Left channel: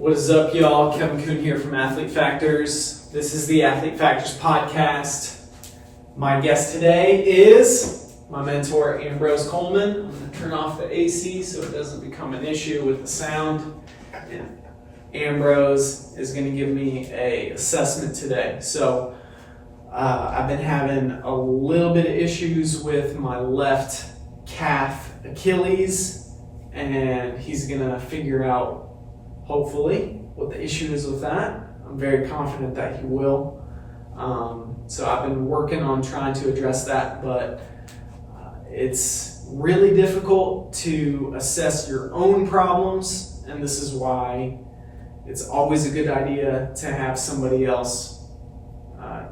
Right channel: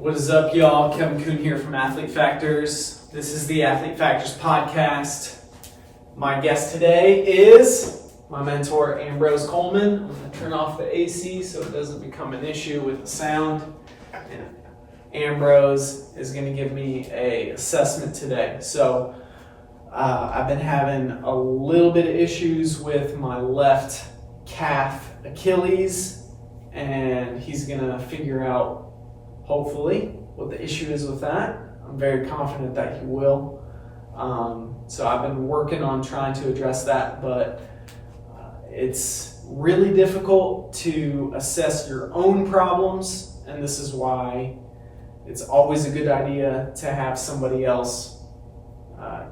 What is up, y'all? Kevin Kuhn here from Athlete Factors. This is the Athlete Factors podcast. My guest today is my mentor, Ambrose Coleman. I'm going to turn off the AC so it doesn't become an issue with the sound. And Ambrose is going to give me an assessment today. So I've been having a little bit of issues with my left calf Achilles, and he's going to figure out, hopefully, what the issue is with that. I'm very confident that he will. So I've been working on trying to address that, but it's really difficult to assess your own problems, and this is why it's always a good idea to have somebody else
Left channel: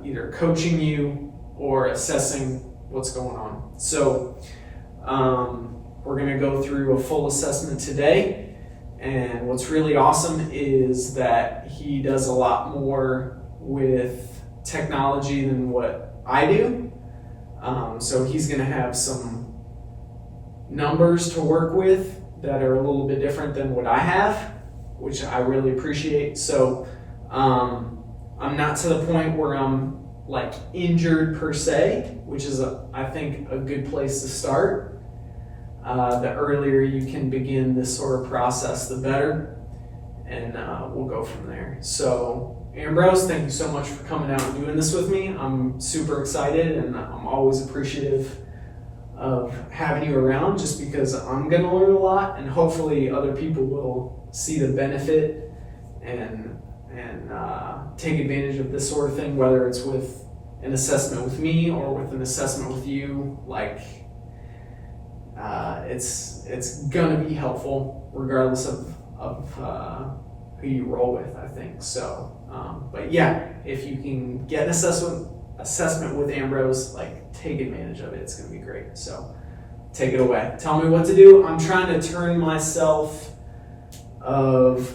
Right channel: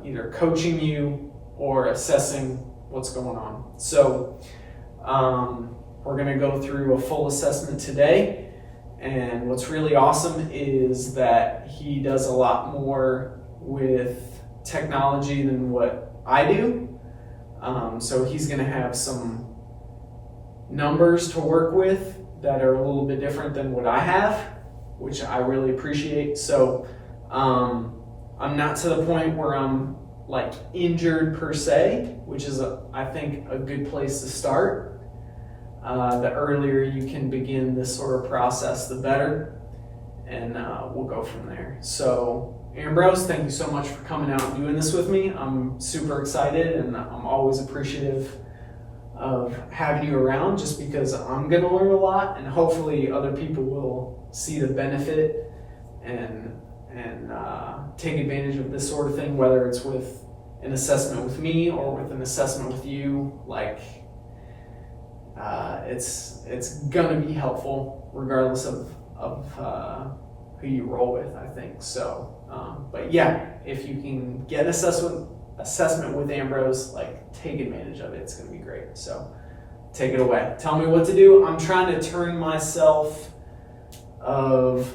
either coaching you or assessing what's going on. So we're going to go through a full assessment today, and what's really awesome is that he does a lot more with technology than what I do. So he's going to have some numbers to work with that are a little bit different than what I have, which I really appreciate. So I'm not to the point where I'm like injured per se, which is I think a good place to start. The earlier you can begin this sort of process, the better, and we'll go from there. So Ambrose, thank you so much for coming out and doing this with me. I'm super excited, and I'm always appreciative of having you around, just because I'm going to learn a lot, and hopefully other people will see the benefit and take advantage of this sort of thing, whether it's with an assessment with me or with an assessment with you. Like, it's going to be helpful regardless of who you roll with, I think. So, but yeah, if you can get an assessment with Ambrose, like, take advantage of it. It's going to be great. So take it away. Tell me what to do. I'm trying to turn myself of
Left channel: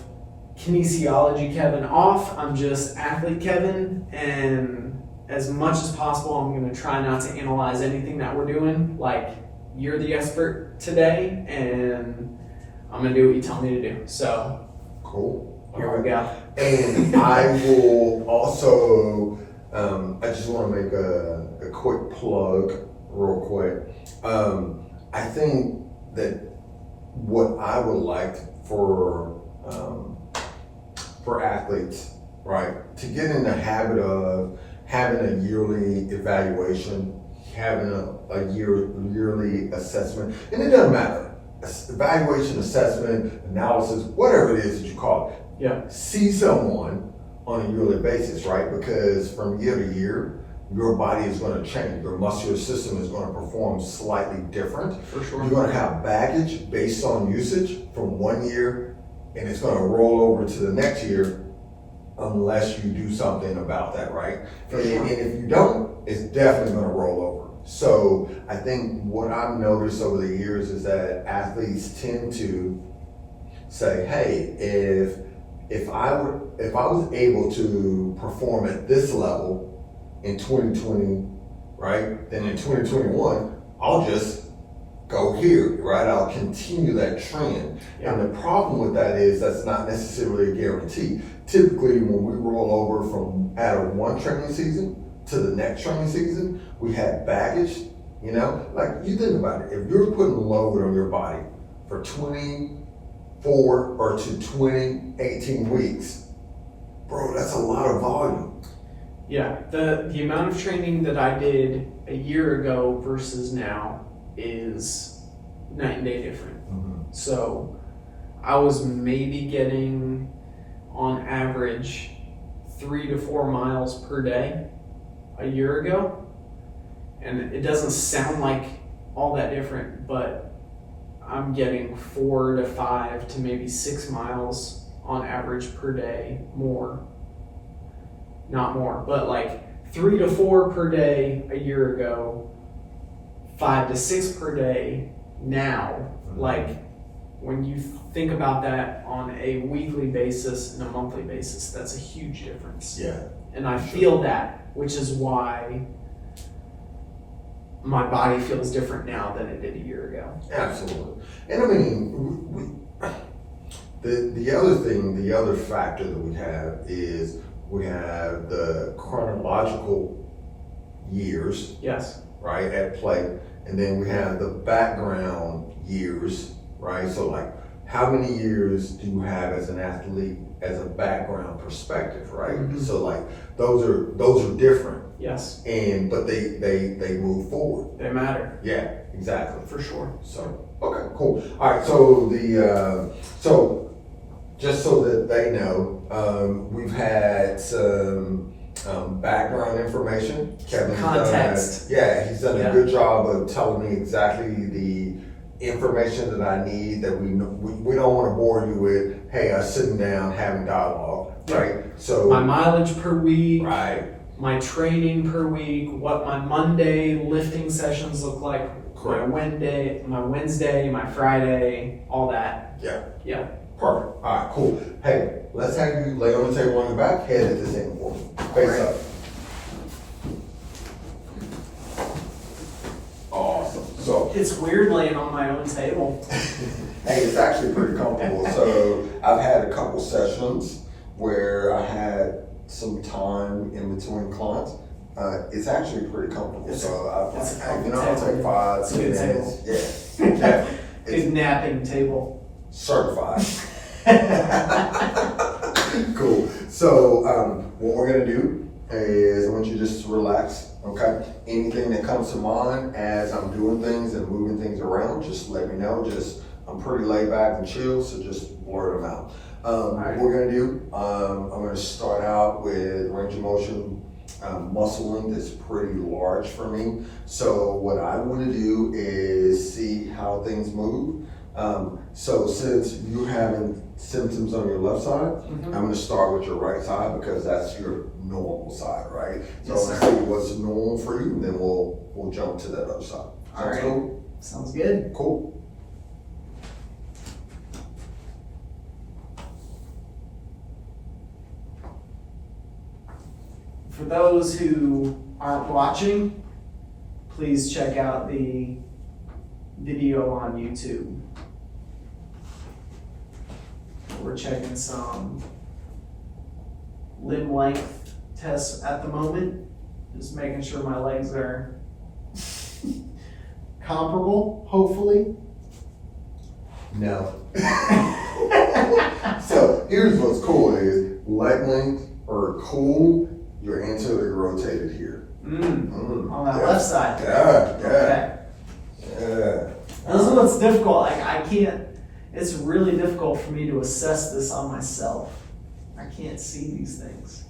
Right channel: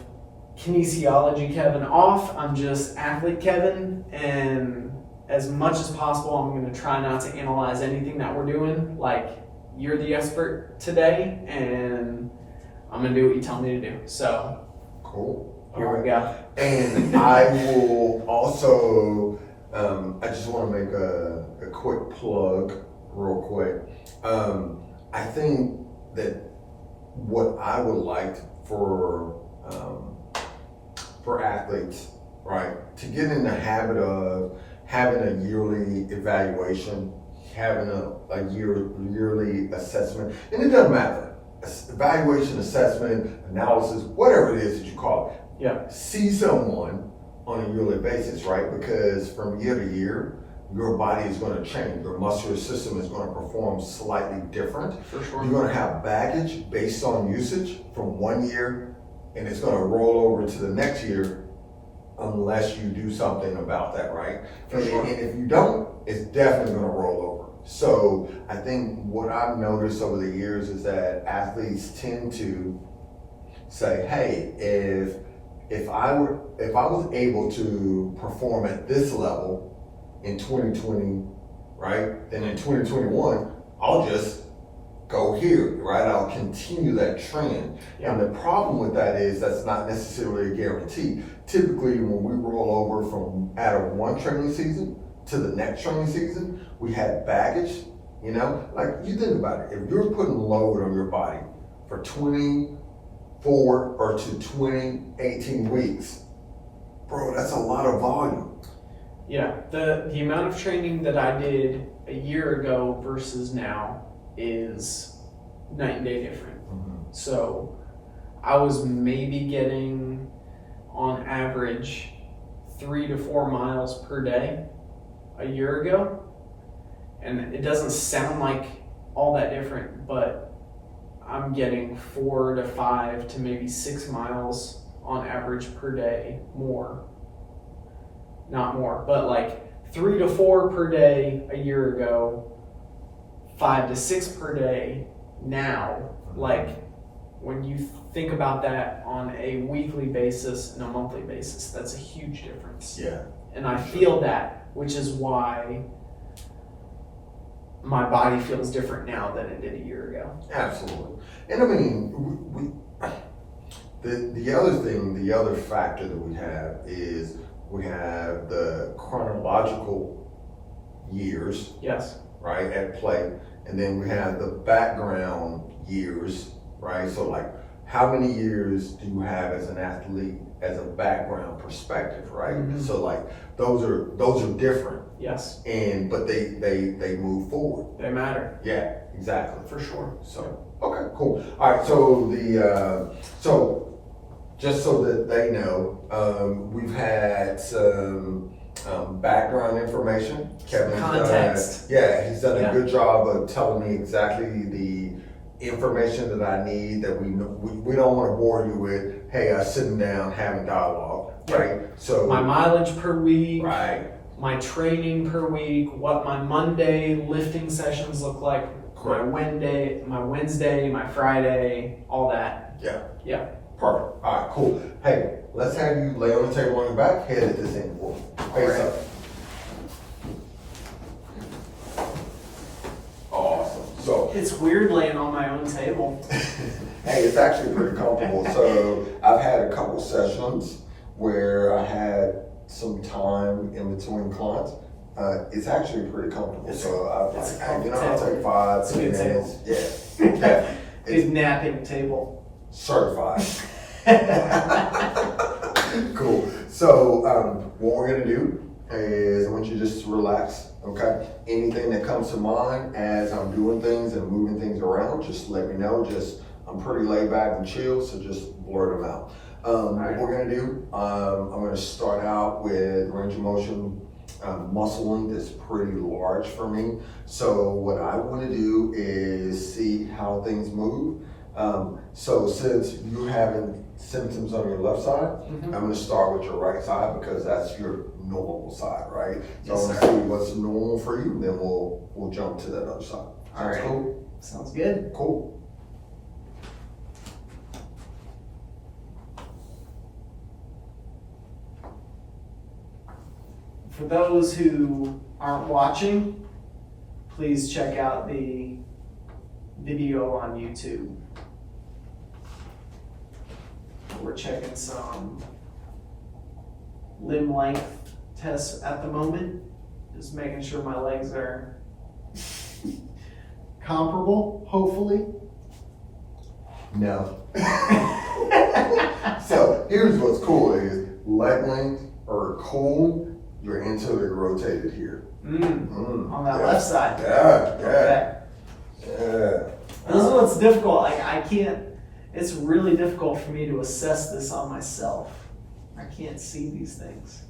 Kinesiology Kevin off. I'm just Athlete Kevin, and as much as possible, I'm going to try not to analyze anything that we're doing. Like, you're the expert today, and I'm going to do what you tell me to do. So, cool. Here we go. And I will also, I just want to make a quick plug real quick. I think that what I would like for athletes, right, to get in the habit of having a yearly evaluation, having a yearly assessment, and it doesn't matter, evaluation, assessment, analysis, whatever it is that you call it. Yeah. See someone on a yearly basis, right? Because from year to year, your body is going to change. Your muscular system is going to perform slightly different. For sure. You're going to have baggage based on usage from one year, and it's going to roll over to the next year unless you do something about that, right? And if you don't, it's definitely going to roll over. So I think what I've noticed over the years is that athletes tend to say, hey, if I was able to perform at this level in 2020, right, then in 2021, I'll just go here, right? I'll continue that trend. Yeah. And the problem with that is that's not necessarily a guarantee. Typically, when we roll over from out of one training season to the next training season, we had baggage, you know? Like, you think about it. If you're putting load on your body for 24 or to 18 weeks, bro, that's a lot of volume. Yeah, the amount of training that I did a year ago versus now is night and day different. Mm-hmm. So I was maybe getting, on average, 3 to 4 miles per day a year ago, and it doesn't sound like all that different, but I'm getting 4 to 5 to maybe 6 miles on average per day more. Not more, but like 3 to 4 per day a year ago, 5 to 6 per day now. Like, when you think about that on a weekly basis and a monthly basis, that's a huge difference. Yeah. And I feel that, which is why my body feels different now than it did a year ago. Absolutely. And I mean, The other thing, the other factor that we have is we have the chronological years, Yes. right, at play, and then we have the background years, right? So like, how many years do you have as an athlete as a background perspective, right? Mhm. So like, those are different, Yes. but they move forward. They matter. Yeah, exactly. For sure. So, okay, cool. All right, so so just so that they know, we've had some background information. Kevin's Context. he's done a good job of telling me exactly the information that I need, that we don't want to bore you with, hey, us sitting down having dialogue, right? So My mileage per week. right, My training per week, what my Monday lifting sessions look like, Correct. my Wednesday, my Friday, all that. yeah, perfect. All right, cool. Hey, let's have you lay on the table on your back, head at this end for me, face Right. up. Awesome. So, It's weird laying on my own table. hey, it's actually pretty comfortable. So, I've had a couple sessions where I had some time in between clients. It's actually pretty comfortable. It's So, a I'll comfortable take 5 It's a good minutes. Yeah. It's Good napping table. certified. Cool. So, what we're gonna do is I want you to just relax, okay? Anything that comes to mind as I'm doing things and moving things around, just let me know. I'm pretty laid back and chill, so just blurt them out. Right. What we're gonna do, I'm gonna start out with range of motion muscling that's pretty large for me. So what I wanna do is see how things move. So since you're having symptoms on your left side, Mhm. I'm gonna start with your right side because that's your normal side, right? So Yes, I'm sir. gonna see what's normal for you, then we'll jump to that other side. All Sounds right. cool? Sounds good. Cool. For those who aren't watching, please check out the video on YouTube. We're checking some limb length tests at the moment. Just making sure my legs are comparable, hopefully. No. So here's what's cool is leg lengths are cool. You're anteriorly rotated here. On that Yeah. left side. Yeah, Okay. yeah. This is what's difficult. Like I can't. It's really difficult for me to assess this on myself. I can't see these things.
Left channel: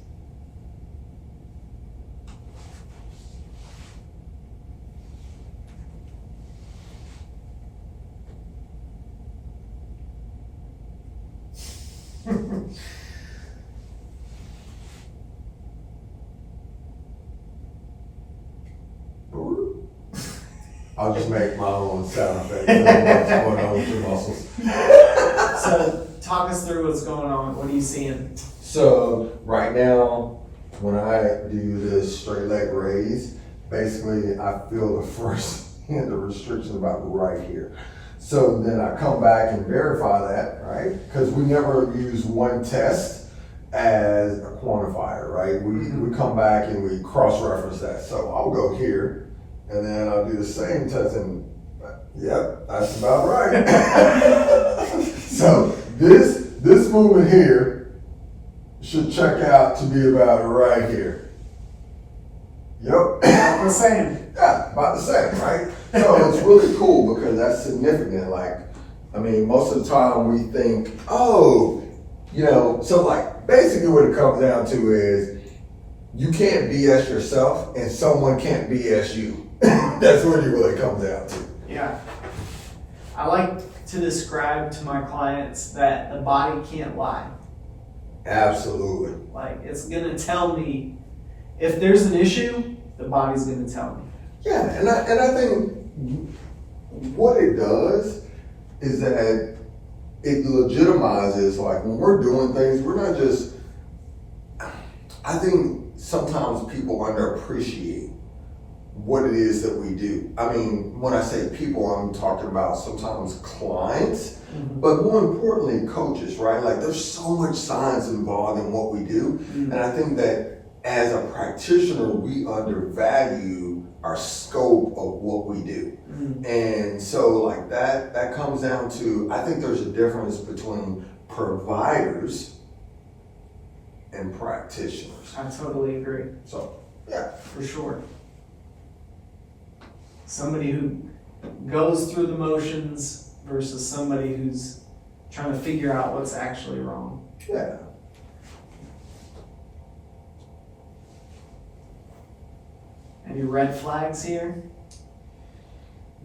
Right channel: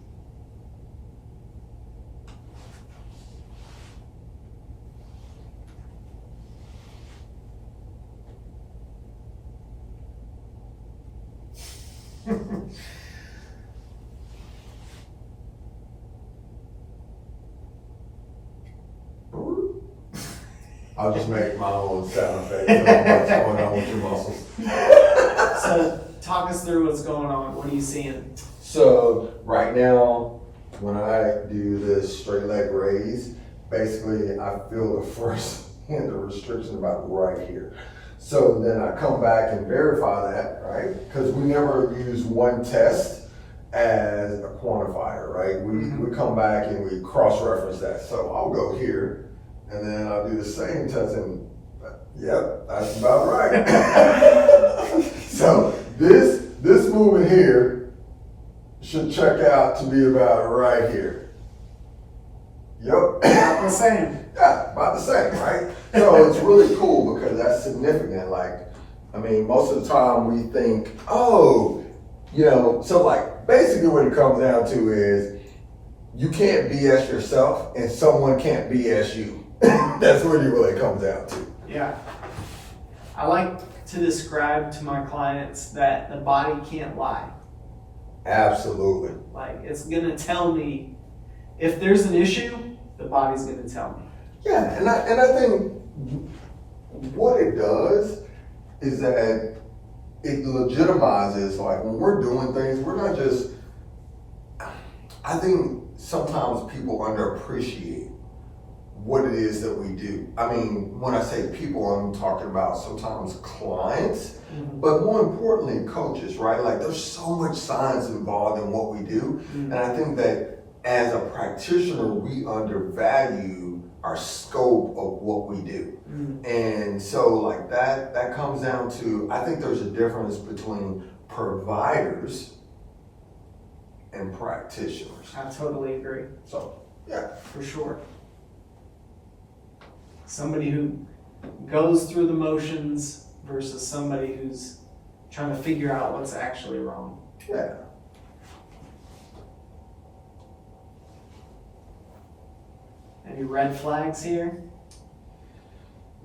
I'll just make my own sound effect. What's going on with your muscles? So talk us through what's going on. What are you seeing? So right now, when I do this straight leg raise, basically I feel the first hint of restriction about right here. So then I come back and verify that, right? Because we never use one test as a quantifier, right? We come back and we cross-reference that. So I'll go here and then I'll do the same test and yep, that's about right. So this movement here should check out to be about right here. Yep. About the same. Yeah, about the same, right? So it's really cool because that's significant. Like, I mean, most of the time we think, oh, so like basically what it comes down to is you can't BS yourself and someone can't BS you. That's what it really comes down to. Yeah. I like to describe to my clients that the body can't lie. Absolutely. Like it's gonna tell me if there's an issue, the body's gonna tell me. Yeah, and I think what it does is that it legitimizes, like when we're doing things, we're not just, I think sometimes people underappreciate what it is that we do. I mean, when I say people, I'm talking about sometimes clients, but more importantly, coaches, right? Like there's so much science involved in what we do. And I think that as a practitioner, we undervalue our scope of what we do. And so like that comes down to, I think there's a difference between providers and practitioners. I totally agree. So, yeah. For sure. Somebody who goes through the motions versus somebody who's trying to figure out what's actually wrong. Yeah. Any red flags here?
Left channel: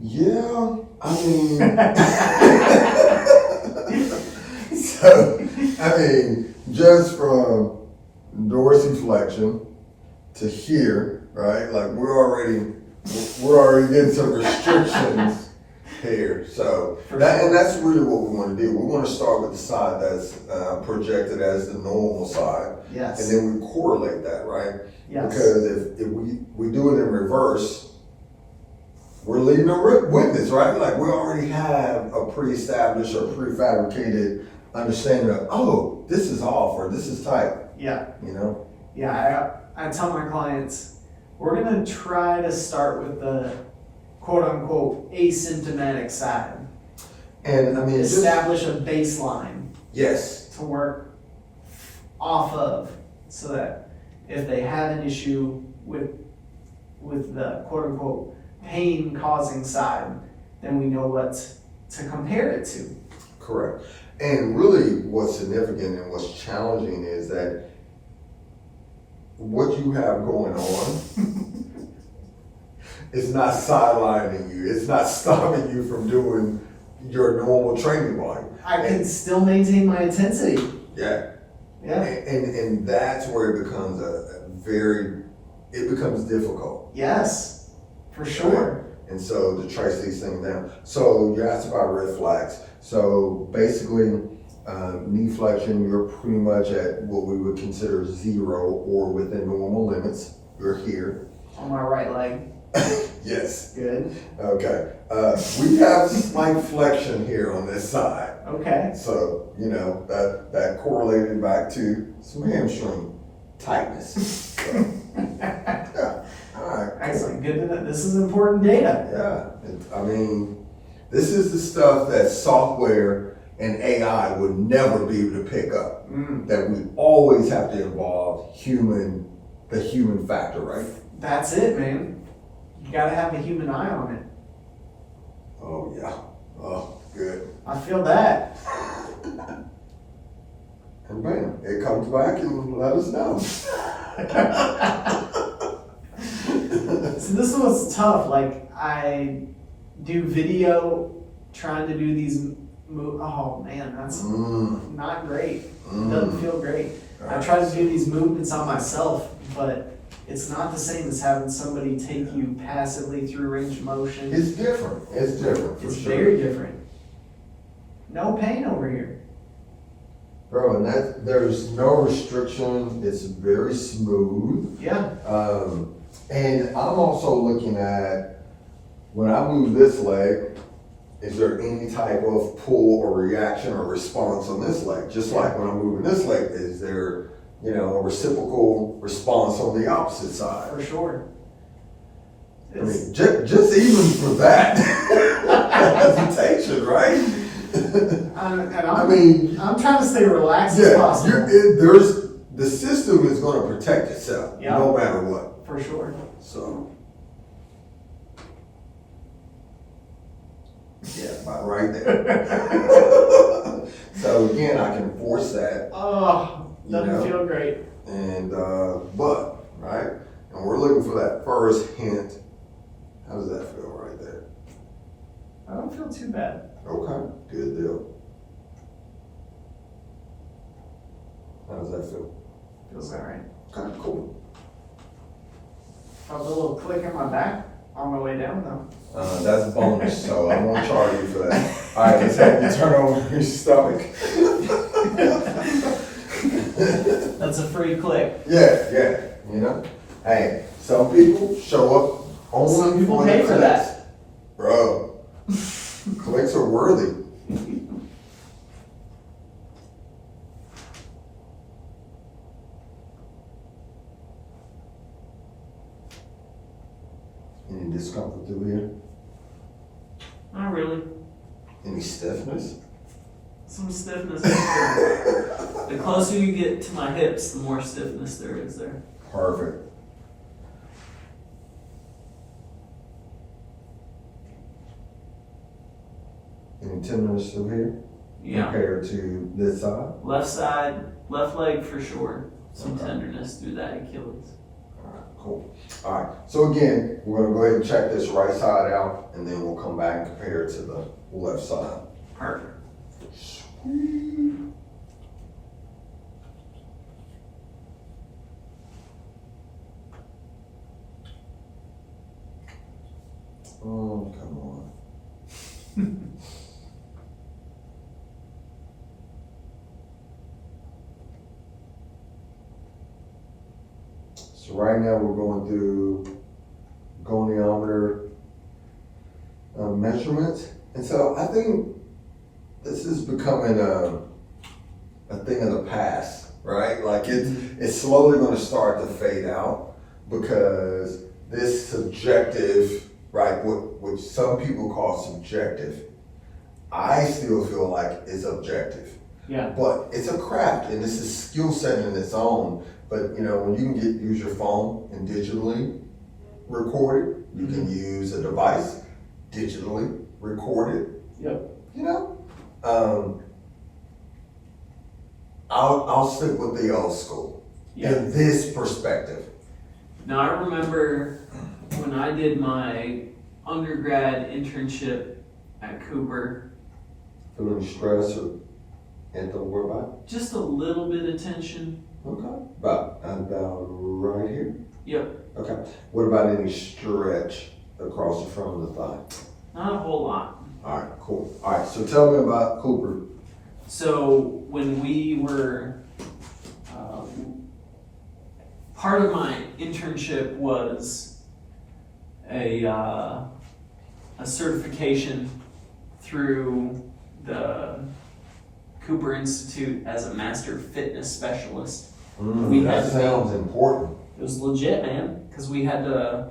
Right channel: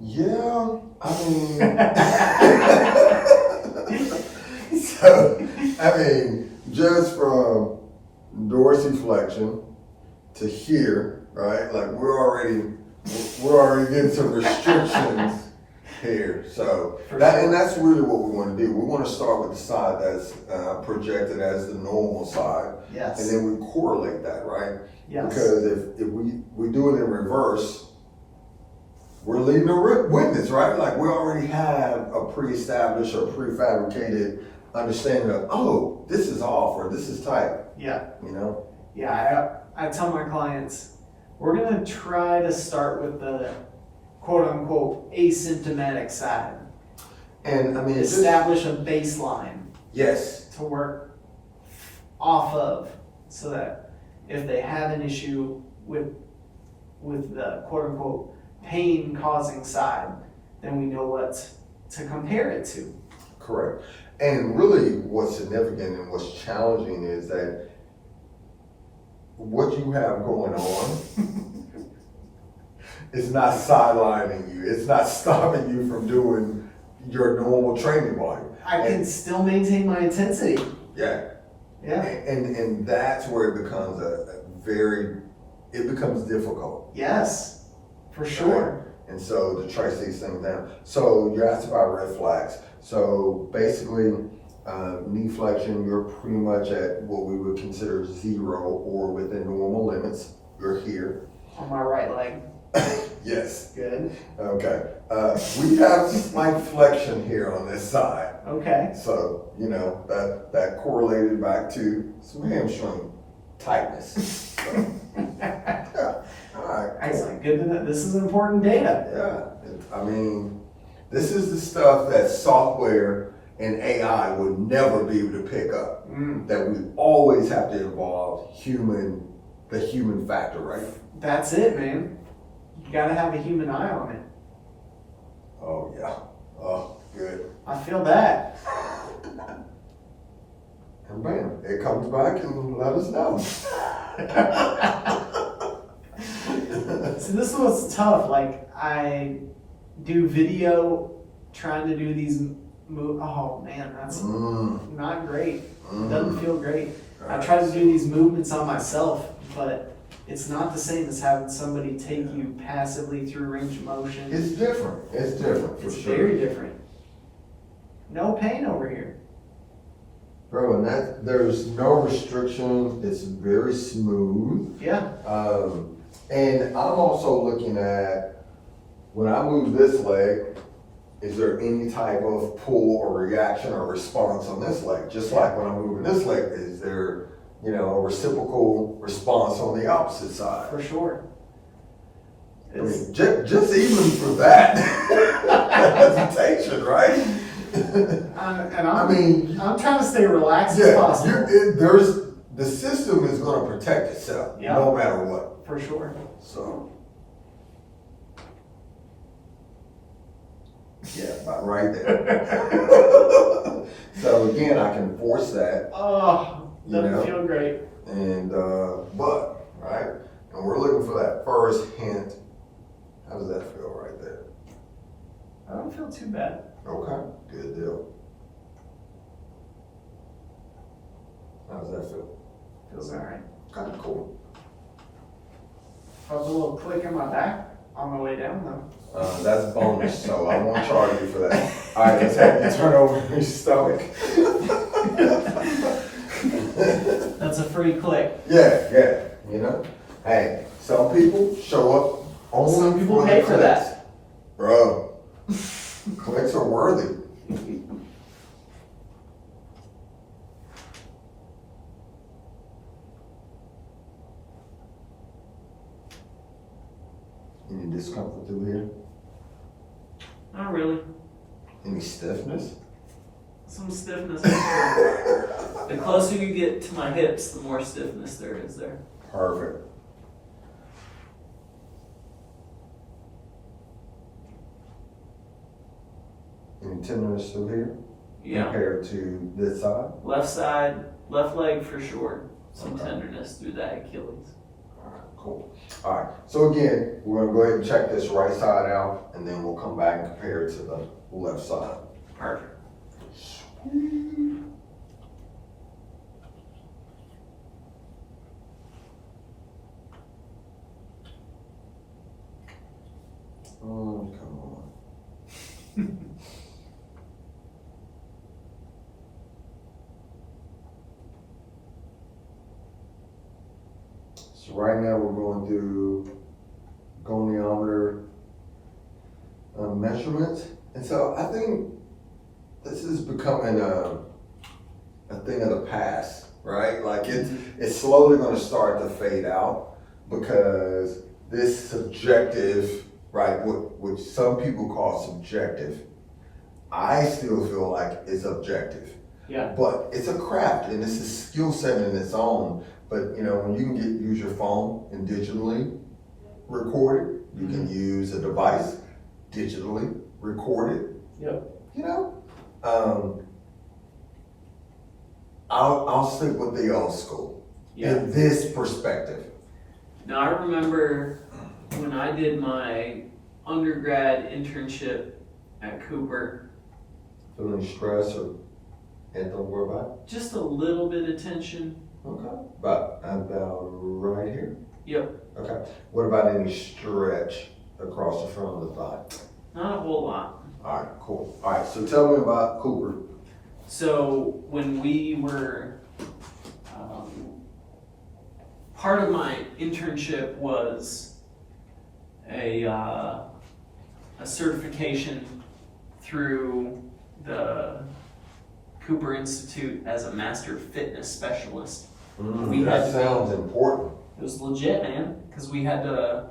Yeah, I mean, so, I mean, just from dorsiflexion to here, right? Like we're already getting some restrictions here. So and that's really what we want to do. We want to start with the side that's projected as the normal side. Yes. And then we correlate that, right? Yes. Because if we do it in reverse, we're leading a witness, right? Like we already have a pre-established or prefabricated understanding of, oh, this is off or this is tight. Yeah. You know? Yeah, I tell my clients, we're gonna try to start with the quote unquote asymptomatic side. And I mean, establish a baseline. Yes. To work off of, so that if they have an issue with the quote unquote pain causing side, then we know what to compare it to. Correct. And really what's significant and what's challenging is that what you have going on is not sidelining you. It's not stopping you from doing your normal training volume. I can still maintain my intensity. Yeah. Yeah. And that's where it becomes it becomes difficult. Yes, for sure. And so to trace these things down. So you asked about red flags. So basically, knee flexion, you're pretty much at what we would consider zero or within normal limits. You're here. On my right leg. Yes. Good. Okay. We have slight flexion here on this side. Okay. So, you know, that correlated back to some hamstring tightness. So, yeah. All right. Excellent. Good to know. This is important data. Yeah. I mean, this is the stuff that software and AI would never be able to pick up. That we always have to involve the human factor, right? That's it, man. You gotta have a human eye on it. Oh, yeah. Oh, good. I feel that. And bam, it comes back and let us know. So this was tough. Like, I do video trying to do these oh man, that's not great. Doesn't feel great. I try to do these movements on myself, but it's not the same as having somebody take you passively through range of motion. It's different. It's different. It's very different. No pain over here. Bro, and there's no restrictions. It's very smooth. Yeah. And I'm also looking at, when I move this leg, is there any type of pull or reaction or response on this leg? Just like when I'm moving this leg, is there, you know, a reciprocal response on the opposite side? For sure. I mean, just even for that hesitation, right? I'm trying to stay relaxed as possible. The system is going to protect itself, no matter what. For sure. So, yeah, about right there. So again, I can force that. Oh, doesn't feel great. And but right, and we're looking for that first hint. How does that feel right there? I don't feel too bad. Okay, good deal. How does that feel? Feels all right. Kind of cool. Felt a little click in my back on the way down though. That's bonus, so I won't charge you for that. All right, let's have you turn over your stomach. That's a free click. Yeah, you know. Hey, some people show up Only Some people for the pay for clicks. that. Bro, clicks are worthy. Any discomfort through here? Not really. Any stiffness? Some stiffness. The closer you get to my hips, the more stiffness there is there. Perfect. Any tenderness through here? Yeah. Compared to this side? Left side, left leg for sure. Some Okay. tenderness through that Achilles. Alright, cool. Alright, so again, we're gonna go ahead and check this right side out, and then we'll come back and compare it to the left side. Perfect. Oh, come on. So right now we're going through goniometer measurements. And so I think this is becoming a thing of the past, right? Like it's slowly going to start to fade out because this subjective, right, what some people call subjective, I still feel like it's objective. Yeah. But it's a craft and this is skill set in its own. But you know, when you can use your phone and digitally record it, you can use a device, digitally record it. Yep. You know, I'll stick with the old school in this perspective. Now I remember when I did my undergrad internship at Cooper, Feeling stress or anything to worry about? just a little bit of tension. Okay. About right here? Yep. Okay. What about any stretch across the front of the thigh? Not a whole lot. All right, cool. All right, so tell me about Cooper. So when we were, part of my internship was a certification through the Cooper Institute as a master fitness specialist. We had That to be- sounds important. It was legit, man, because we had to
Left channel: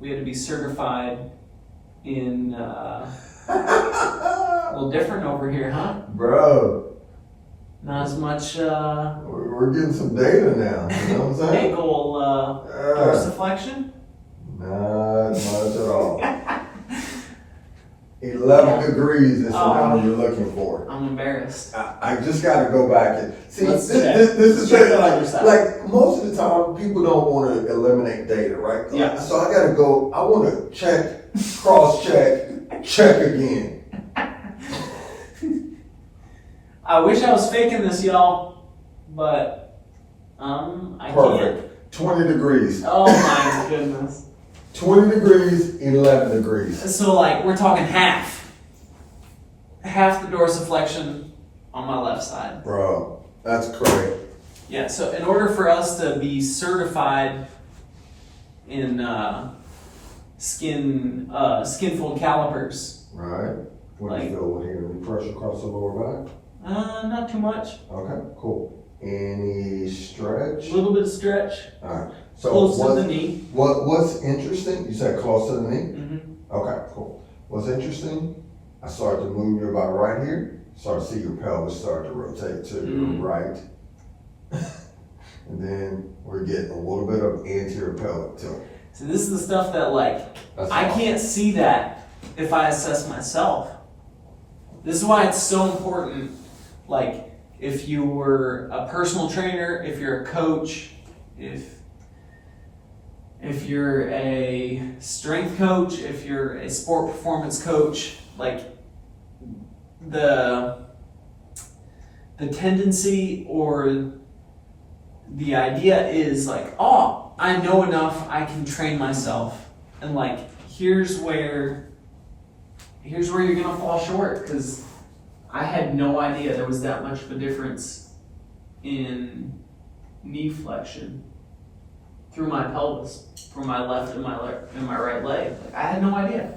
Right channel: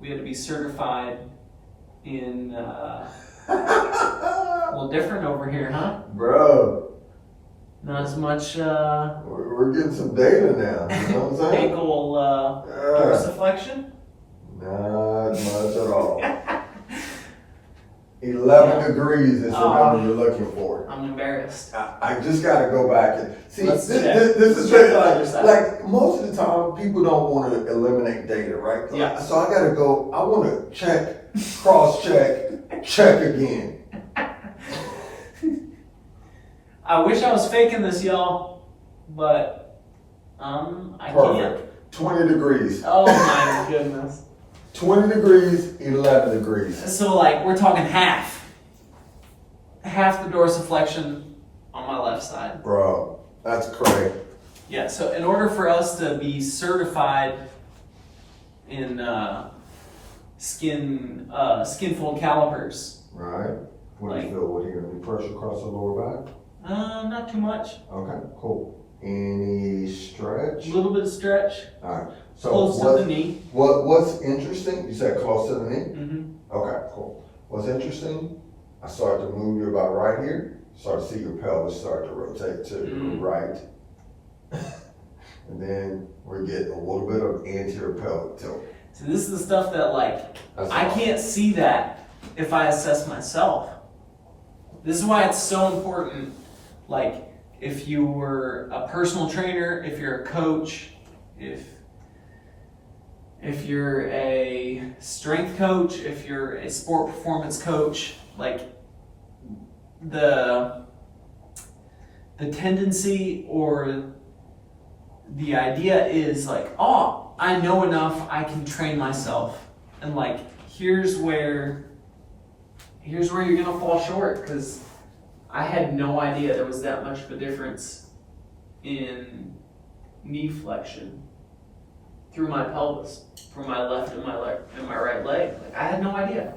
be certified in a little different over here, huh? Bro, Not as much we're getting some data now. You know what I'm saying? ankle dorsiflexion. Not much at all. 11 degrees is the number you're looking for. I'm embarrassed. I just got to go back and see. Let's This is check the other side. like most of the time people don't want to eliminate data, right? Yeah. So I got to go. I want to check, cross check, check again. I wish I was faking this, y'all, but I can't. Perfect. 20 degrees. Oh my goodness. 20 degrees, 11 degrees. So like we're talking half the dorsiflexion on my left side. Bro, that's correct. Yeah. So in order for us to be certified in skin fold calipers, Right. What do you feel with here? Any pressure across the lower back? not too much. Okay, cool. Any stretch? A little bit of stretch, All right. So close to the knee. what's interesting? You said close to the knee. Mm-hmm. Okay, cool. What's interesting? I started to move you about right here. Start to see your pelvis start to rotate to your right, and then we're getting a little bit of anterior pelvic tilt. So this is the stuff that like That's I awesome. can't see that if I assess myself. This is why it's so important. Like if you were a personal trainer, if you're a coach, if you're a strength coach, if you're a sport performance coach, like the tendency or the idea is like, oh, I know enough, I can train myself. And like, here's where you're gonna fall short, because I had no idea there was that much of a difference in knee flexion. through my pelvis, from my left and my right leg. Like, I had no idea.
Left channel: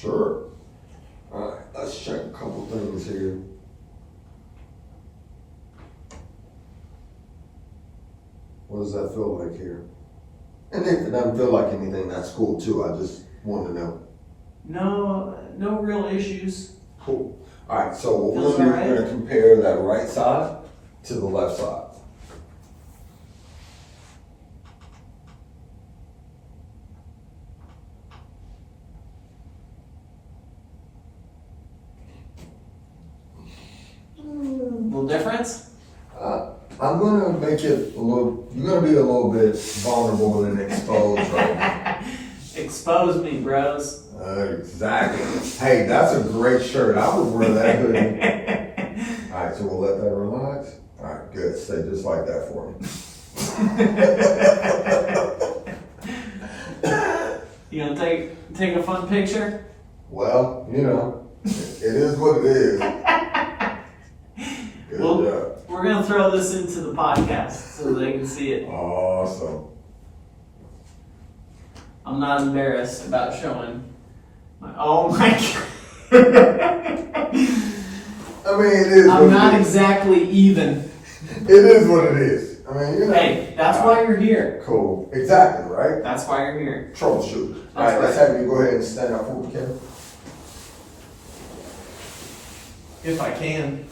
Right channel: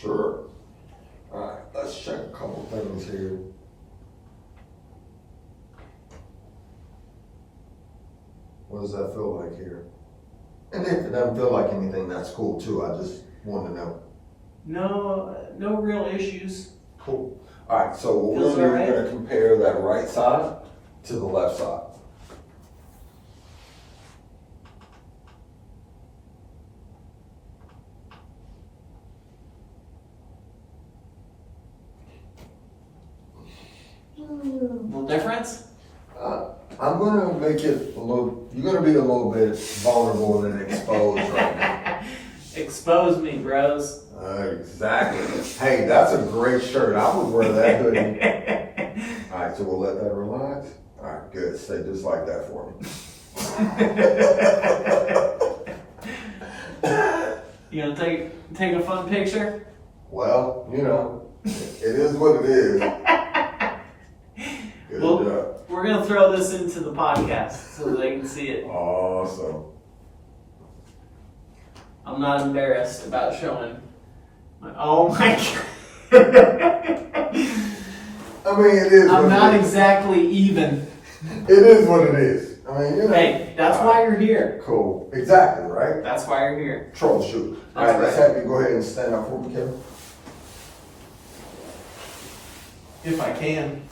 Sure. All right, let's check a couple things here. What does that feel like here? And if it doesn't feel like anything, that's cool too. I just wanted to know. No real issues. Cool. All right, so what we're Feels gonna do, alright. we're gonna compare that right side to the left side. Little difference? I'm gonna make it a little, you're gonna be a little bit vulnerable and exposed right now. Expose me, bros. Exactly. Hey, that's a great shirt. I would wear that hoodie. All right, so we'll let that relax. All right, good. Stay just like that for me. You gonna take a fun picture? Well, you know, it is what it is. Good Well, job. we're gonna throw this into the podcast so they can see it. Awesome. I'm not embarrassed about showing my. Oh my god. I mean, it is. I'm what not it is. exactly even. It is what it is. I mean, you know. Hey, that's why you're here. Cool. Exactly, right? That's why you're here. Troubleshoot. All That's right, let's right. have you go ahead and stand up for me, Kevin. If I can.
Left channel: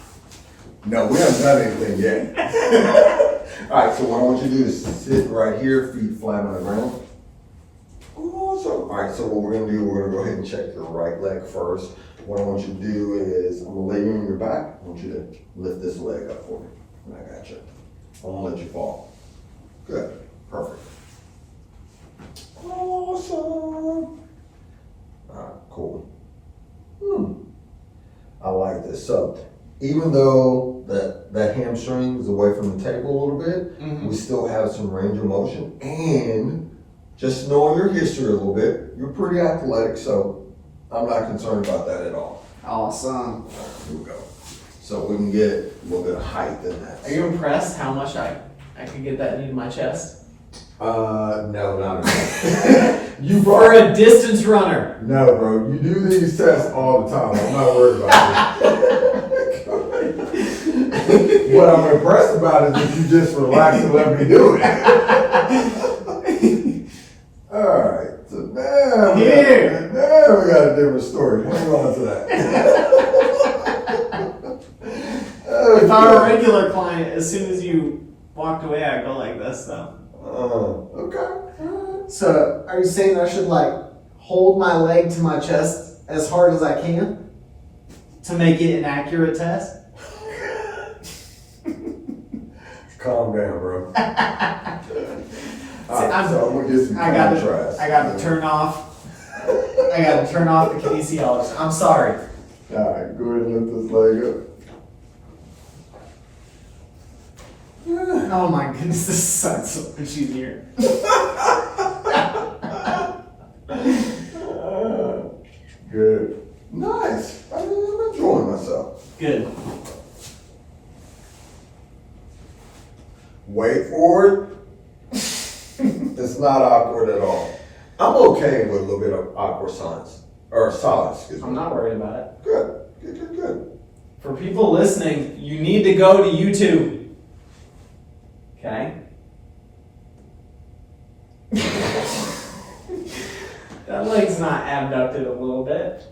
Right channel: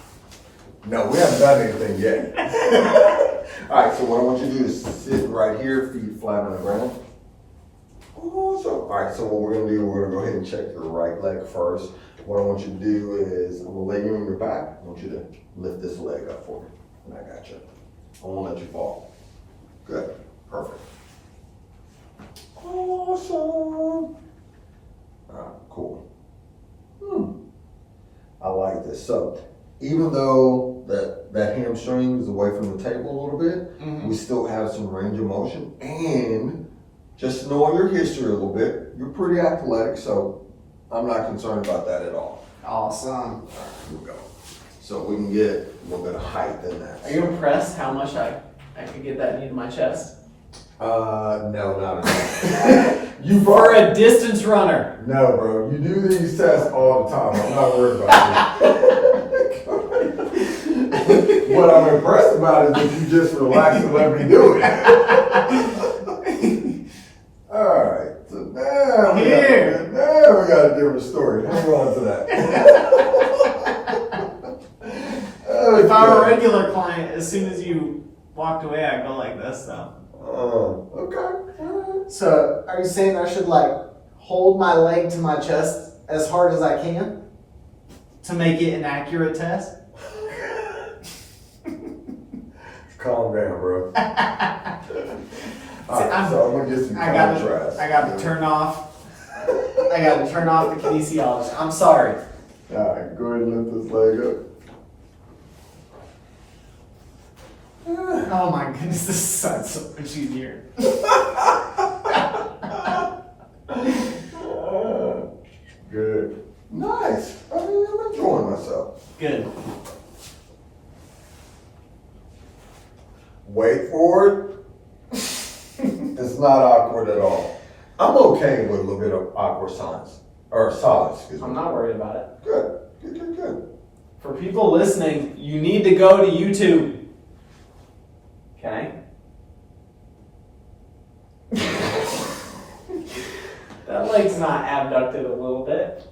No, we haven't done anything yet. All right, so what I want you to do is sit right here, feet flat on the ground. Awesome. All right, so what we're gonna do, we're gonna go ahead and check your right leg first. What I want you to do is, I'm gonna lay you on your back. I want you to lift this leg up for me. And I got you. I won't let you fall. Good. Perfect. Awesome. All right, cool. I like this. So, even though that hamstring is away from the table a little bit, we still have some range of motion. And just knowing your history a little bit, you're pretty athletic, so I'm not concerned about that at all. Awesome. All right, here we go. So we can get a little bit of height in that. Are you impressed how much I could get that knee to my chest? No, not at all. You've For already, a distance runner. no, bro. You do these tests all the time. I'm not worried about this. What I'm impressed about is that you just relax and let me do it. All right. So now we got a different story. Hang on to that. If I were a regular client, as soon as you walked away, I'd go like this, though. Okay. So, are you saying I should like hold my leg to my chest as hard as I can? To make it an accurate test? Calm down, bro. All right, I'm- so I'm gonna get some I gotta turn off. I gotta turn off the kinesiologist. I'm sorry. All right, go ahead and lift this leg up. Oh my goodness, this sucks so much easier. Good. Nice. I mean, I'm enjoying myself. Good. Wait for it. It's not awkward at all. I'm okay with a little bit of awkward silence. Or silence, excuse me. I'm not worried about it. Good. Good. For people listening, you need to go to YouTube. Okay? That leg's not abducted a little bit.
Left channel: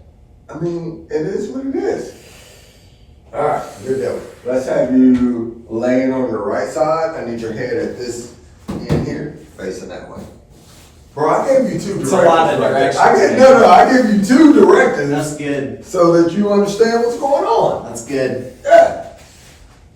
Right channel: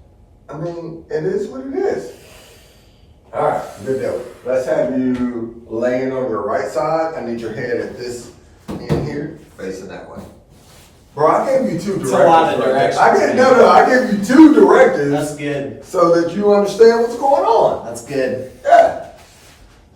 I mean, it is what it is. All right, good deal. Let's have you laying on your right side. I need your head at this end here, facing that way. Bro, I gave you two directives. It's a lot of right there. directions. I gave you two directives That's good. so that you understand what's going on. That's good. Yeah.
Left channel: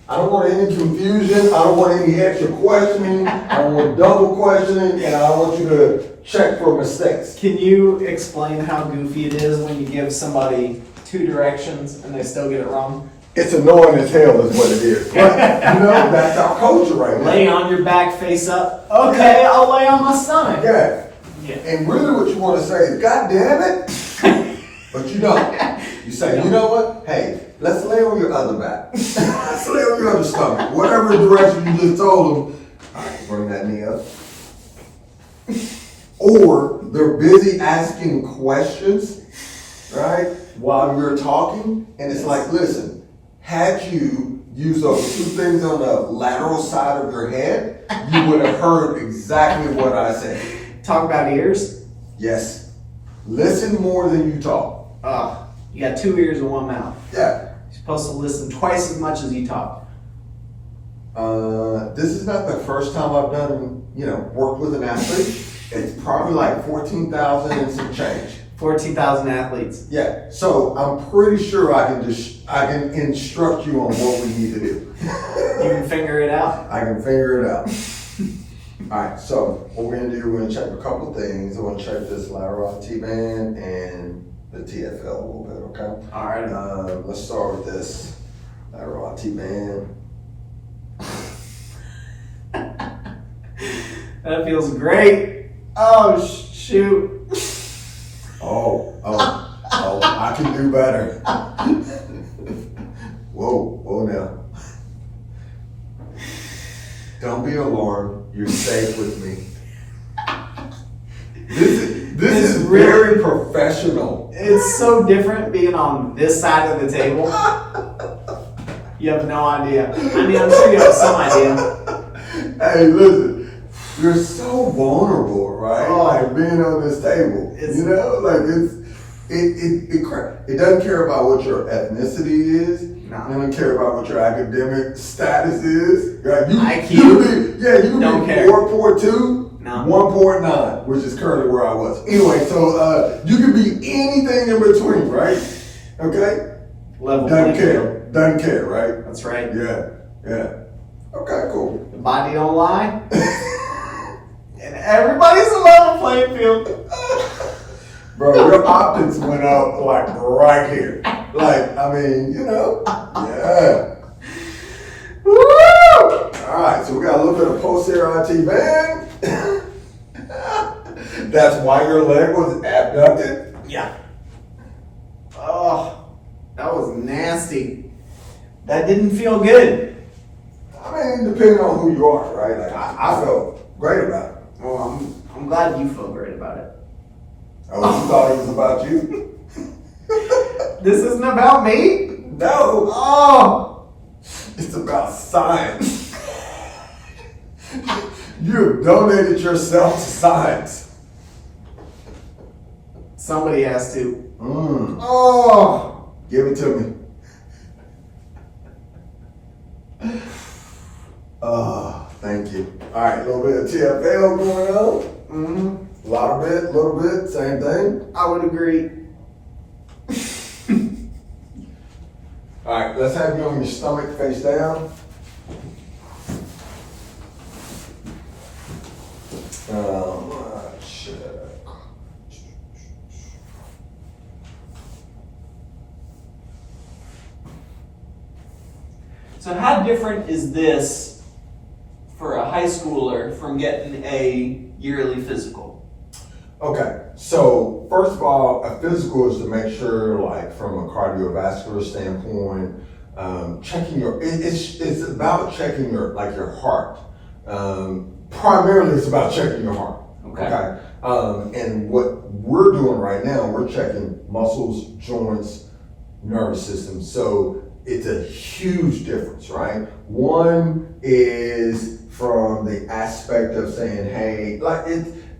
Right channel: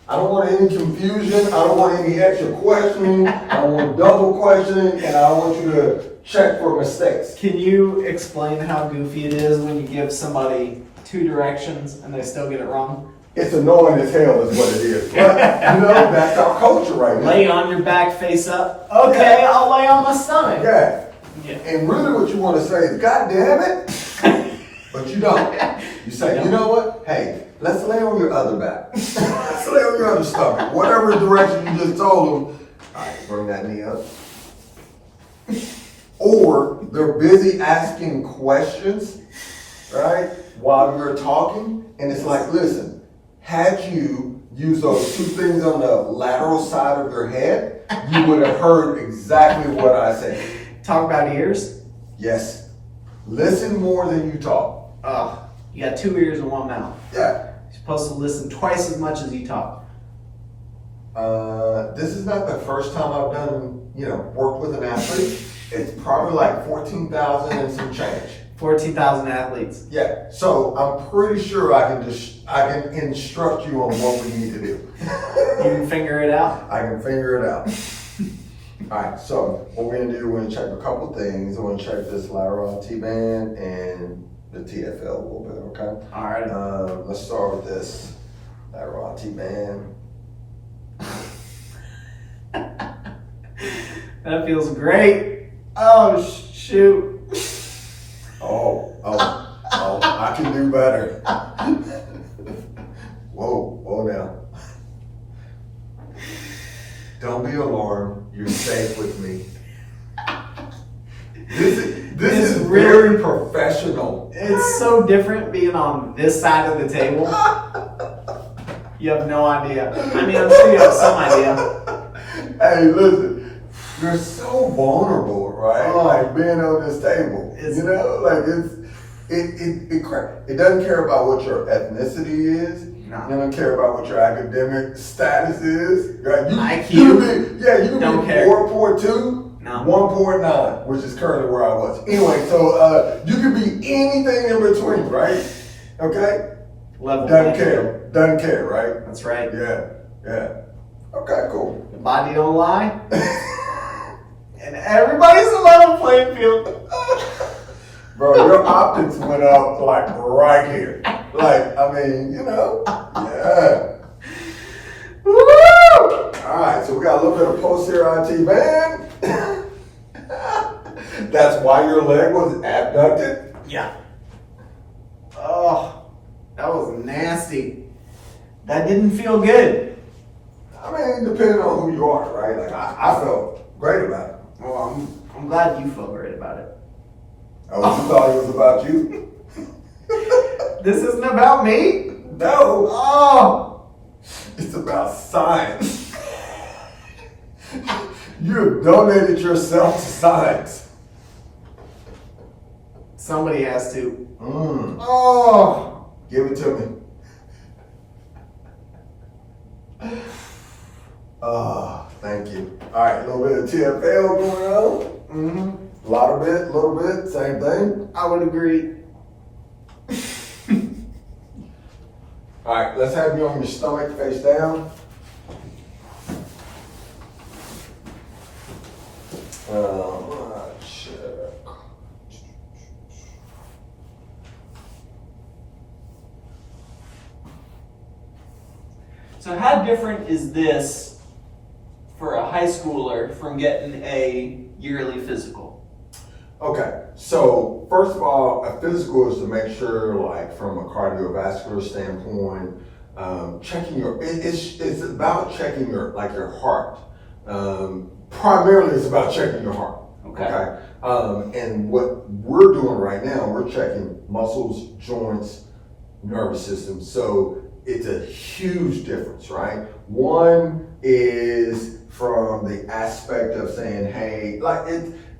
I don't want any confusion. I don't want any extra questioning. I don't want double questioning, and I want you to check for mistakes. Can you explain how goofy it is when you give somebody two directions and they still get it wrong? It's annoying as hell is what it is. But, you know, that's our culture right now. Lay on your back, face up. Okay, I'll lay on my stomach. Yeah. Yeah. And really what you want to say is, God damn it. But you don't. You say, you know what? Hey, let's lay on your other back. Let's lay on your other stomach. Whatever direction you just told them. All right, bring that knee up. or they're busy asking questions, right, while you're talking. And it's like, listen, had you used those two things on the lateral side of your head, you would have heard exactly what I said. Talk about ears. Yes. Listen more than you talk. You got 2 ears and 1 mouth. Yeah. You're supposed to listen twice as much as you talk. This is not the first time I've done, worked with an athlete. It's probably like 14,000 and some change. 14,000 athletes. Yeah. So I'm pretty sure I can instruct you on what we need to do. You can figure it out? I can figure it out. All right. So what we're gonna do, we're gonna check a couple of things. I'm gonna check this lateral T-band and the TFL a little bit. Okay. All right. Let's start with this lateral T-band. That feels great. Oh, shoot. Oh, I can do better. Whoa now. Don't be alarmed. You're safe with me. This is very professional. It's so different being on this side of the table. You have no idea. I mean, I'm sure you have some idea. Hey, listen, you're so vulnerable, right? Oh. Like being on this table, it doesn't care about what your ethnicity is. No. It doesn't care about what your academic status is. Right? IQ? You can Don't be care. 4.2, No. 1.9, which is currently where I was. Anyway, so you can be anything in between, right? Okay? Level Doesn't playing care. field. Doesn't care, right? That's right. Yeah. Okay, cool. The body don't lie. And everybody's a level playing field. Bro, your optics went up like right here. Like, I mean, yeah. Woo! All right, so we got a little bit of posterior IT band. That's why your leg was abducted. Yeah. Oh, that was nasty. That didn't feel good. I mean, depending on who you are, right? Like, I felt great about it. Well, I'm glad you feel great about it. Oh, you thought it was about you? This isn't about me? No, Oh! it's about science. You have donated yourself to science. Somebody has to. Oh, give it to me. Thank you. All right, a little bit of TFL going on. Mm-hmm. Little bit, same thing. I would agree. All right, let's have you on your stomach face down. Check. So how different is this for a high schooler from getting a yearly physical? Okay, so first of all, a physical is to make sure, like from a cardiovascular standpoint, checking it's about checking your heart. Primarily, it's about checking your heart. Okay. And what we're doing right now, we're checking muscles, joints, nervous system. So it's a huge difference, right? One is from the aspect of saying, hey, like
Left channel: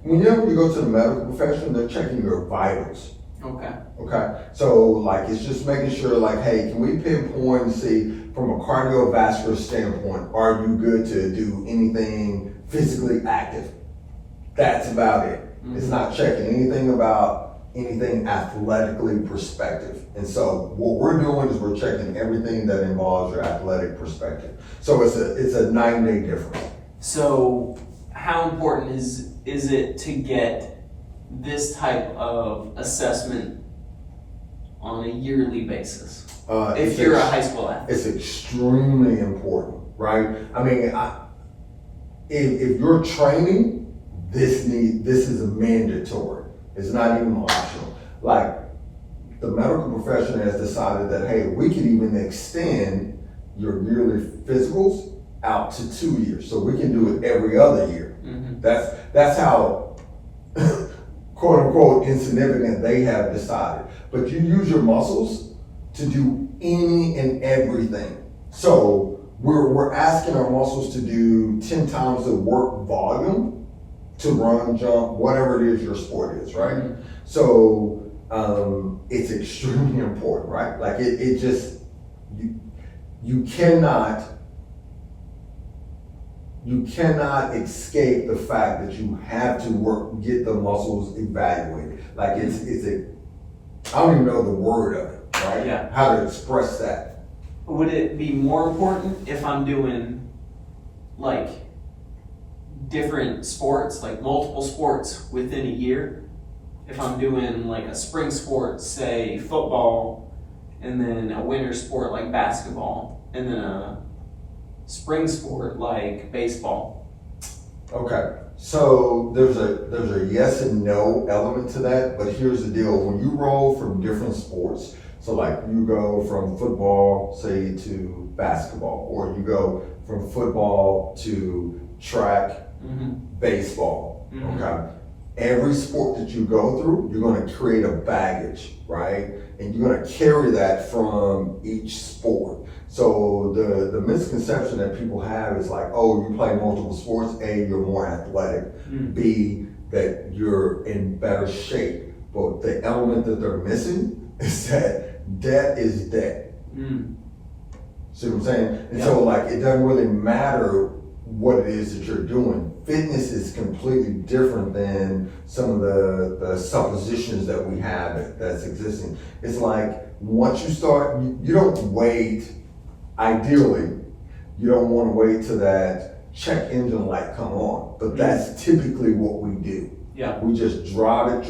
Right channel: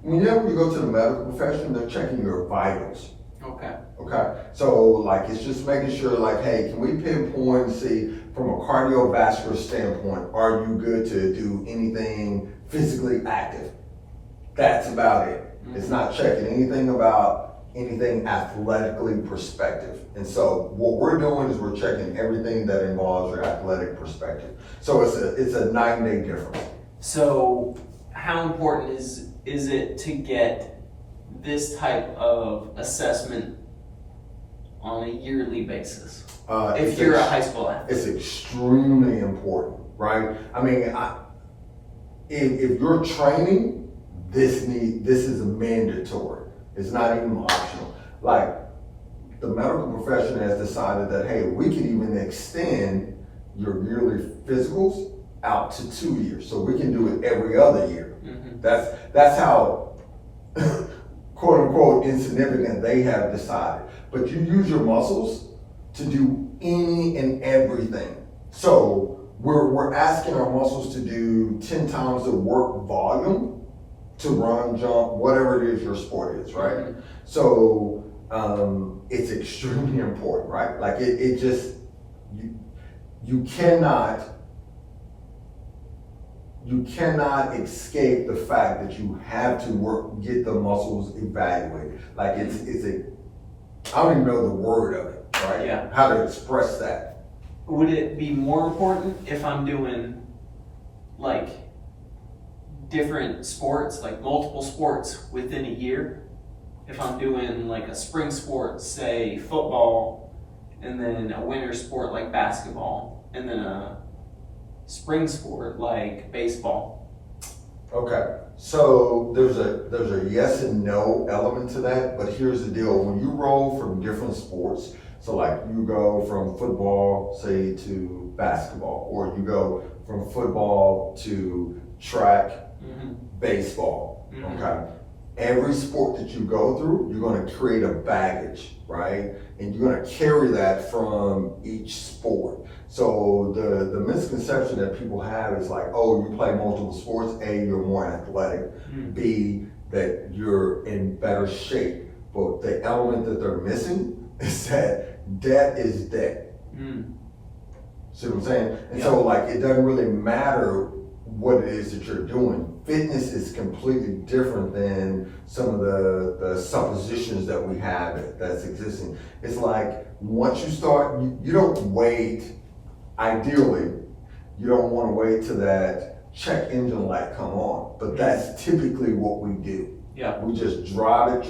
whenever you go to the medical profession, they're checking your vitals. Okay. Okay. So like it's just making sure like, hey, can we pinpoint and see from a cardiovascular standpoint, are you good to do anything physically active? That's about it. Mm-hmm. It's not checking anything about anything athletically perspective. And so what we're doing is we're checking everything that involves your athletic perspective. So it's a 9-day difference. So how important is it to get this type of assessment on a yearly basis? If you're a high school athlete? It's extremely important, right? I mean, if you're training, this is a mandatory. It's not even optional. Like the medical profession has decided that, hey, we can even extend your yearly physicals out to 2 years. So we can do it every other year. Mm-hmm. That's how quote unquote insignificant, they have decided. But you use your muscles to do any and everything. So we're asking our muscles to do 10 times the work volume to run, jump, whatever it is your sport is, right? Mm-hmm. So it's extremely important, right? Like it just, you cannot escape the fact that you have to get the muscles evaluated. Like it's I don't even know the word of it, right? Yeah. How to express that. Would it be more important if I'm doing like different sports, like multiple sports within a year? If I'm doing like a spring sport, say football, and then a winter sport like basketball, and then a spring sport like baseball. Okay, so there's a yes and no element to that, but here's the deal. When you roll from different sports, so like you go from football, say, to basketball, or you go from football to track, baseball, okay? Every sport that you go through, you're gonna create a baggage, right? And you're gonna carry that from each sport. So the misconception that people have is like, oh, you play multiple sports, A, you're more athletic, B, that you're in better shape. But the element that they're missing is that debt is debt. See what I'm saying? And so like, it doesn't really matter what it is that you're doing. Fitness is completely different than some of the suppositions that we have that's existing. It's like, once you start, you don't wait. Ideally, you don't want to wait till that check engine light come on, but that's typically what we do. Yeah. We just drive it.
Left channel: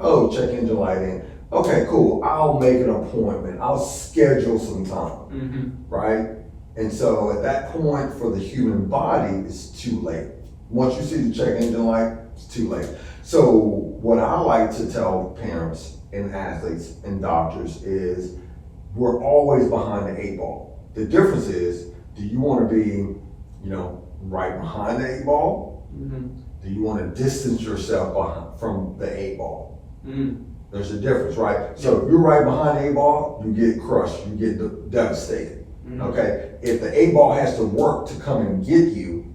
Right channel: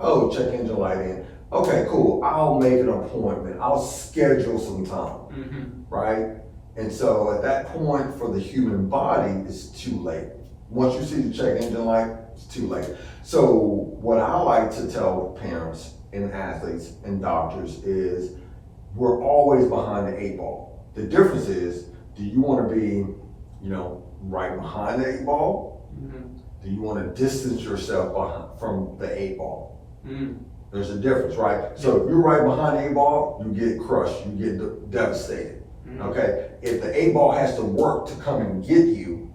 Oh, check engine light in. Okay, cool. I'll make an appointment. I'll schedule some time, right? And so at that point for the human body, it's too late. Once you see the check engine light, it's too late. So what I like to tell parents and athletes and doctors is, we're always behind the 8 ball. The difference is, do you want to be, right behind the 8 ball? Do you want to distance yourself from the 8 ball? There's a difference, right? So if you're right behind the 8 ball, you get crushed, you get devastated. Okay? If the 8 ball has to work to come and get you,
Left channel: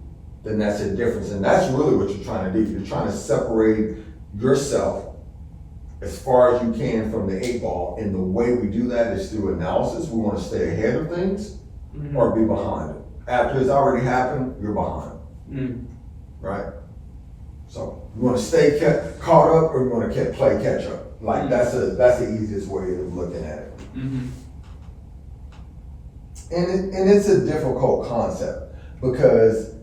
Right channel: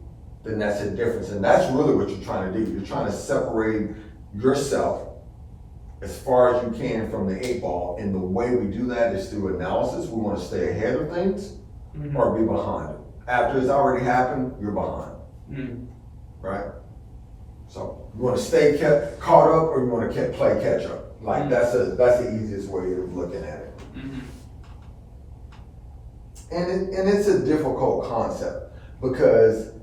then that's a difference. And that's really what you're trying to do. You're trying to separate yourself as far as you can from the 8 ball, and the way we do that is through analysis. We want to stay ahead of things or be behind it. After it's already happened, you're behind, right? So you want to stay caught up, or you want to play catch up. Like that's the easiest way of looking at it. And it's a difficult concept because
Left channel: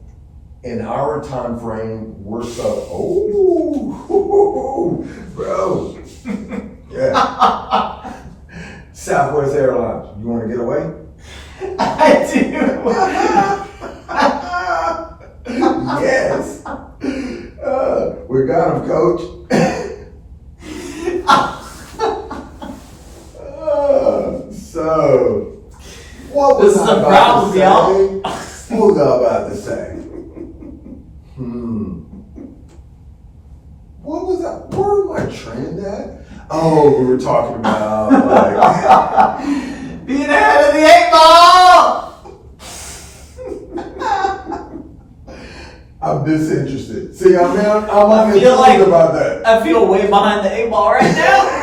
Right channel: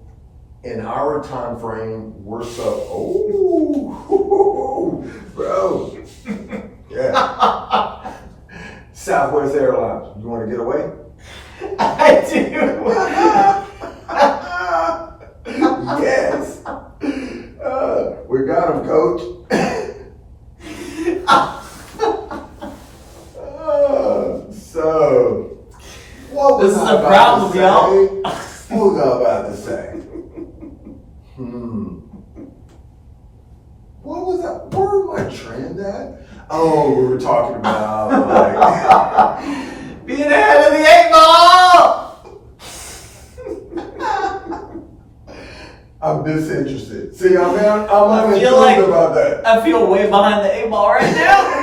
in our time frame, we're bro. Yeah. Southwest Airlines. You want to get away? I do. Yes. We got him, coach. So, what was This is I a about problem, to y'all. say? What was I about to say? What was that? Where was my trend at? Oh, we were talking about like being ahead of the 8 ball. I'm disinterested. See, I'm I feel like about that. I feel way behind the 8 ball right now.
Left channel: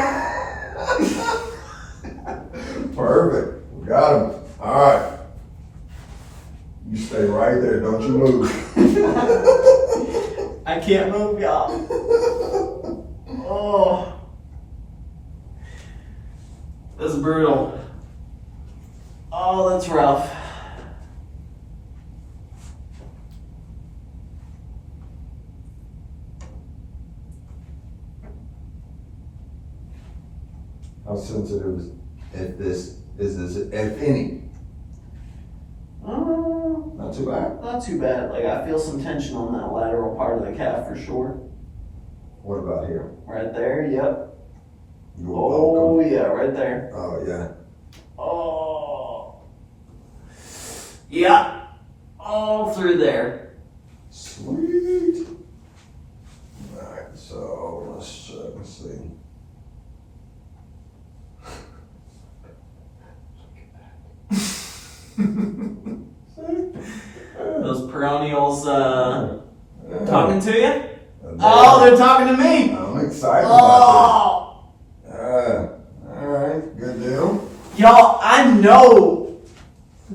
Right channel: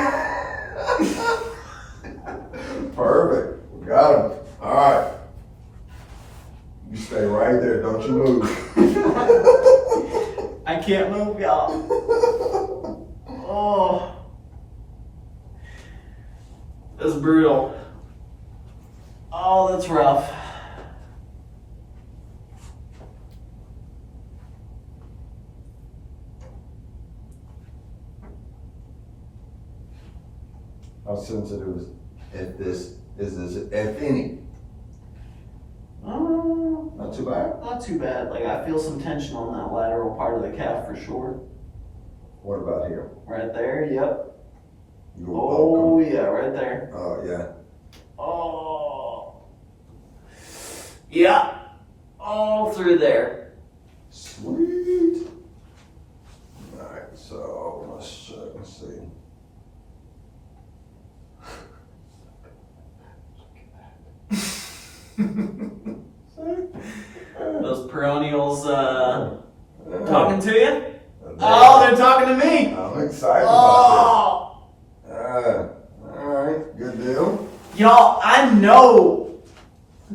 Perfect. We got him. All right. You stay right there. Don't you move. I can't move, y'all. Oh, that's brutal. Oh, that's rough. How sensitive is this, if any? Not too bad. Not too bad. Like, I feel some tension on that lateral part of the calf for sure. What about here? Right there, yep. You're Oh, welcome. yeah, right there. Oh, yeah. Oh. Yeah. All through there. Sweet. So let's check and see. Those perennials talking to you? Oh, they're talking to me. I'm excited about Oh, this. All right, good deal. y'all, I know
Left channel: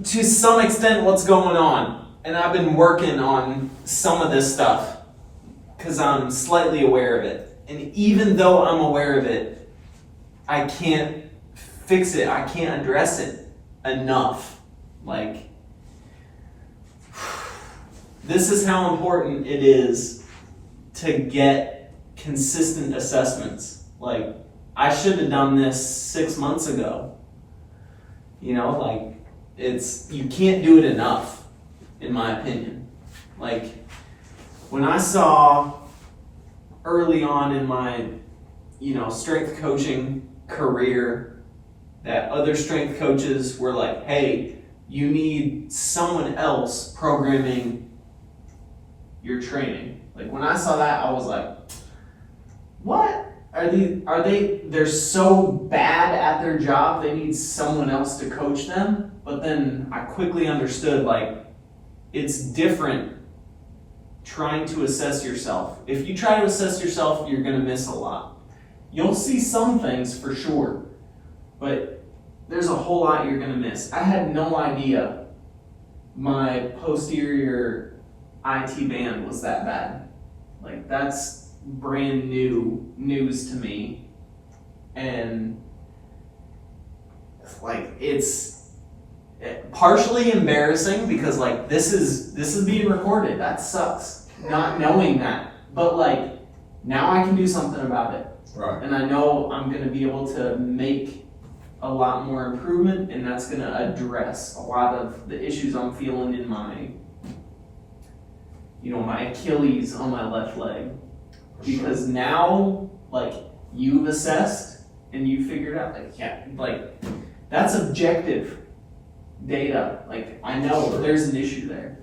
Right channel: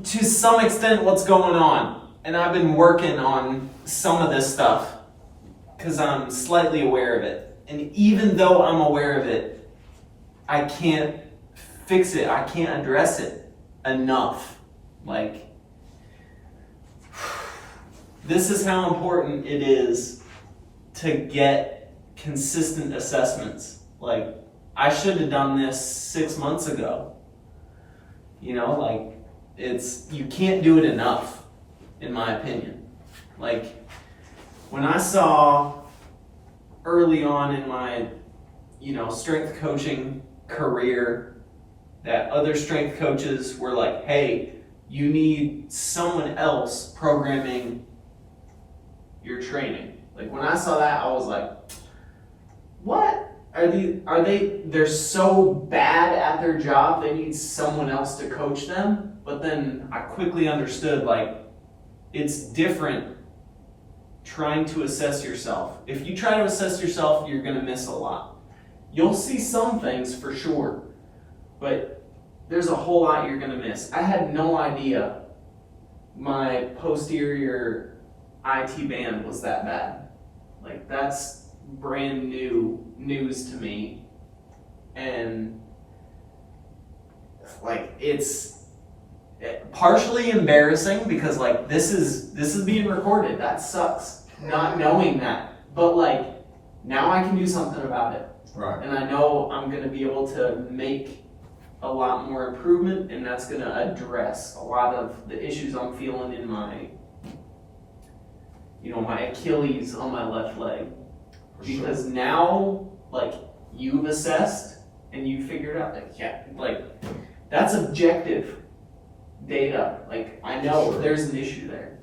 to some extent what's going on, and I've been working on some of this stuff because I'm slightly aware of it. And even though I'm aware of it, I can't fix it. I can't address it enough. Like, this is how important it is to get consistent assessments. Like, I should have done this 6 months ago. You know, like, you can't do it enough, in my opinion. Like, when I saw early on in my, strength coaching career that other strength coaches were like, hey, you need someone else programming your training. Like, when I saw that, I was like, what? They're so bad at their job, they need someone else to coach them? But then I quickly understood, like, it's different trying to assess yourself. If you try to assess yourself, you're gonna miss a lot. You'll see some things for sure, but there's a whole lot you're gonna miss. I had no idea my posterior IT band was that bad. Like, that's brand new news to me. And like, it's partially embarrassing because like this is being recorded. That sucks, not knowing that. But like, now I can do something about it. Right. And I know I'm gonna be able to make a lot more improvement, and that's gonna address a lot of the issues I'm feeling in my my Achilles on my left leg. Because now, like, you've assessed and you figured out, like, that's objective data. Like, I know there's an issue there.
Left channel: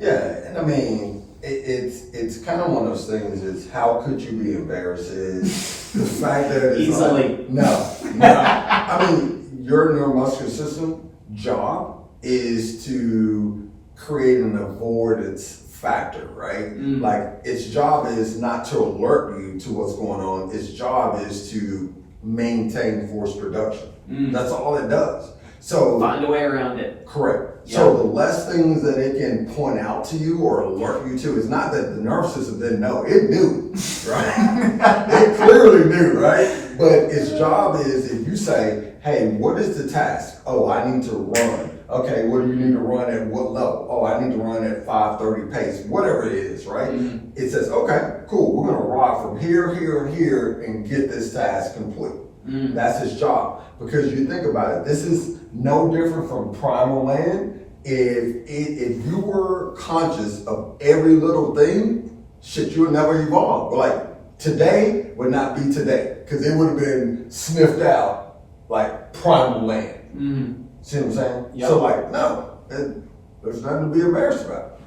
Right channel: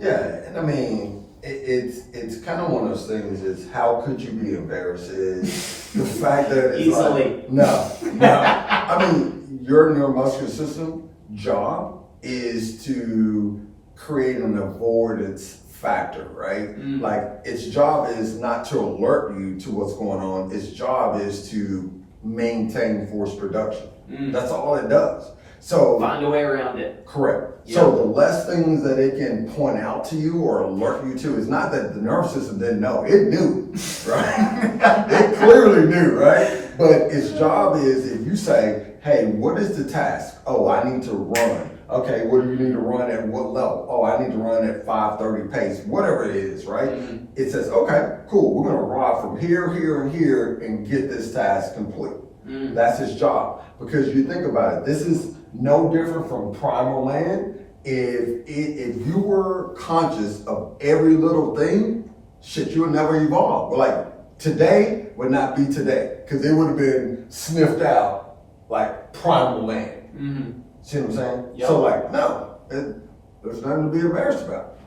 Yeah, and I mean, it's kind of one of those things. It's how could you be embarrassed? Is the fact that it's Easily. Like, no. I mean, your neuromuscular system job is to create an avoidance factor, right? Like, its job is not to alert you to what's going on. Its job is to maintain force production. That's all it does. So find a way around it. Correct. Yep. So the less things that it can point out to you or alert you to, it's not that the nervous system didn't know. It knew, right? It clearly knew, right? But its job is, if you say, hey, what is the task? Oh, I need to run. Okay, what do you need to run at what level? Oh, I need to run at 5:30 pace, whatever it is, right? It says, okay, cool, we're gonna ride from here, here, and here and get this task complete. That's his job. Because you think about it, this is no different from primal man. If you were conscious of every little thing, shit, you would never evolve. But like, today would not be today, because it would have been sniffed out like primal man. See what I'm saying? Yep. So like, no, there's nothing to be embarrassed about.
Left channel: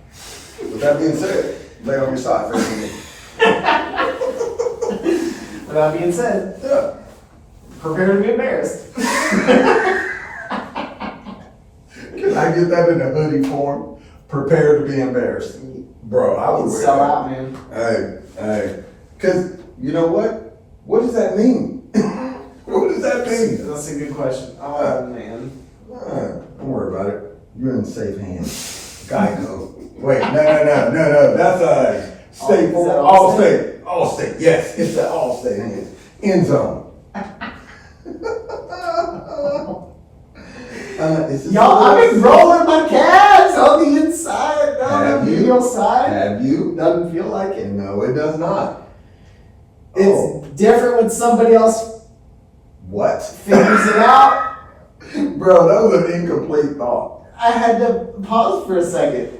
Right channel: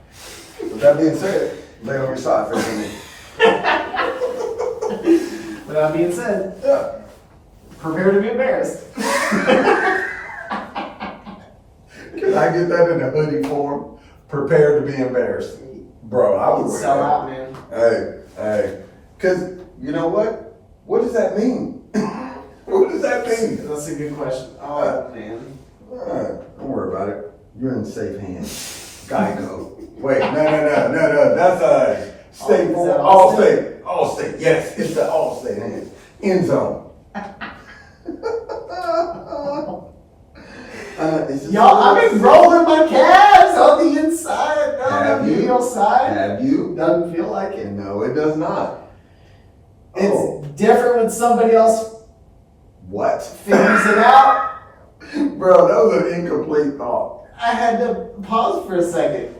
With that being said, lay on your side for a minute. With that being said, Yeah. prepare to be embarrassed. Can I get that in a hoodie form? Prepare to be embarrassed. Bro, I would wear Sell that. out, man. Hey. Because you know what? What does that mean? What does that mean? That's a good question. Oh, man. Don't worry about it. You're in safe hands. Geico. Wait, no. That's State Is that Farm. Allstate? Allstate. Yes, it's the Allstate hands. End zone. Y'all, I've been rolling my calves on the inside, on Have the you? medial side. Have you? Doesn't feel like it. No, it does not. It's different when somebody else What? figures it out. Bro, that was an incomplete thought. I had to pause for a second.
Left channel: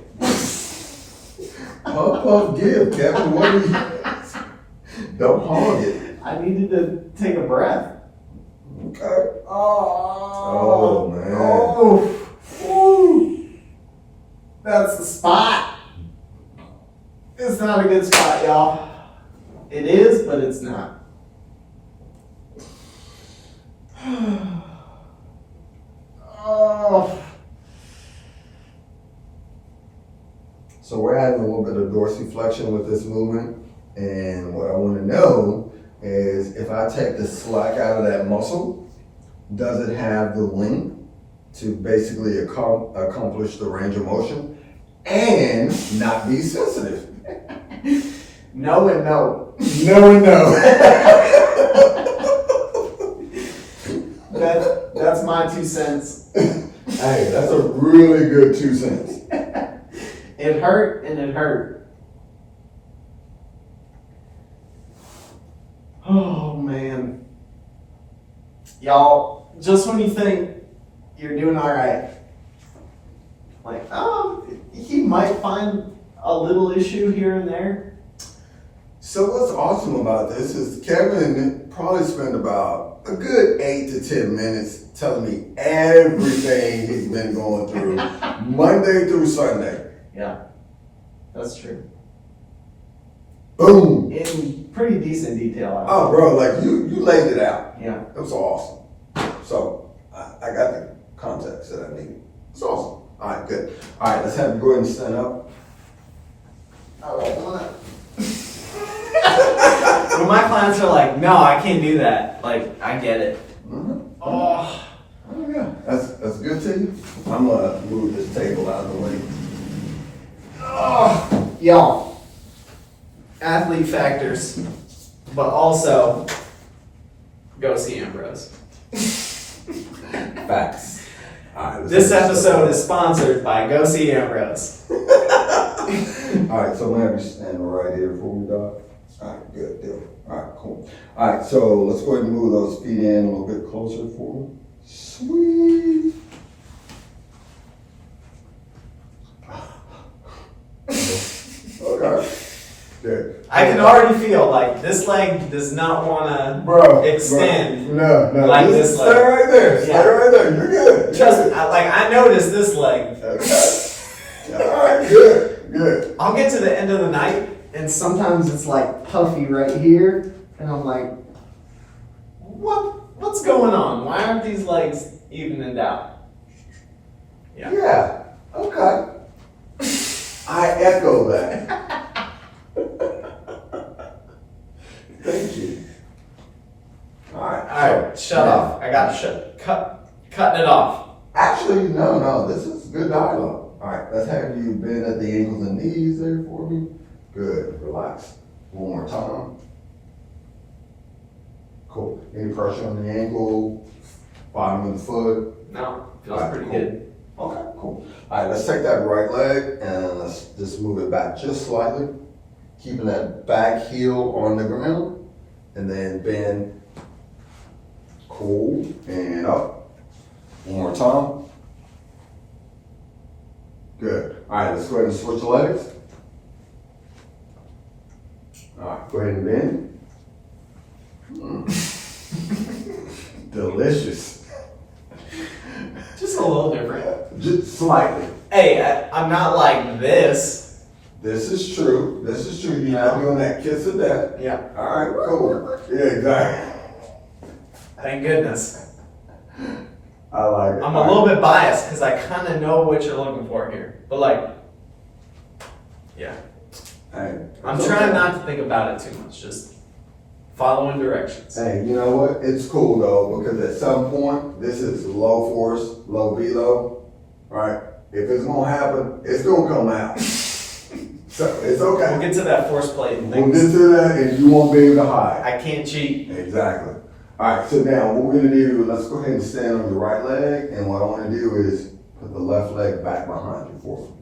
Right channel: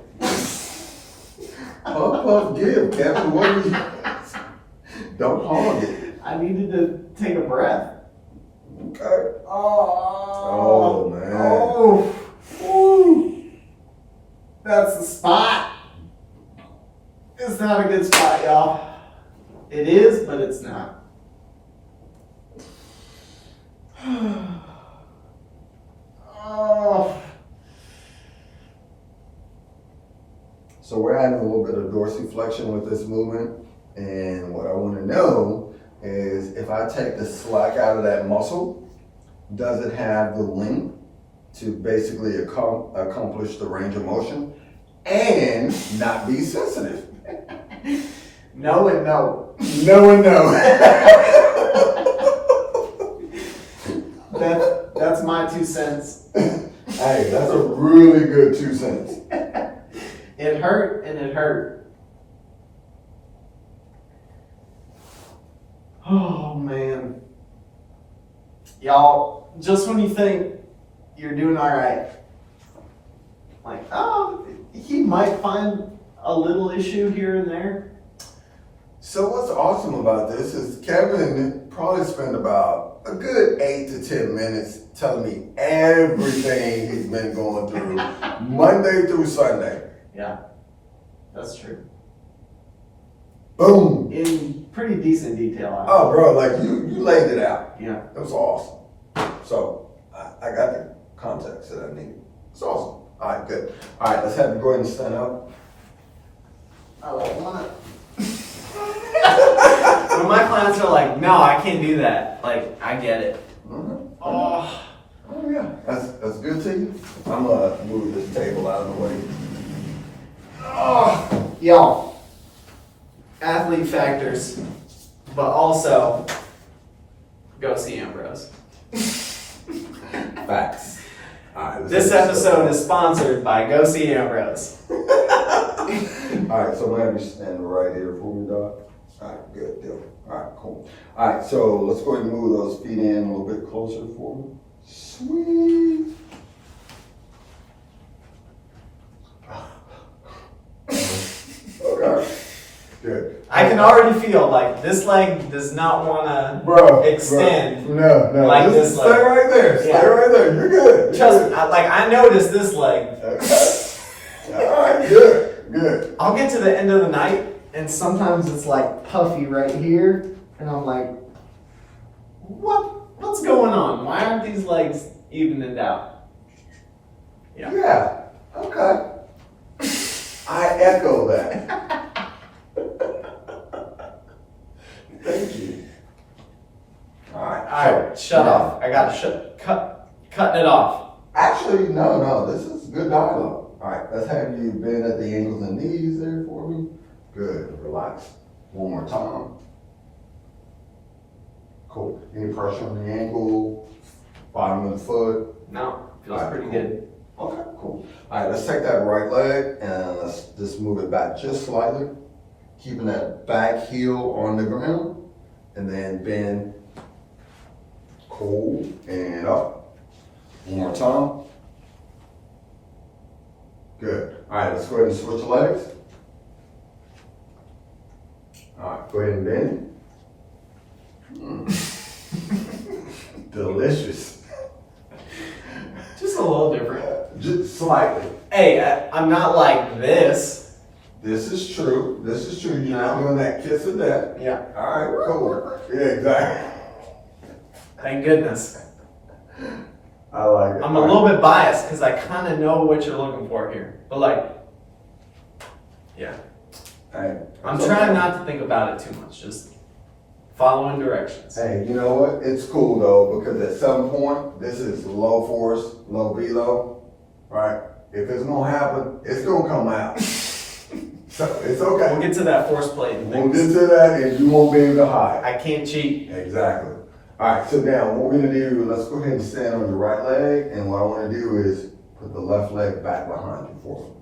Puff, give, Captain. What do you? Don't hog it. I needed to take a breath. Okay. Oh, man. Oh, woo. That's the spot. It's not a good spot, y'all. It is, but it's not. Oh. So we're adding a little bit of dorsiflexion with this movement. And what I want to know is if I take the slack out of that muscle, does it have the length to basically accomplish the range of motion and not be sensitive? No and no. No and no. That's my 2 cents. Hey, that's a really good 2 cents. It hurt and it hurt. Oh man. Y'all, just when you think you're doing all right, like, oh, he might find a little issue here and there. So what's awesome about this is Kevin probably spent about a good 8 to 10 minutes telling me everything he's been going through Monday through Sunday. Yeah, that's true. Boom. In pretty decent detail. Oh, bro, like you laid it out. Yeah. It was awesome. So I got the context that I needed. It's awesome. All right, good. All right, let's have you go ahead and stand up. Oh, I wanna. When my clients are like, no, I can't do that. Like, I get it. Mm-hmm. Oh. Oh yeah, that's good to you. I'm gonna move this table out of the way. Oh. Y'all, athlete factors, but also go see Ambrose. Facts. All right, This episode is sponsored by Go See Ambrose. All right, so I'm gonna have you stand right here for me, Doc. All right, good deal. All right, cool. All right, so let's go ahead and move those feet in a little bit closer for me. Sweet. Okay. Good. I can already feel like this leg does not want to extend. Bro. No. Like Just this leg. Stay right there. Stay Yeah. right there. You're good. Trust me, I noticed this leg. Okay. All right, good. I'll get to the end of the night, and sometimes it's like puffy right here, and I'm like, what's going on? Why aren't these legs evened out? Yeah. Okay. I echo that. Thank you. All right. Shut off. I got cutting it off. Actually, no. This is good dialogue. All right. Let's have you bend at the ankles and knees there for me. Good. Relax. One more time. Cool. Any pressure on the ankle? Bottom of the foot? No, feels All right, pretty cool. good. Okay, cool. All right, let's take that right leg and let's just move it back just slightly. Keeping that back heel on the ground. And then bend. Cool. And up. One more time. Good. All right, let's go ahead and switch legs. All right, go ahead and bend. Delicious. Just a little different. Just slightly. Hey, I'm not like this. This is true. You're not doing that kiss of death. Yeah. All right, cool. Yeah, exactly. Thank goodness. I like it. I'm a little bit biased because I kind of know what you're looking for here. But like, yeah. Hey, I'm it's trying okay. not to think about it too much. Just following directions. Hey, you know what? It's cool though, because at some point, this is low force, low velo, right? If it's gonna happen, it's gonna come out. So it's okay. We'll get to that force plate and We'll things. get to that and you won't be able to hide. I can't cheat. Exactly. All right, so now what we're gonna do, let's go ahead and stand on your right leg, and what I wanna do is put the left leg back behind you for me.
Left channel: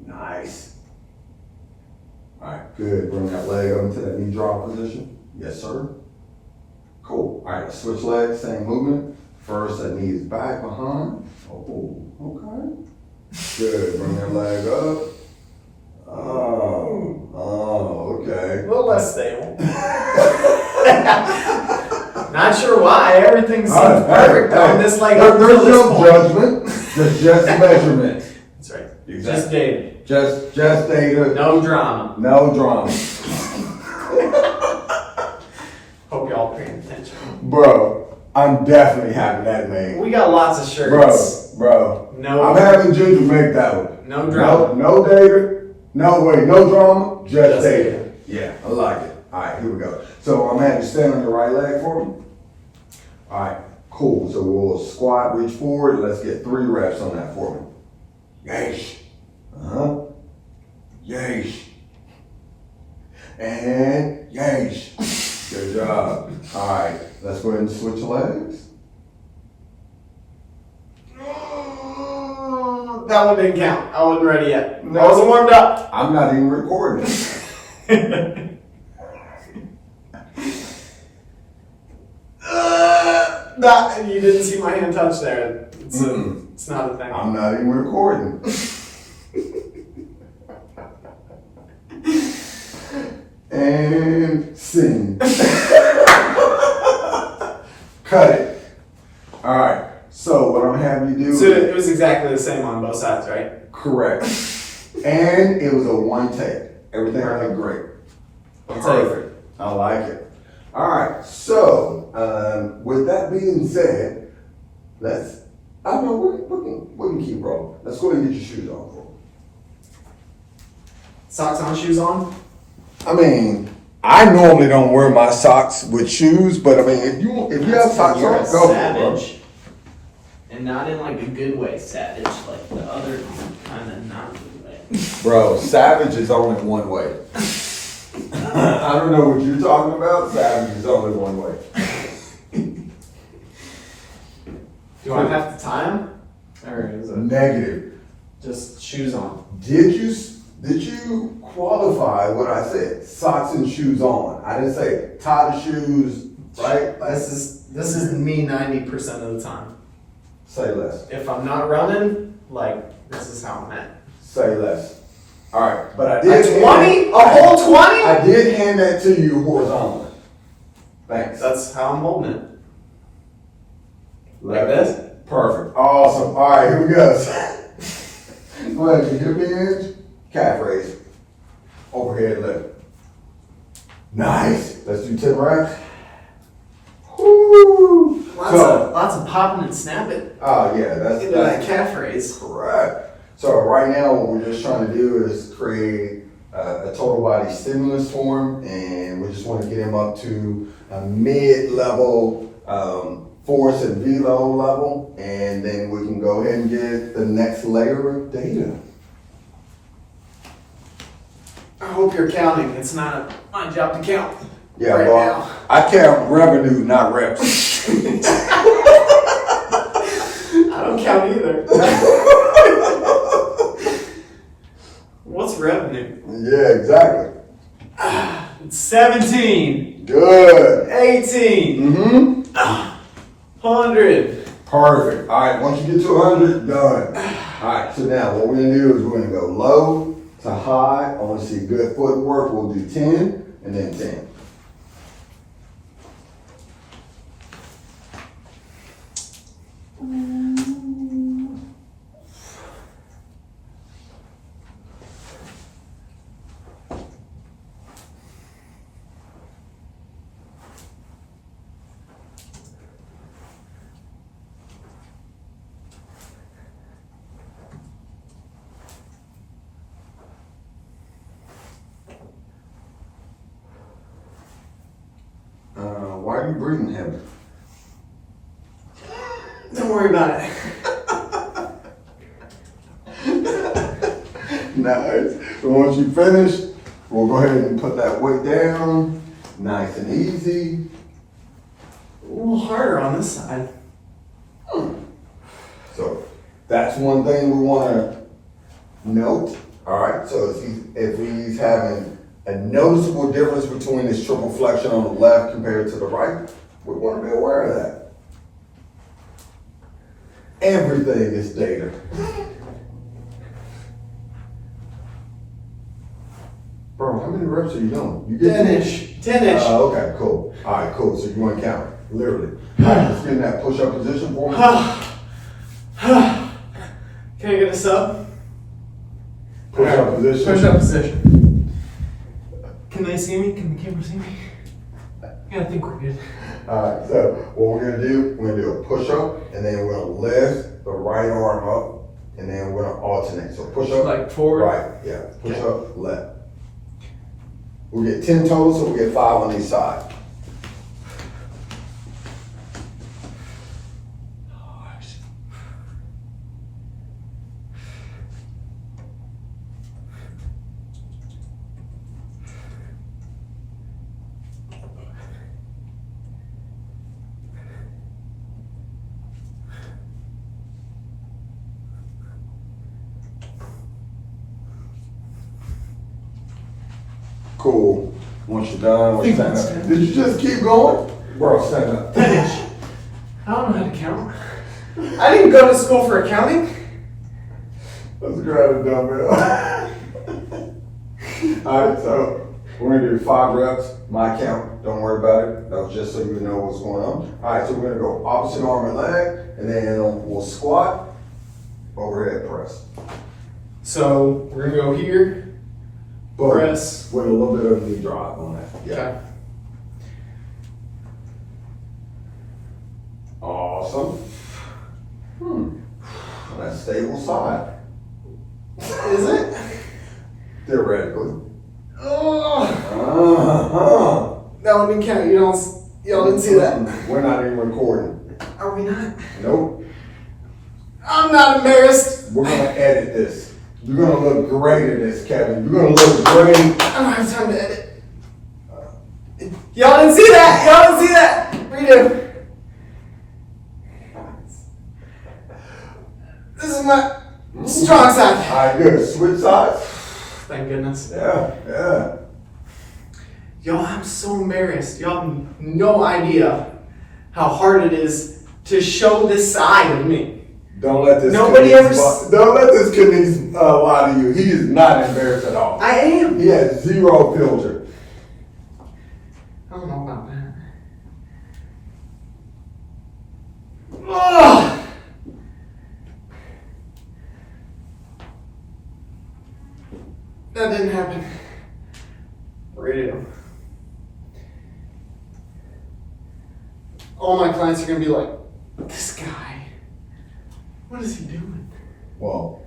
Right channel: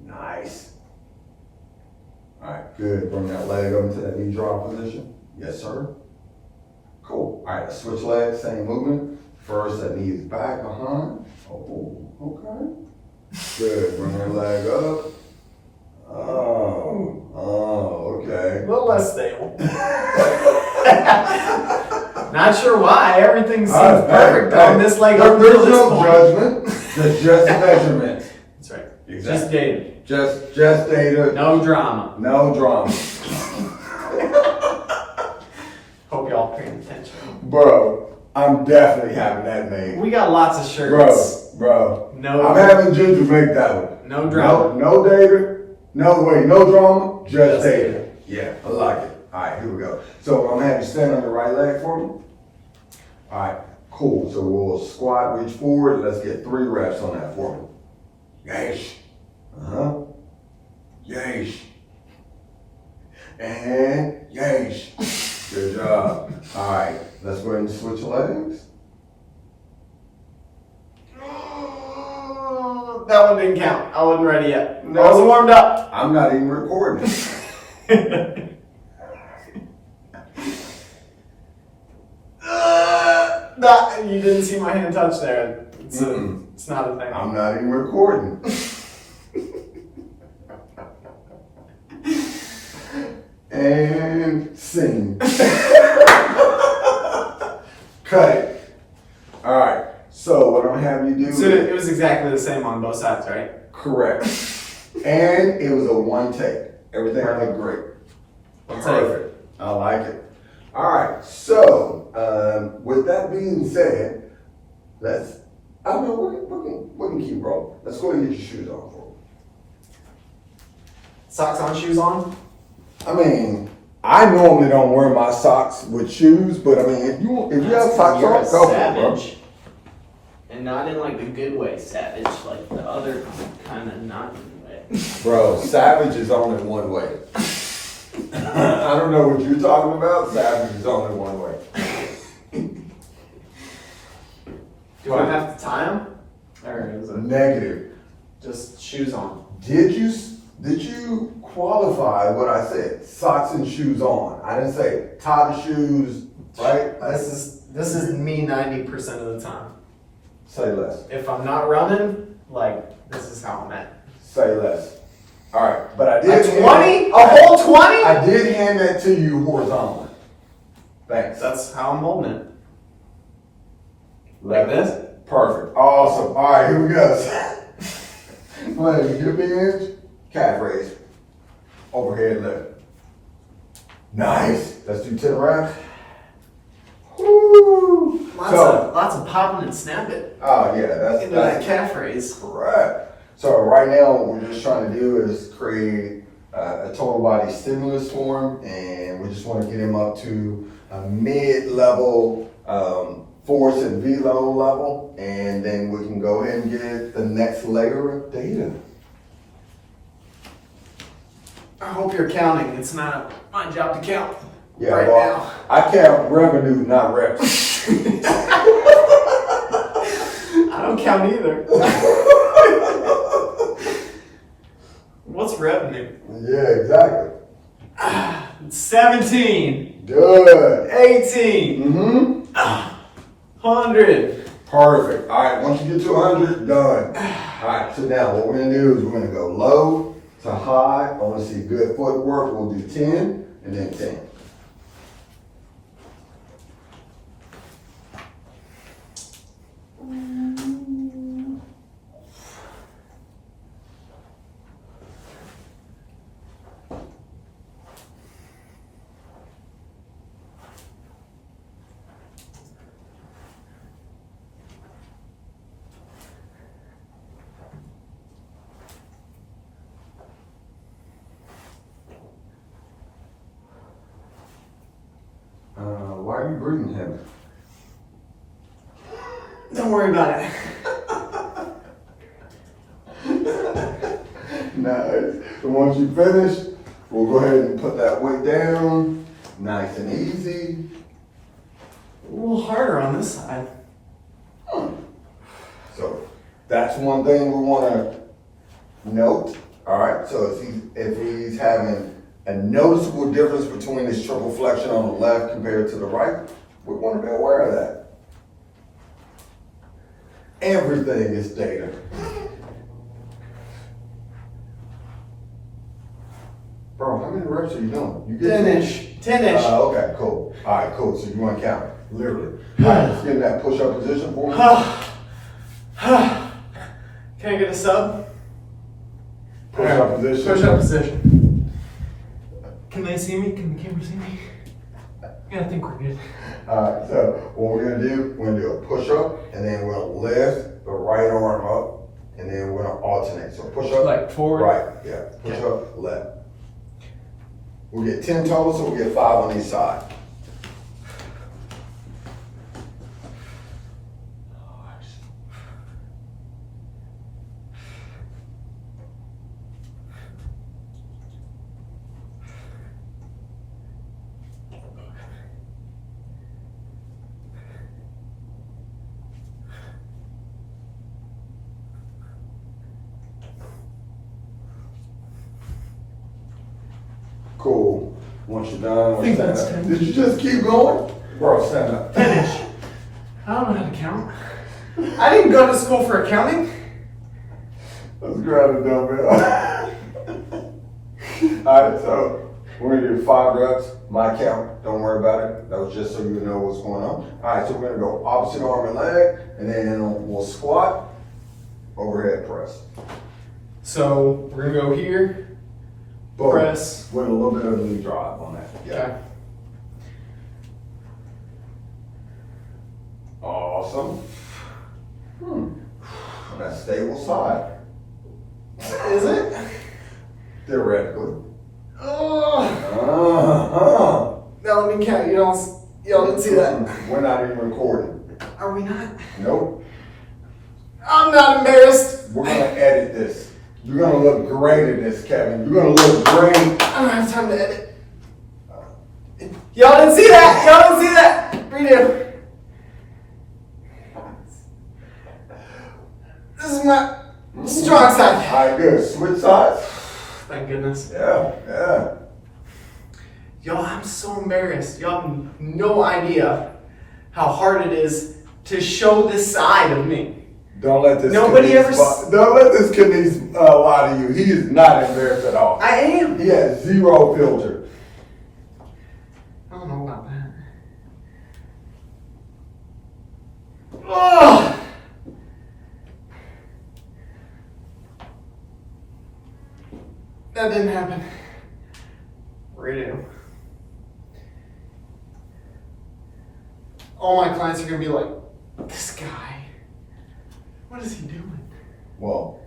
Nice. All right, good. Bring that leg up into that knee drop position. Yes, sir. Cool. All right, switch legs, same movement. First, that knee is back behind. Oh, okay. Good. Bring that leg up. Oh, okay. A little less stable. Not sure why. Everything seems perfect on this leg up until There's this no point. judgment. There's just measurement. That's right. Exactly. Just data. Just data. No drama. No drama. Bro, I'm definitely having that made. We got lots of shirts. Bro. No. I'm having Ginger make that one. No drama. No data. No drama. Just data. data. Yeah, I like it. All right, here we go. So I'm having you stand on your right leg for me. All right, cool. So we'll squat, reach forward. Let's get 3 reps on that for me. Yeesh. Yeesh. And yeesh. Good job. All right, let's go ahead and switch legs. That one didn't count. I wasn't ready yet. No. I wasn't warmed up. I'm not even recording. Nah, you didn't see my hand touch there. It's not a thing. I'm not even recording. And sing. Cut it. All right. So what I'm having you do? So it was exactly the same on both sides, right? Correct. And it was a one take. Everything went great. Perfect. I like it. All right. So with that being said, I don't know. We can keep rolling. Let's go ahead and get your shoes on, bro. Socks on, shoes on? I mean, I normally don't wear my socks with shoes, but I mean, if you have socks You're on, a go for it, bro. savage. And not in like a good way, savage, like the other kind of not good way. Bro, savage is only one way. I don't know what you're talking about. Savage is only one way. Do I have to tie them? Or is it Negative. just shoes on? Did you qualify what I said? Socks and shoes on. I didn't say tie the shoes, right? This is me 90% of the time. Say less. If I'm not running, like this is how I'm at. Say less. All right, but I did. A 20? A whole 20? I did hand that to you horizontally. Thanks. That's how I'm holding it. Like this? Perfect. Awesome. All right, here we go. Go ahead, hip hinge, calf raise, overhead lift. Nice. Let's do 10 reps. Woo! Lots of popping and snapping. Oh yeah, that's Into that calf raise. correct. So right now, what we're just trying to do is create a total body stimulus for him, and we just want to get him up to a mid-level force and velo level, and then we can go ahead and get the next layer of data. I hope you're counting. It's not my job to count Yeah, right well, now. I count revenue, not reps. I don't count either. What's revenue? Yeah, exactly. It's 17, Good. 18, 100. Perfect. All right, once you get to 100, done. All right, so now what we're gonna do is we're gonna go low to high. I wanna see good footwork. We'll do 10 and then 10. Why are you breathing heavy? Don't worry about it. Nice. So once you finish, we'll go ahead and put that weight down. Nice and easy. A little harder on this side. So that's one thing we want to note. All right. So if he's having a noticeable difference between his triple flexion on the left compared to the right, we want to be aware of that. Everything is data. Bro, how many reps are you doing? You get 10-ish. 10-ish. Okay, cool. All right, cool. So you want to count it, literally. All right, let's get in that push-up position for me. Can I get a sub? Push-up position. Push-up position. Can they see me? Can the camera see me? Yeah, I think we're good. Alright, so what we're gonna do a push-up, and then we're gonna lift the right arm up, and then we're gonna alternate. So push up, Like forward? right, yeah, push up, left. We'll get 10 total, so we'll get 5 on each side. Cool. Once you're done, think stand that's up. good. Did you just keep going? Bro, stand up. Finish. I don't know how to count. I didn't go to school for accounting. Let's grab a dumbbell. Alright, so we're gonna do 5 reps, my count, don't worry about it. That was just so you know what's going on. Alright, so we're gonna go opposite arm and leg, and then we'll squat, overhead press. So we're gonna go here. Boom. Press. With a little bit of knee drive on that. Yeah. Okay. Awesome. On that stable side. Is it? Theoretically. Oh. Uh-huh. Now let me count. Y'all didn't see that. We're not even recording. Are we not? Nope. I'm not embarrassed. We're gonna edit this. You're gonna look great in this, Kevin. You're gonna look great. I don't have time to edit. Y'all didn't see that. Y'all didn't see that. Redo. This is my strong side. Alright, good. Switch sides. Thank goodness. Yeah. Y'all, I'm so embarrassed. Y'all have no idea how hard it is to show this side of me. Don't let this Nobody Kinesiologist ever don't let this Kinesiologist lie to you. He is not embarrassed at all. I am. He has zero filter. I don't know about that. Ugh. That didn't happen. Redo. All my clients are gonna be like, this guy, what is he doing? Well,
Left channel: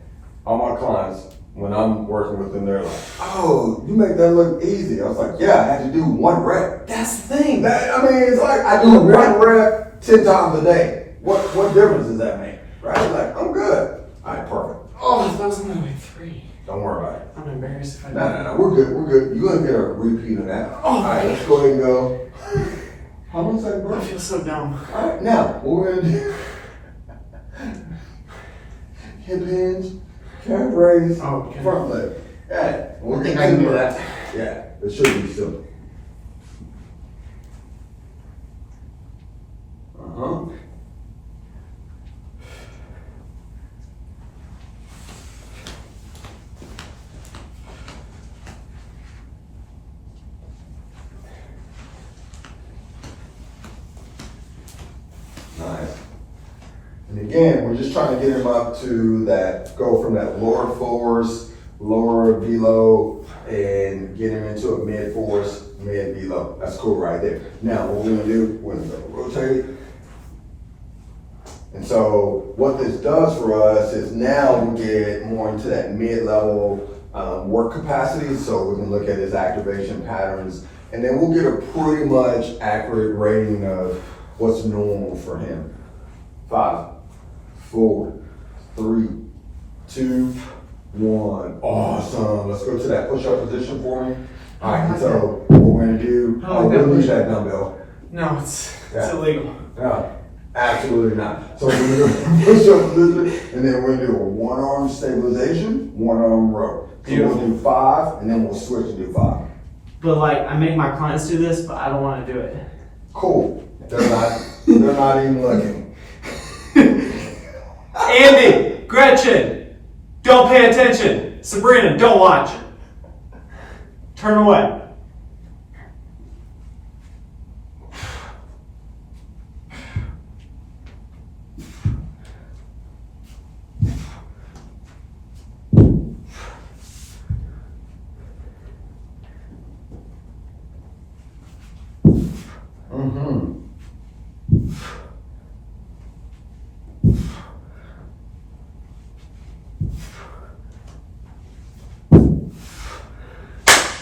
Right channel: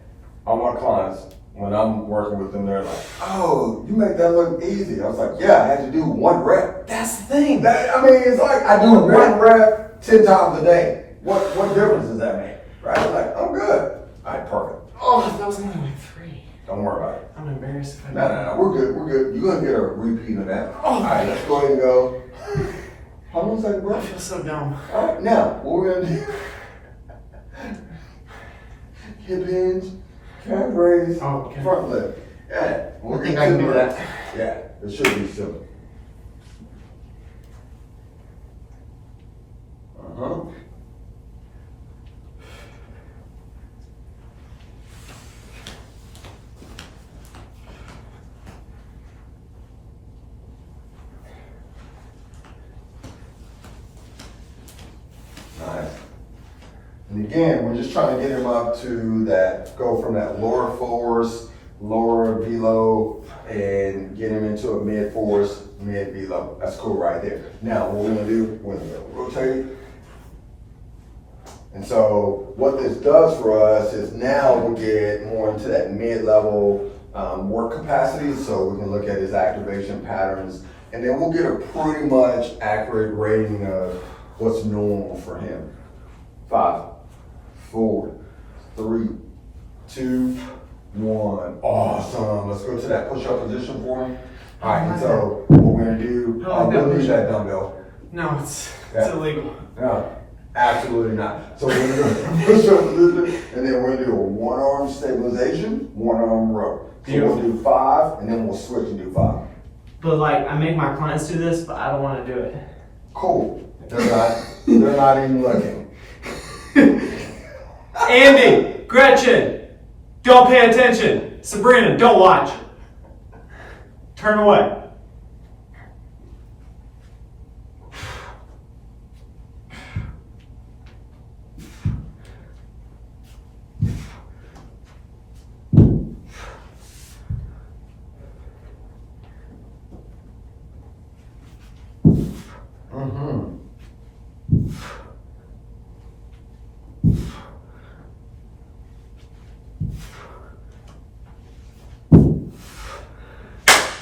all my clients, when I'm working with them, they're like, "Oh, you make that look easy." I was like, "Yeah, I had to do 1 rep." That's the thing. It's like I do 1 rep 10 times a day. What difference does that make? Right? Like, I'm good. All right, perfect. Oh, that was only like 3. Don't worry about it. I'm embarrassed if I No, we're good. You're gonna get a repeat of that. Oh, all right, let's go ahead and go. How long is that, bro? I feel so dumb. All right, now what we're gonna do? Hip hinge, calf raise, Oh, okay. front leg. Yeah, I think I can do that. Yeah, it should be simple. Nice. And again, we're just trying to get him up to that, go from that lower force, lower velo, and get him into a mid force, mid velo. That's cool right there. Now, what we're gonna do, we're gonna rotate. And so what this does for us is now we'll get more into that mid-level work capacity. So we can look at his activation patterns, and then we'll get a pretty much accurate rating of what's normal for him. 5, 4, 3, 2, 1. Awesome. Let's go to that push-up position for him. All right, and so what we're gonna do, we'll use that dumbbell. No, it's Yeah. illegal. No, absolutely not. So we're gonna do a push-up position, and then we're gonna do a 1-arm stabilization, 1-arm row. So we'll do 5, and then we'll switch and do 5. But like, I make my clients do this, but I don't want to do it. Cool. They're not even looking. Andy, Gretchen, don't pay attention. Sabrina, don't watch. Turn away.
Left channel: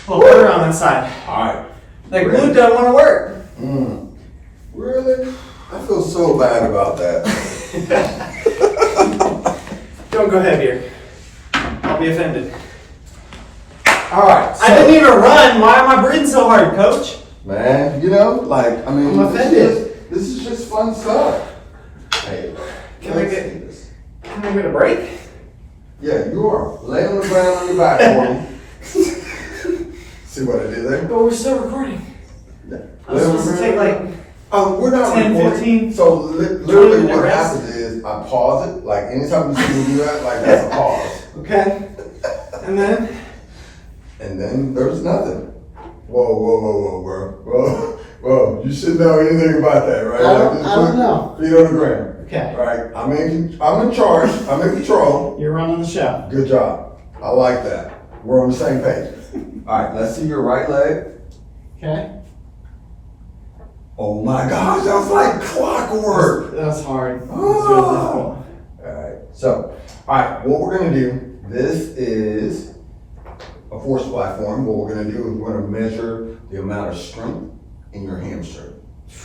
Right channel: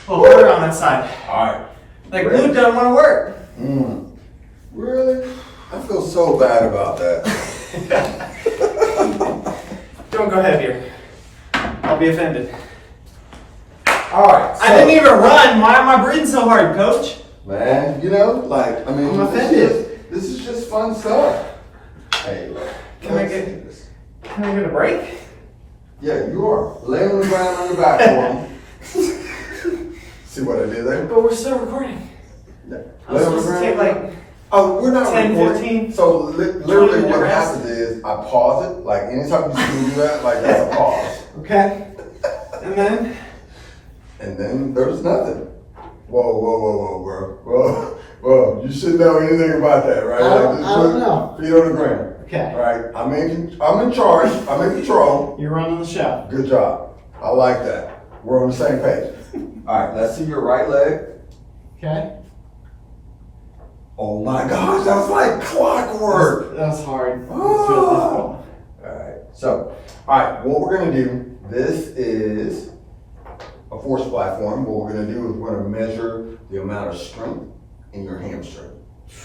Well, put it on that side. Alright. Like glute doesn't want to work. Really? I feel so bad about that. Don't go heavier. I'll be offended. Alright. I didn't even run. Why am I breathing so hard, coach? Man, like, I mean, I'm offended. This is just fun stuff. Hey, Can I get a break? Yeah, you are. Lay on the ground on your back for me. See what I did there? But we're still recording. Yeah. I was supposed to take like Oh, we're not 10, recording. 15, So literally 20 what rest. happens is I pause it. Like anytime you see me do that, like that's a pause. okay, and then And then there's nothing. Whoa, bro. Whoa. You should know anything about that, right? I don't know. Feet on the ground. Okay. All right. I'm in charge. I'm in control. You're running the show. Good job. I like that. We're on the same page. All right. Let's see your right leg. Okay. Oh my gosh, that's like clockwork. That's hard. That's Oh. really difficult. Alright, so, what we're gonna do, this is a force platform. What we're gonna do is we're gonna measure the amount of strength in your hamstring.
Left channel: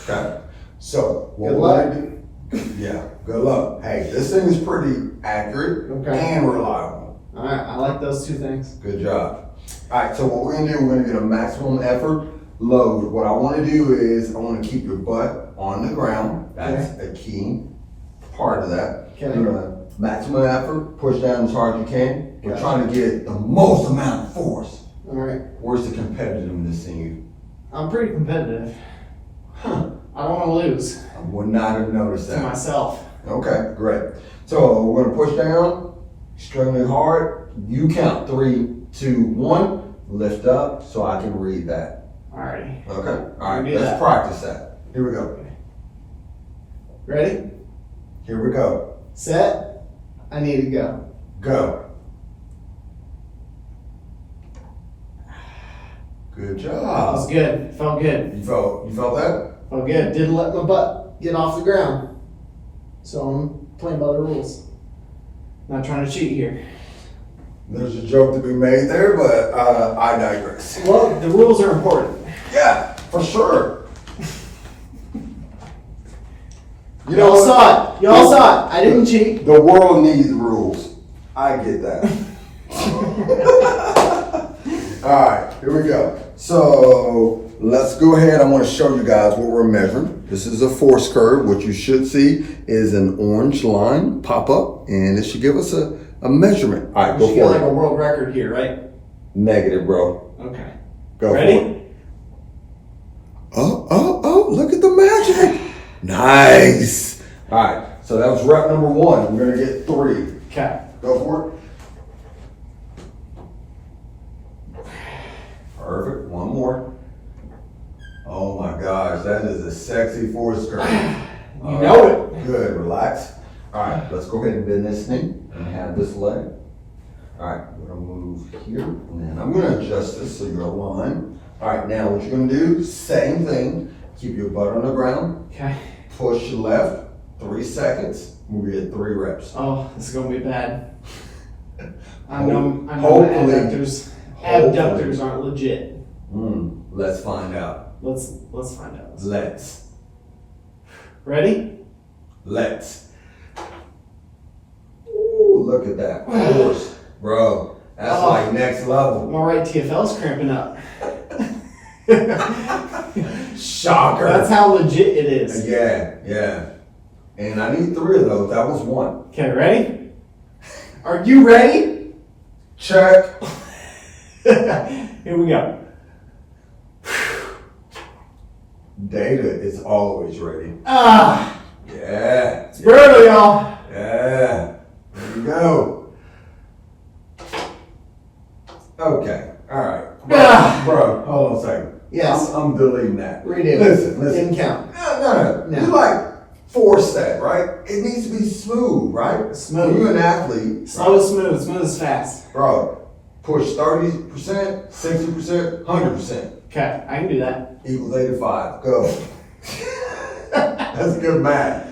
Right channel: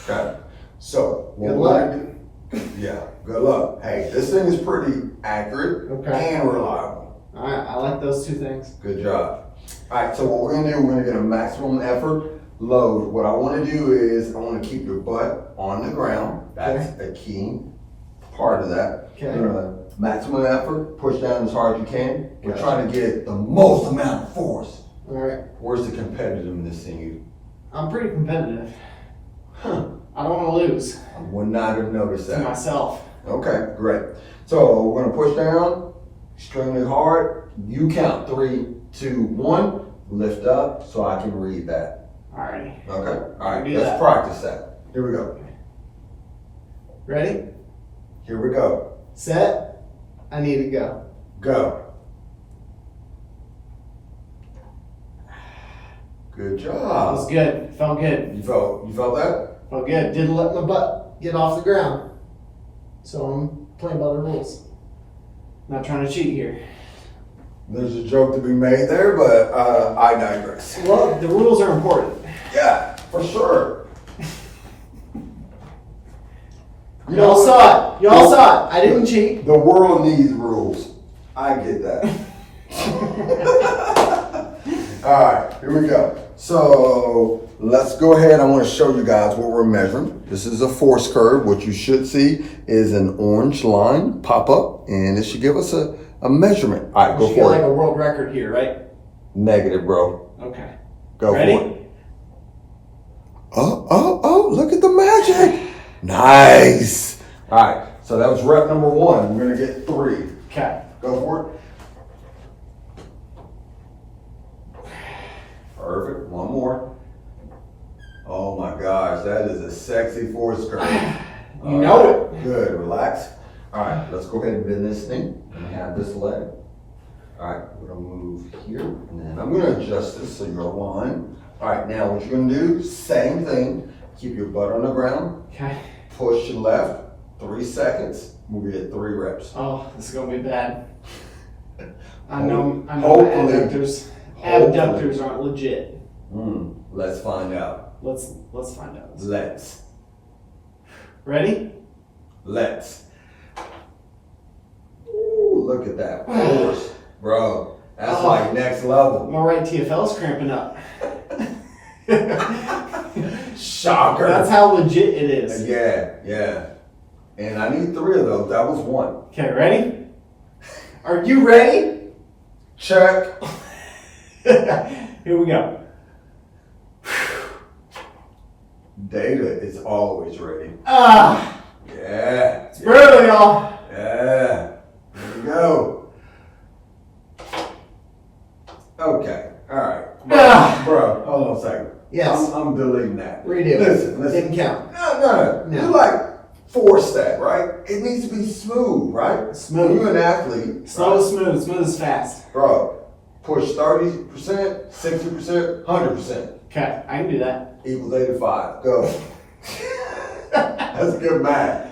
Okay? So, what Good we're luck. gonna do, yeah, good luck. Hey, this thing is pretty accurate Okay. and reliable. All right. I like those two things. Good job. Alright, so what we're gonna do, we're gonna get a maximum effort load. What I wanna do is, I wanna keep your butt on the ground. That's a key part of that. Okay. You're gonna maximum effort, push down as hard as you can. We're Gotcha. trying to get the most amount of force. All right. Where's the competitiveness in you? I'm pretty competitive. Huh. I don't want to lose I would not have noticed to that. myself. Okay, great. So we're gonna push down extremely hard. You count 3, 2, 1. Lift up so I can read that. Alrighty. Okay. All right. We do Let's that. practice that. Here we go. Ready? Here we go. Set. I need to go. Go. Good That job. was good. Felt good. You felt that? Felt good. Didn't let my butt get off the ground. So I'm playing by the rules. Not trying to cheat here. There's a joke to be made there, but I digress. Well, the rules are important. Yeah, for sure. Y'all saw it. Y'all saw it. I didn't cheat. The world needs rules. I get that. All right, here we go. So let's go ahead. I want to show you guys what we're measuring. This is a force curve. What you should see is an orange line pop up, and it should give us a measurement. All right, We go should get for like it. a world record here, right? Negative, bro. Okay. Go Ready? for it. Oh, look at the magic. Nice. All right, so that was rep number 1. We're going to get 3. Okay. Go for it. Perfect. One more. Oh my gosh, that is a sexy force curve. You know it. Good. Relax. All right, let's go ahead and bend this thing and have this leg. All right, we're gonna move here, and then I'm gonna adjust this so you're aligned. All right, now what you're gonna do, same thing. Keep your butt on the ground. Okay. Push left. 3 seconds. We'll get 3 reps. Oh, this is gonna be bad. I know my Hopefully. abductors aren't legit. Let's find out. Let's find out. Let's. Ready? Ooh, look at that force, bro. That's Oh. like next level. My right TFL's cramping up. Shocker. That's how legit it is. Yeah. And I need 3 of those. That was 1. Okay, ready? Are you ready? Check. Here we go. Data is always ready. Ah, Yeah. it's brutal, y'all. Yeah. Here we go. Okay. All right. Bro, hold on a second. Yes. I'm deleting that. Redo. Listen. Didn't count. No. No. You like force that, right? It needs to be smooth, right? Smooth. When you're an athlete, Slow is smooth. Smooth is fast. bro, push 30%, 60%, 100%. Okay, I can do that. Equals 85. Go. That's good math.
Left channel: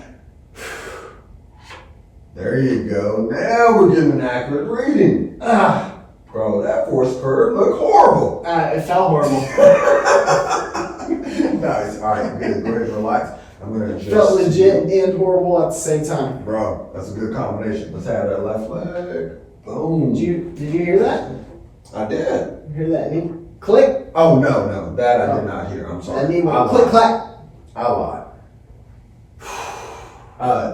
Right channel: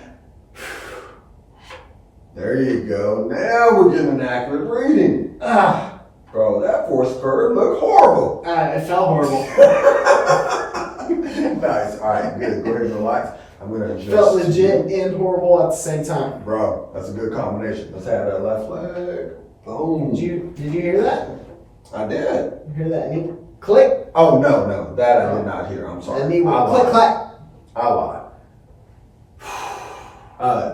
There you go. Now we're getting an accurate reading. Ah, Bro, that force curve looked horrible. It felt horrible. Nice. All right, good. Go ahead and relax. I'm gonna It felt just legit and horrible at the same time. Bro, that's a good combination. Let's have that left leg. Boom. Did you hear that? I did. You hear that? Any click? Oh no, that I did not hear. I'm sorry. I need I one. Click, lied. clack. I lied.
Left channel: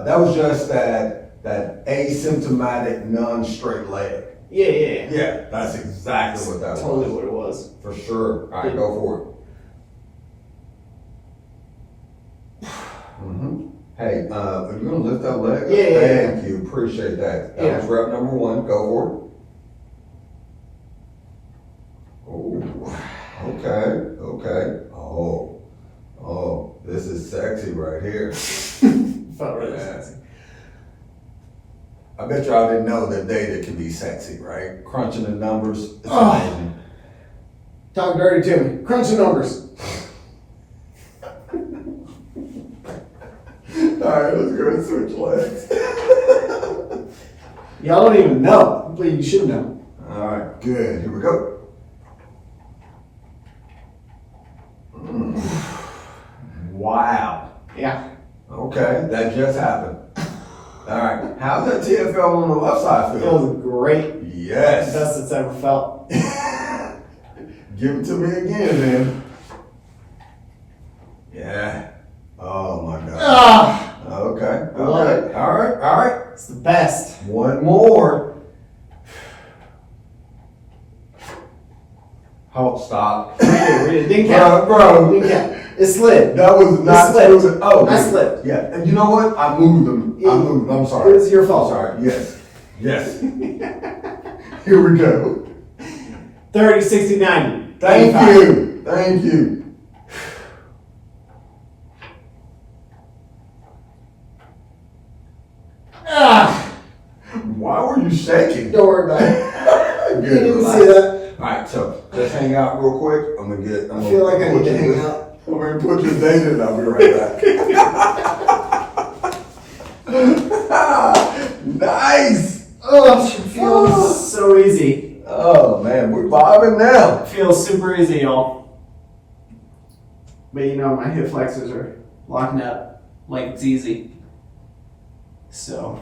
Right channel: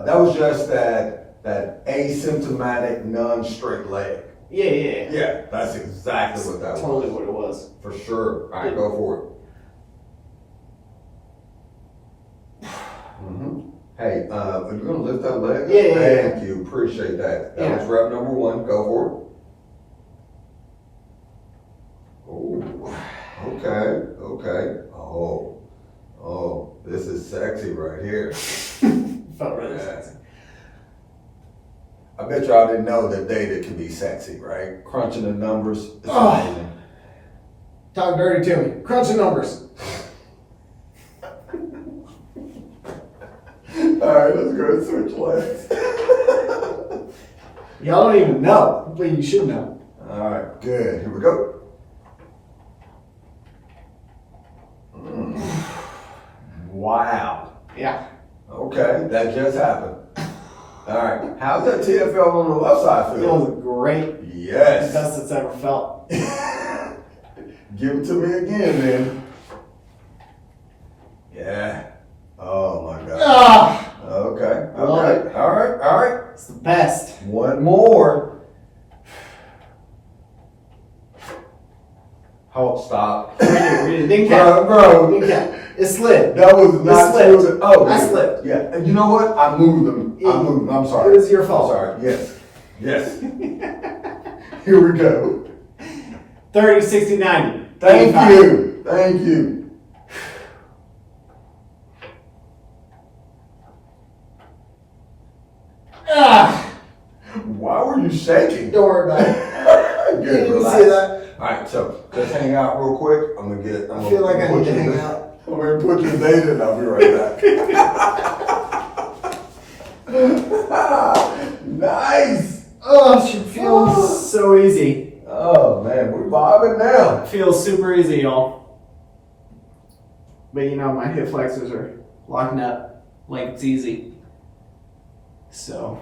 That was just that asymptomatic non-straight leg. Yeah. Yeah, that's exactly what that Totally was. what it was. For sure. All right, go for it. Hey, are you gonna lift that leg? Yeah. Thank you. Appreciate that. That was rep number 1. Go for it. Oh, okay. Oh, this is sexy right here. Felt really sexy. I bet y'all didn't know that data can be sexy, right? Crunching the numbers. It's amazing. Talk dirty to me. Crunch the numbers. Alright, let's go and switch legs. Y'all don't even know, but you should know. Alright, good. Here we go. Wow. Yeah. Okay, that just happened. Alright, how's that TFL on the left side It feel? was great. Yes. Best it's ever felt. Give it to me again, man. Yeah. Oh my God. Ah, Okay. Love it. All right. it's the best. One more. Oh, stop. It didn't count. Bro. It didn't count. It slid. That was not slipped. smooth. Oh, I dude. slipped. Yeah. And you know what? I moved them. I'm sorry. It was your fault. I'm sorry. Yes. Here we go. 30, 60, 90. Thank 85. you. Ah, Why were you shaking? don't worry about it. Good, You can relax. see that. Alright, so just hang out real quick. I feel like I need to hang out. I'm gonna put your data and I'll be right back. Nice! Oh, it feels so easy. Oh man, we're vibing now. It feels super easy, y'all. But you know, my hip flexors are locking up like it's easy. So,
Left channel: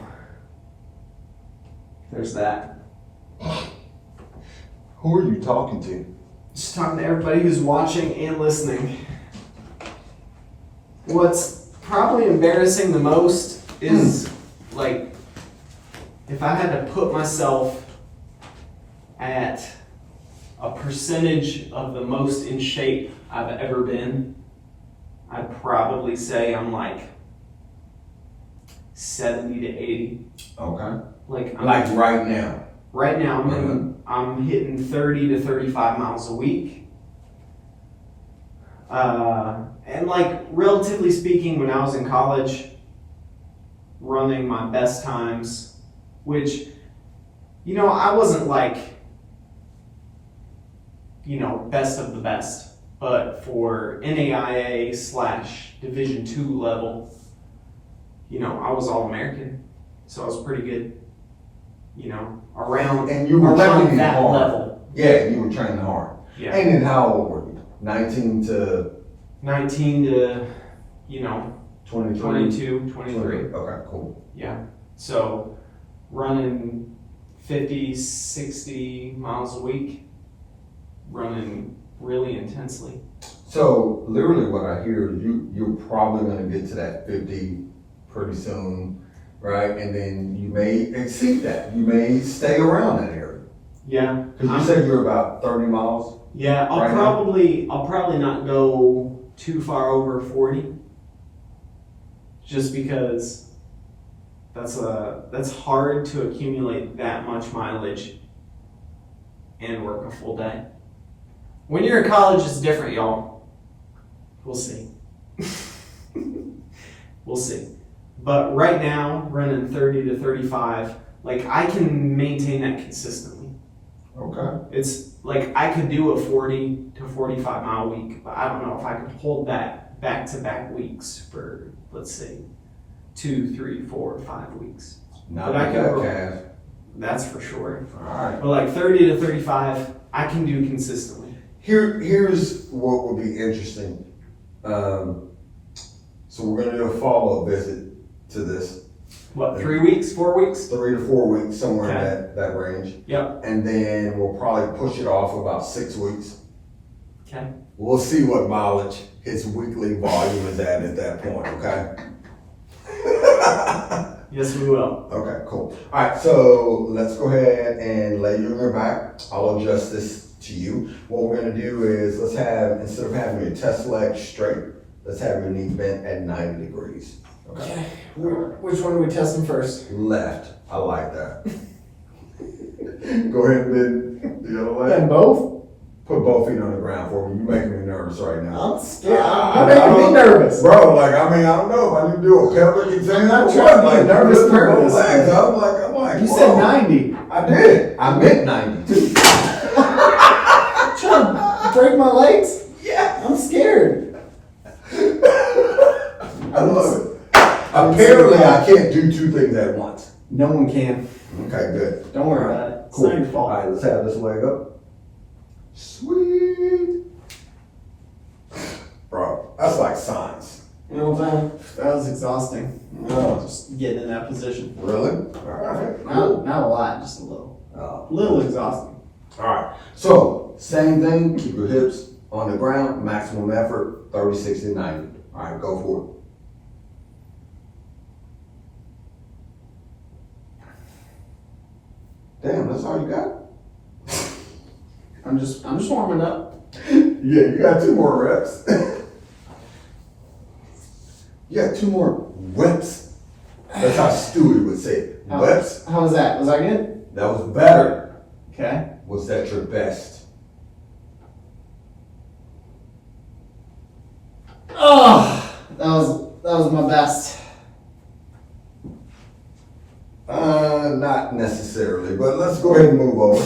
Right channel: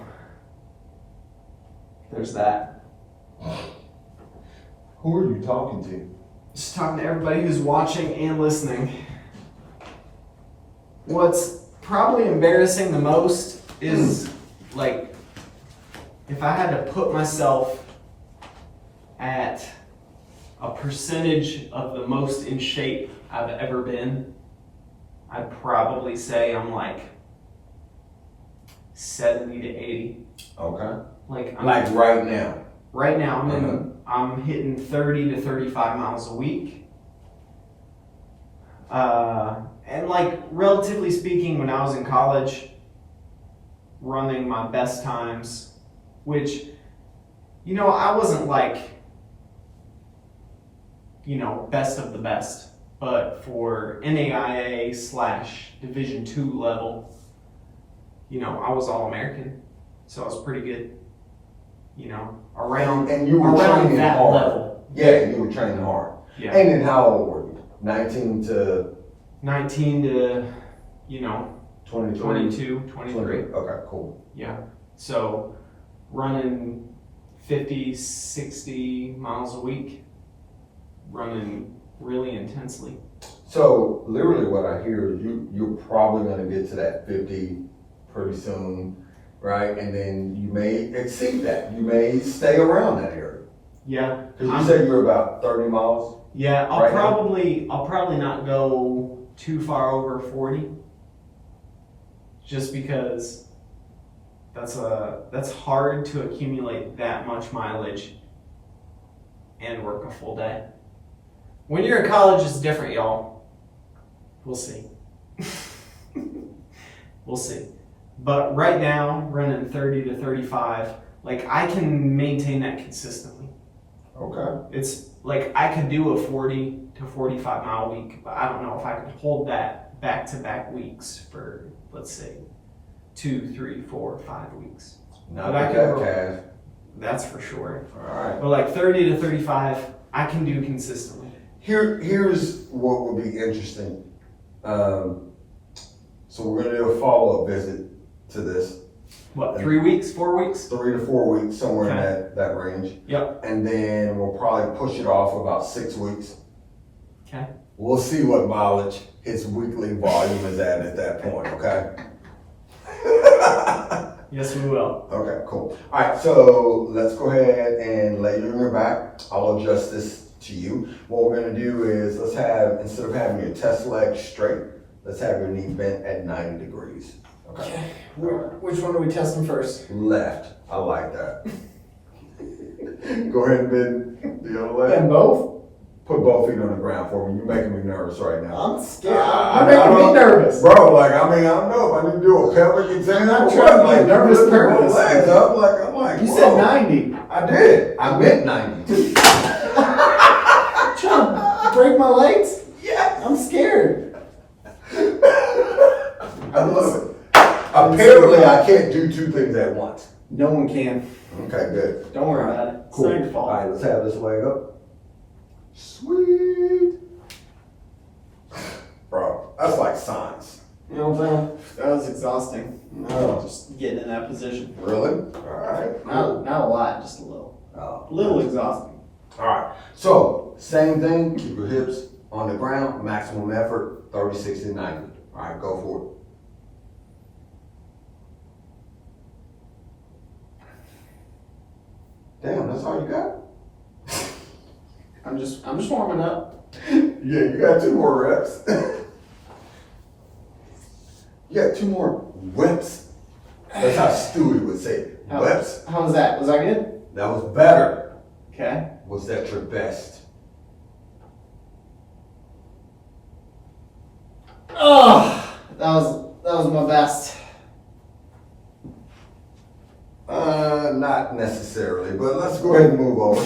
there's that. Who are you talking to? Just talking to everybody who's watching and listening. What's probably embarrassing the most is, like, if I had to put myself at a percentage of the most in shape I've ever been, I'd probably say I'm like 70 to 80. Okay. Like right now. right now I'm hitting 30 to 35 miles a week. And like, relatively speaking, when I was in college, running my best times, which, you know, I wasn't like, you know, best of the best, but for NAIA / Division II level, you know, I was All-American, so I was pretty good, you know, around And you were around training that hard. level. Yeah, you were training hard. Yeah. And then how old were you? 19 to 19 to, you know, 23? 22, 23. Okay, cool. Yeah. So running 50, 60 miles a week, running really intensely. So literally what I hear is you're probably gonna get to that 50 pretty soon, right? And then you may exceed that. You may stay around that area. Yeah. Because you said you're about 30 miles. Yeah, I'll Right now? probably not go too far over 40. Just because that's hard to accumulate that much mileage and work a full day. When you're in college, it's different, y'all. We'll see. We'll see. But right now, running 30 to 35, like, I can maintain that consistently. Okay. It's like I could do a 40 to 45 mile week, but I don't know if I could hold that back-to-back weeks for, let's say, 2, 3, 4, 5 weeks. Not But I like can that, roll. Cass. That's for sure. Alright. But like 30 to 35, I can do consistently. Here's what would be interesting. So we're gonna do a follow-up visit to this. What, 3 weeks, 4 weeks? 3 to 4 weeks, somewhere in Okay. that range. Yep. And then we'll probably push it off about 6 weeks. Okay. We'll see what mileage his weekly volume is at that point, okay? Yes, we will. Okay, cool. Alright, so let's go ahead and lay you on your back. I'll adjust this to you. What we're gonna do is, let's have, instead of having your test leg straight, let's have your knee bent at 90 degrees. Okay. Which one are we testing first? Left. I like that. Go ahead and bend the other leg. And both? Put both feet on the ground for me. You're making me nervous right now. I'm scared. You're making me nervous. Bro, like, I mean, I don't know if I need to do a pelvic exam. I'm or trying what. to Like, get nervous both purpose. legs. I'm like, You whoa. said 90. I did. I meant 90. Trying to break my legs? Yeah. I'm scared. I love it. Apparently, I can't do two things at once. No one can. Okay, good. Don't worry about it. It's Cool. not your fault. All right, let's have this leg up. Sweet. Bro, that's like science. You know what I'm saying? That was exhausting. Oh. Just getting in that position. Really? All right. Not a lot, just a little. A little exhausting. All right. So, same thing. Keep your hips on the ground. Maximum effort, 30, 60, 90. All right, go for it. Damn, that's all you got? I'm just warming up. Yeah, you got 2 more reps. You got 2 more reps. That's how Stewie would say it. Reps. How was that? Was that good? That was better. Okay. Was that your best? Oh, that was my best. Not necessarily, but let's go ahead and move on.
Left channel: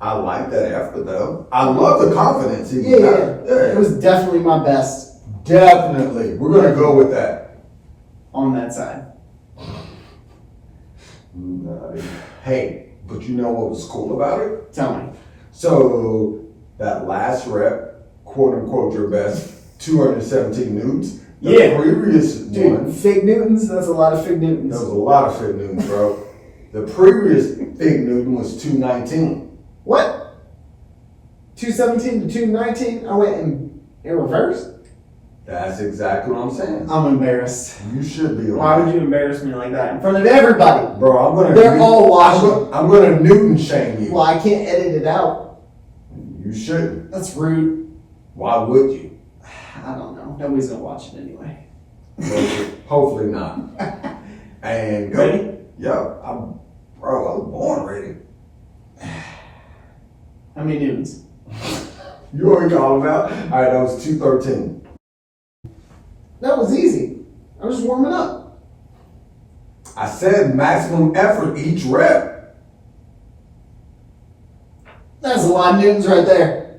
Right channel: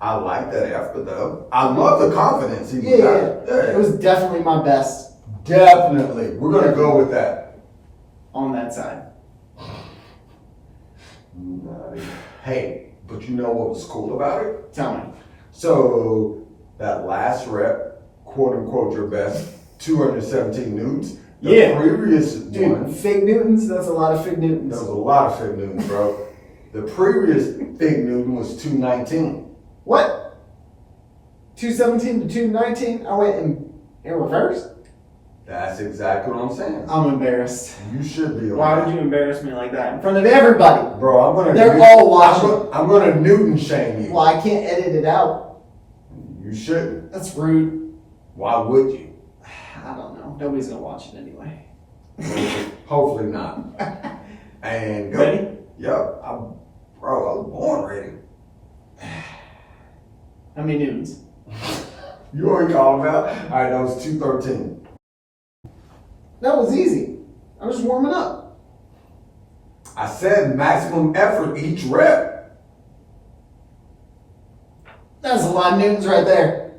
I like that effort though. I love the confidence. It was definitely my best Definitely. We're gonna go with that. on that side. Hey, but you know what was cool about it? Tell me. So that last rep, quote unquote your best, 217 newtons. The Yeah. previous Dude, one, fig Newtons, that's a lot of fig there Newtons. was a lot of fig newtons, bro. The previous fig newton was 219. What? 217 to 219? I went in reverse? That's exactly what I'm saying. I'm embarrassed. You should be. Why would you embarrass me like that in front of everybody? Bro, I'm gonna. They're all watching. I'm gonna Newton shame you. Well, I can't edit it out. You shouldn't. That's rude. Why would you? I don't know. Nobody's gonna watch it anyway. Hopefully not. And go. Ready? Yep. I was born ready. How many Newtons? You already all about. All right, that was 213. That was easy. I'm just warming up. I said maximum effort each rep. That's a lot of Newtons right there.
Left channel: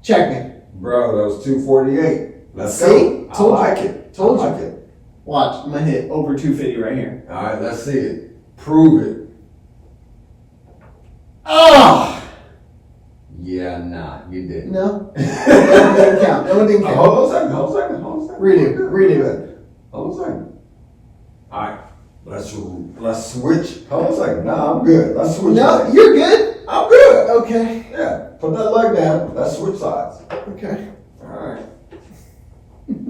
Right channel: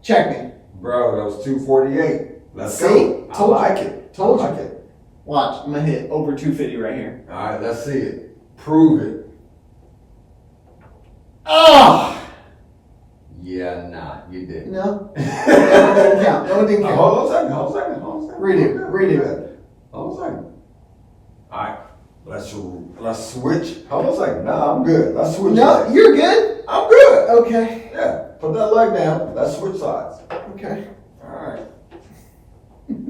Check me. Bro, that was 248. Let's See? go. I Told you. like it. Told I you. like it. Watch, I'm gonna hit over 250 right here. All right, let's see it. Prove it. Oh! Yeah, nah, you didn't. No. That didn't count. That one didn't count. Hold on a second. Redo. Hold on a second. All right, let's switch. Hold on a second. Nah, I'm good. Let's switch. No, sides. you're good. I'm good. Okay. Yeah, put that leg down. Let's switch sides. Okay. All right.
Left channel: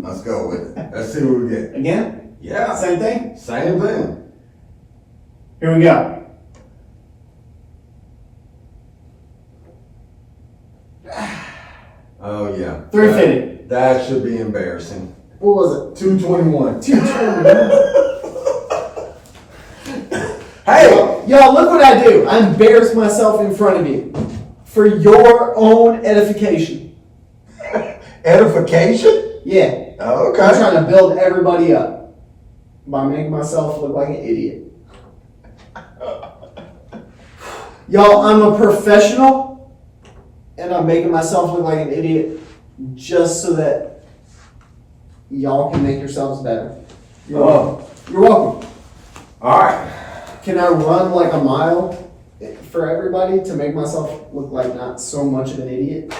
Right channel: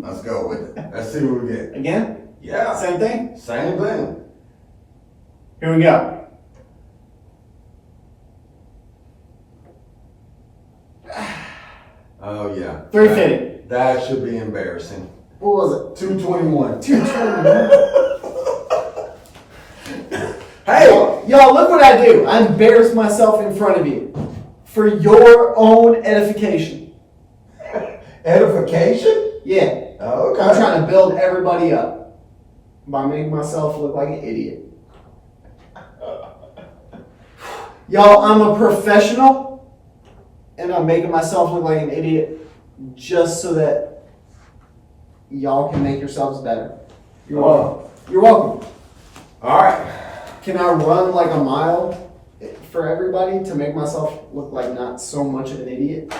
Let's go with it. Let's see what we get. Again? Yeah, Same thing? same thing. Here we go. Oh yeah. 350. That should be embarrassing. What was 221. it? 220. Hey, Y'all, look what I do. I embarrass myself in front of you for your own edification. edification? Yeah. Okay. I'm trying to build everybody up by making myself look like an idiot. Y'all, I'm a professional and I'm making myself look like an idiot just so that y'all can make yourselves better. You're welcome. You're welcome. All right. Can I run like a mile for everybody to make myself look like not so much of an idiot?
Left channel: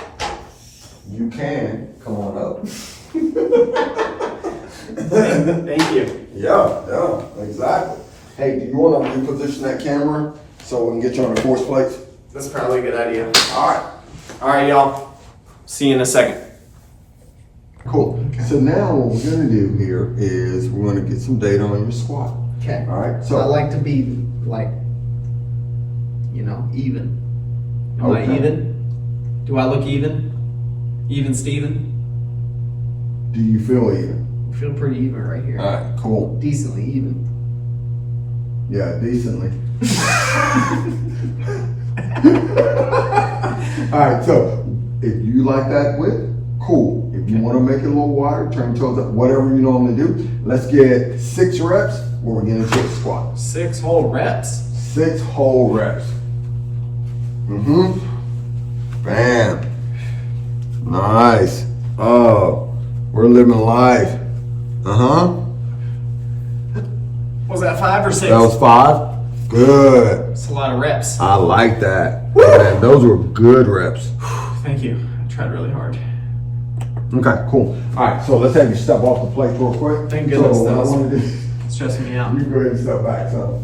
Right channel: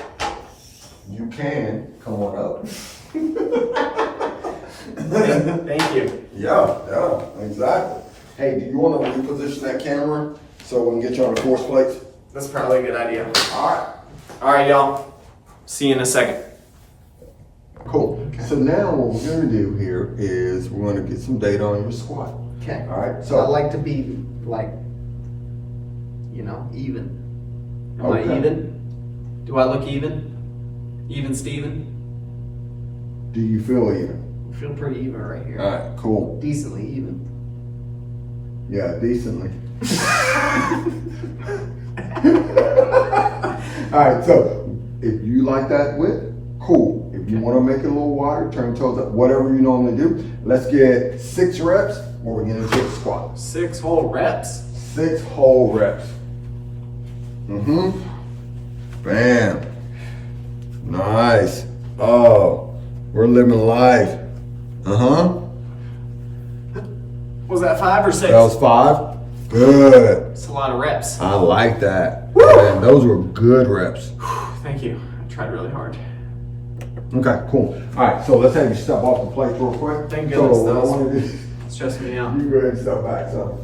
You can. Come on up. Thank you. Yeah, exactly. Hey, do you want to reposition that camera so we can get you on the force plates? That's probably a good idea. All All right, y'all. See you in a second. cool. So now what we're going to do here is we're going to get some data on your squat. Okay. All right. I So like to be like, even. Am I Okay. even? Do I look even? Even Steven? do you feel even? I feel pretty even right here. All right. Cool. Decently even. Yeah, decently. All right. So if you like that width, cool. If you want to make it a little wider, turn your toes up, whatever you normally do. Let's get 6 reps where we're getting to the squat. 6 whole reps? 6 whole reps. Bam. Nice. Oh, we're living life. Was that 5 or 6? That was 5. Good. It's a lot of reps. I like that. Man, those were good reps. Thank you. I tried really hard. Okay, cool. All right, so let's have you step off the plate real quick. Thank goodness So what that I was- want to do, It's stressing me out. you go ahead and step back. So,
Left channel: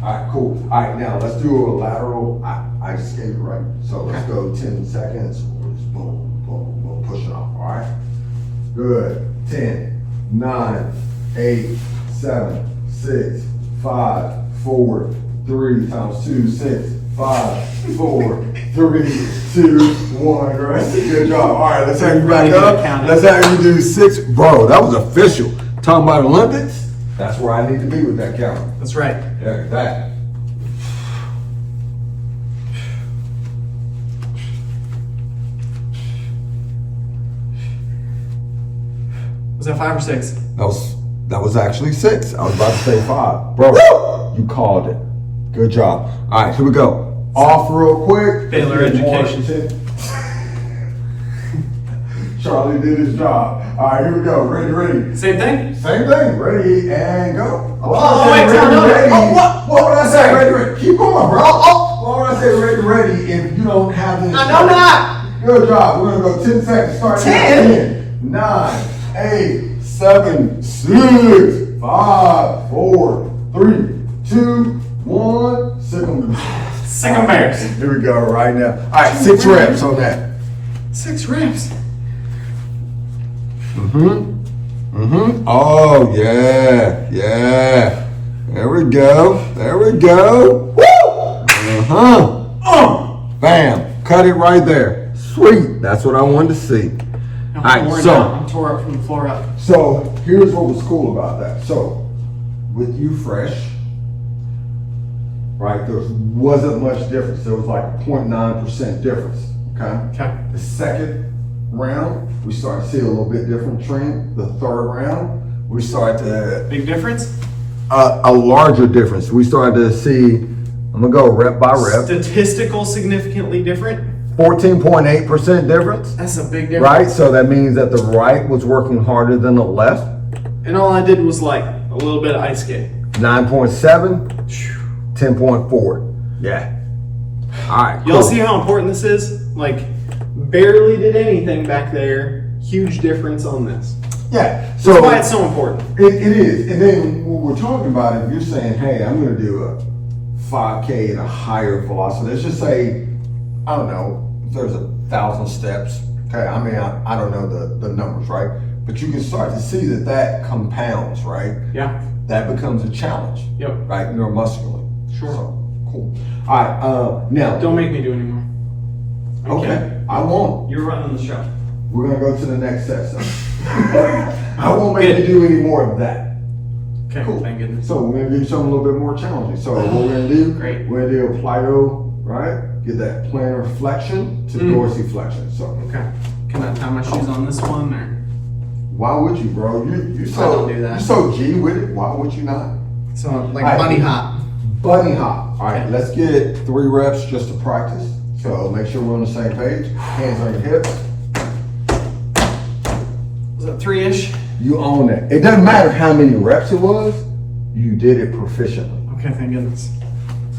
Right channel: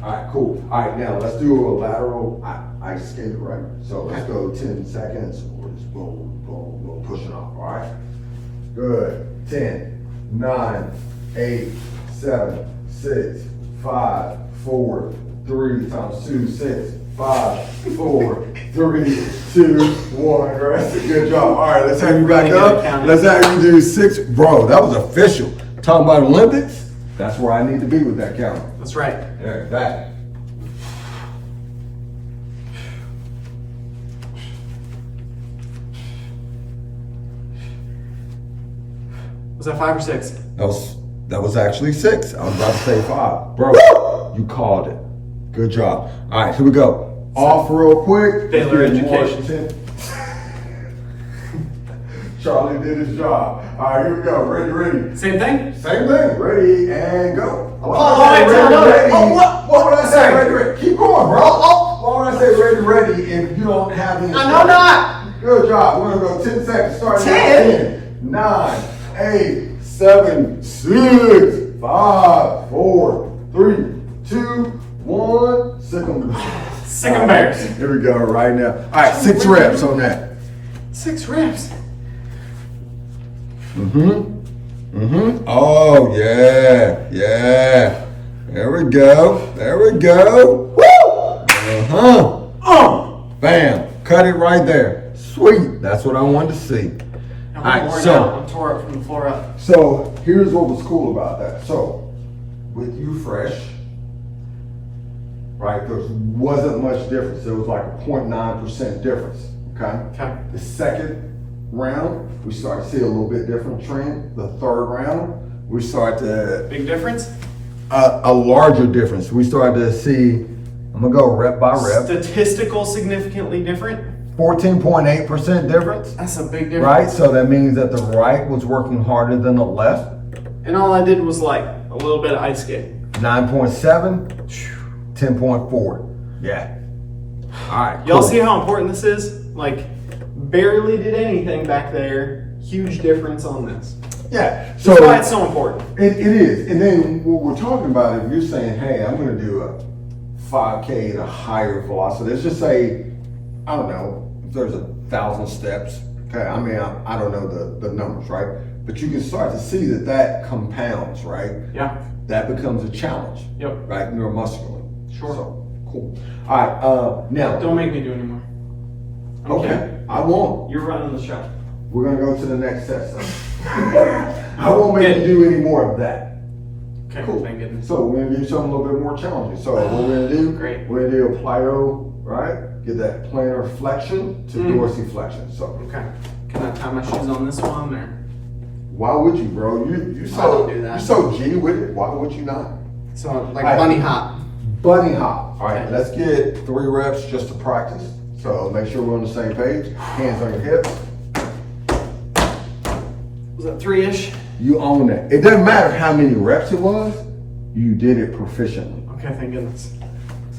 all right, cool. All right, now let's do a lateral. I just gave it right. So let's go 10 seconds. We're just boom, boom, boom, pushing off. All right. Good. 10, 9, 8, 7, 6, 5, 4, 3 times 2, 6, 5, 4, 3, 2, 1. Right? Good job. All right, let's have you back up. Let's have you do 6. Bro, that was official. Talking about Olympics. That's where I need to be with that camera. That's right. There, back. Was that 5 or 6? That was actually 6. I was about to say 5. Bro, you called it. Good job. All right, here we go. Off real quick. Baylor education. Charlie did his job. All right, here we go. Ready. Same thing? Same thing. Ready and go. Oh, wait, ready, no. ready. Oh, What would I say? Ready. Keep going, bro. What would I say? Ready if you don't have any? I know not. Good job. We're going to go 10 seconds. Start 10? now. 10, 9, 8, 7, 6, 5, 4, 3, 2, 1. Sick of bears. Here we go right now. All right, 6 reps on that. 6 reps. Oh, yeah. There we go. Woo! Bam. Cut it right there. Sweet. That's what I wanted to see. I'm All right, worn so- out. I'm tore up from the floor up. So here's what was cool about that. So with you fresh, right, there wasn't much difference. There was like a 0.9% difference. Okay. The second round, we started to see a little bit different trend. The third round, we started to Big difference? a larger difference. We started to see. I'm gonna go rep by rep. Statistical significantly different? 14.8% difference. That's a big difference. Right. So that means that the right was working harder than the left. And all I did was like a little bit of ice skating. 9.7, 10.4. Yeah. All right. Y'all cool. see how important this is? Like, barely did anything back there. Huge difference on this. Yeah. So That's why it's so important. it is. And then when we're talking about it, you're saying, hey, I'm going to do a 5K at a higher velocity. Let's just say, I don't know, if there's 1,000 steps. Okay. I mean, I don't know the numbers, right? But you can start to see that compounds, right? Yeah. That becomes a challenge. Yep. Right? Neuromuscularly. Sure. So, cool. All right. Now. Don't make me do anymore. Okay. I won't. You're running the show. We're going to go to the next set. So. I won't make you do any more of that. Okay. Cool. Thank goodness. So we're going to do something a little bit more challenging. So what we're going to do, Great. we're going to do a plyo, right? Get that plantar flexion to dorsiflexion. So Okay. Can I tie my shoes on this one or? why would you, bro? You're I so don't do that. You're so G with it. Why would you not? So like All right. bunny hop. Bunny hop. All right, Okay. let's get 3 reps just to practice. So make sure we're on the same page. Hands on your hips. Was that 3-ish? You own that. It doesn't matter how many reps it was. you did it proficiently. Okay, thank goodness.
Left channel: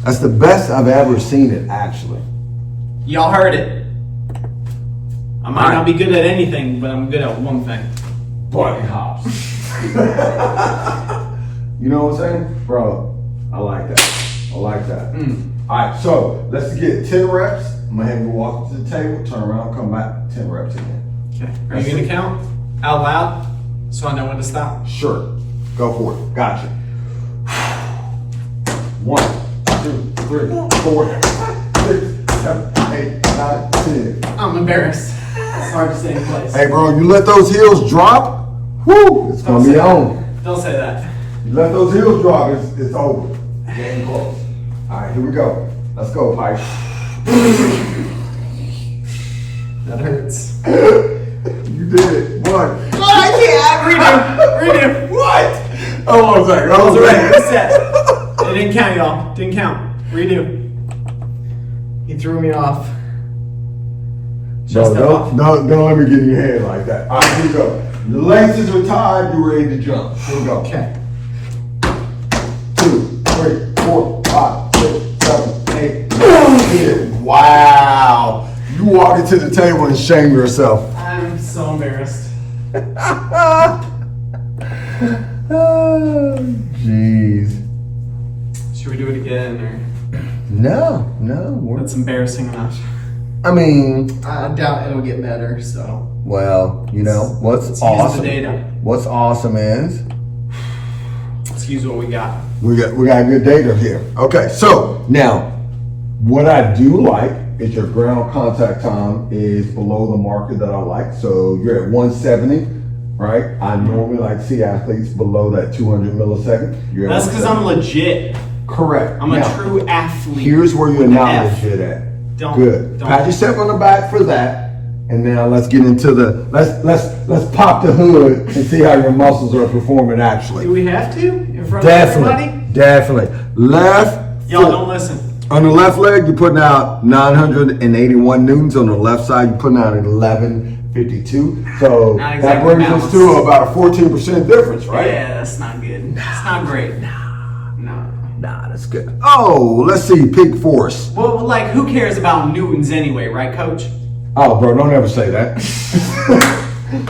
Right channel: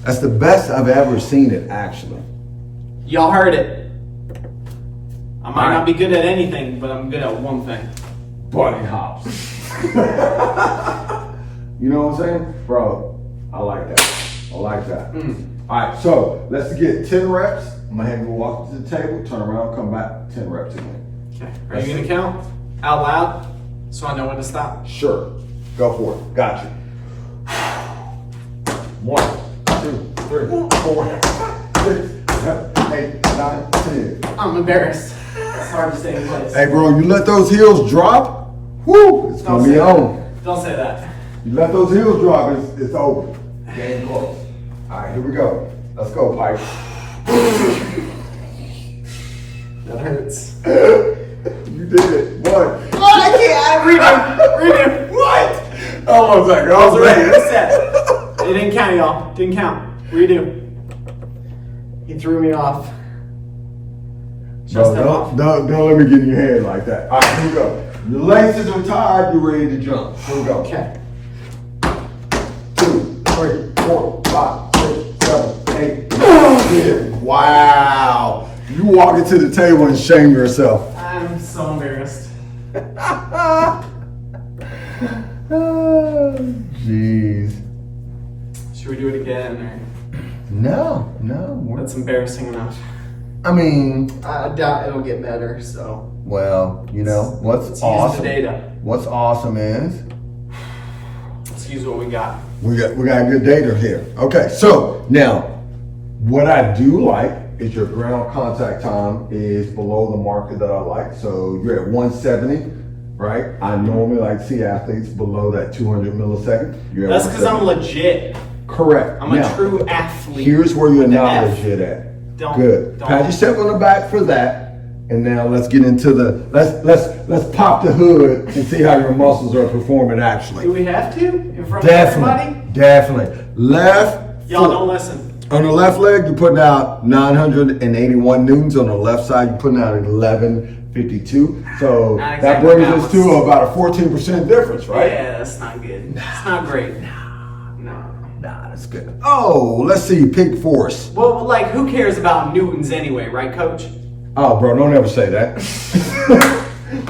That's the best I've ever seen it, actually. Y'all heard it. I might not be good at anything, but I'm good at one thing. Bunny hops. You know what I'm saying? Bro, I like that. I like that. All right, so let's get 10 reps. I'm gonna have you walk to the table, turn around, come back, 10 reps again. Okay. Are you gonna count out loud so I know when to stop? Sure. Go for it. Got you. 1, 2, 3, 4, 6, 7, 8, 9, 10. I'm embarrassed. It's hard to stay in place. Hey, bro, you let those heels drop, whoo, it's Don't gonna say be that. on. Don't say that. You let those heels drop, it's over. Game close. All right, here we go. Let's go, Pipe. That hurts. You did it. 1. Oh, I can't. Redo. What? Oh, my God. I was ready. Reset. It didn't count, y'all. Didn't count. Redo. He threw me off. Just Bro, don't let me get in your hand like that. All right, here we go. Your laces are tied. You're ready to jump. Here we go. Okay. 2, 3, 4, 5, 6, 7, 8, 9, 10. Wow. You walk into the table and shame yourself. I'm so embarrassed. Oh, jeez. Should we do it again, or No. that's embarrassing enough? I mean, I doubt it'll get better. So well, you know, what's let's use awesome. the data. What's awesome is Let's use what we got. we got good data here. Okay, so now what I do like is your ground contact time is below the marker that I like. So you're at 170, right? I normally like to see athletes below that 200 millisecond. You're at That's because I'm 170. legit. Correct. I'm a Now, true athlete. here's where you're with the not F. legit at. Don't. Pat yourself on the back for that. And now let's get into the let's pop the hood and see how your muscles are performing actually. Do we have to in front of everybody? Definitely. Left Y'all foot. don't listen. On the left leg, you're putting out 981 newtons. On the left side, you're putting out 1152. So Not that exactly brings us balanced. to about a 14% difference, right? Yeah, that's not good. It's not great. No. Nah, that's good. Oh, let's see, peak force. Well, like, who cares about newtons anyway, right, Coach? Oh, bro, don't ever say that.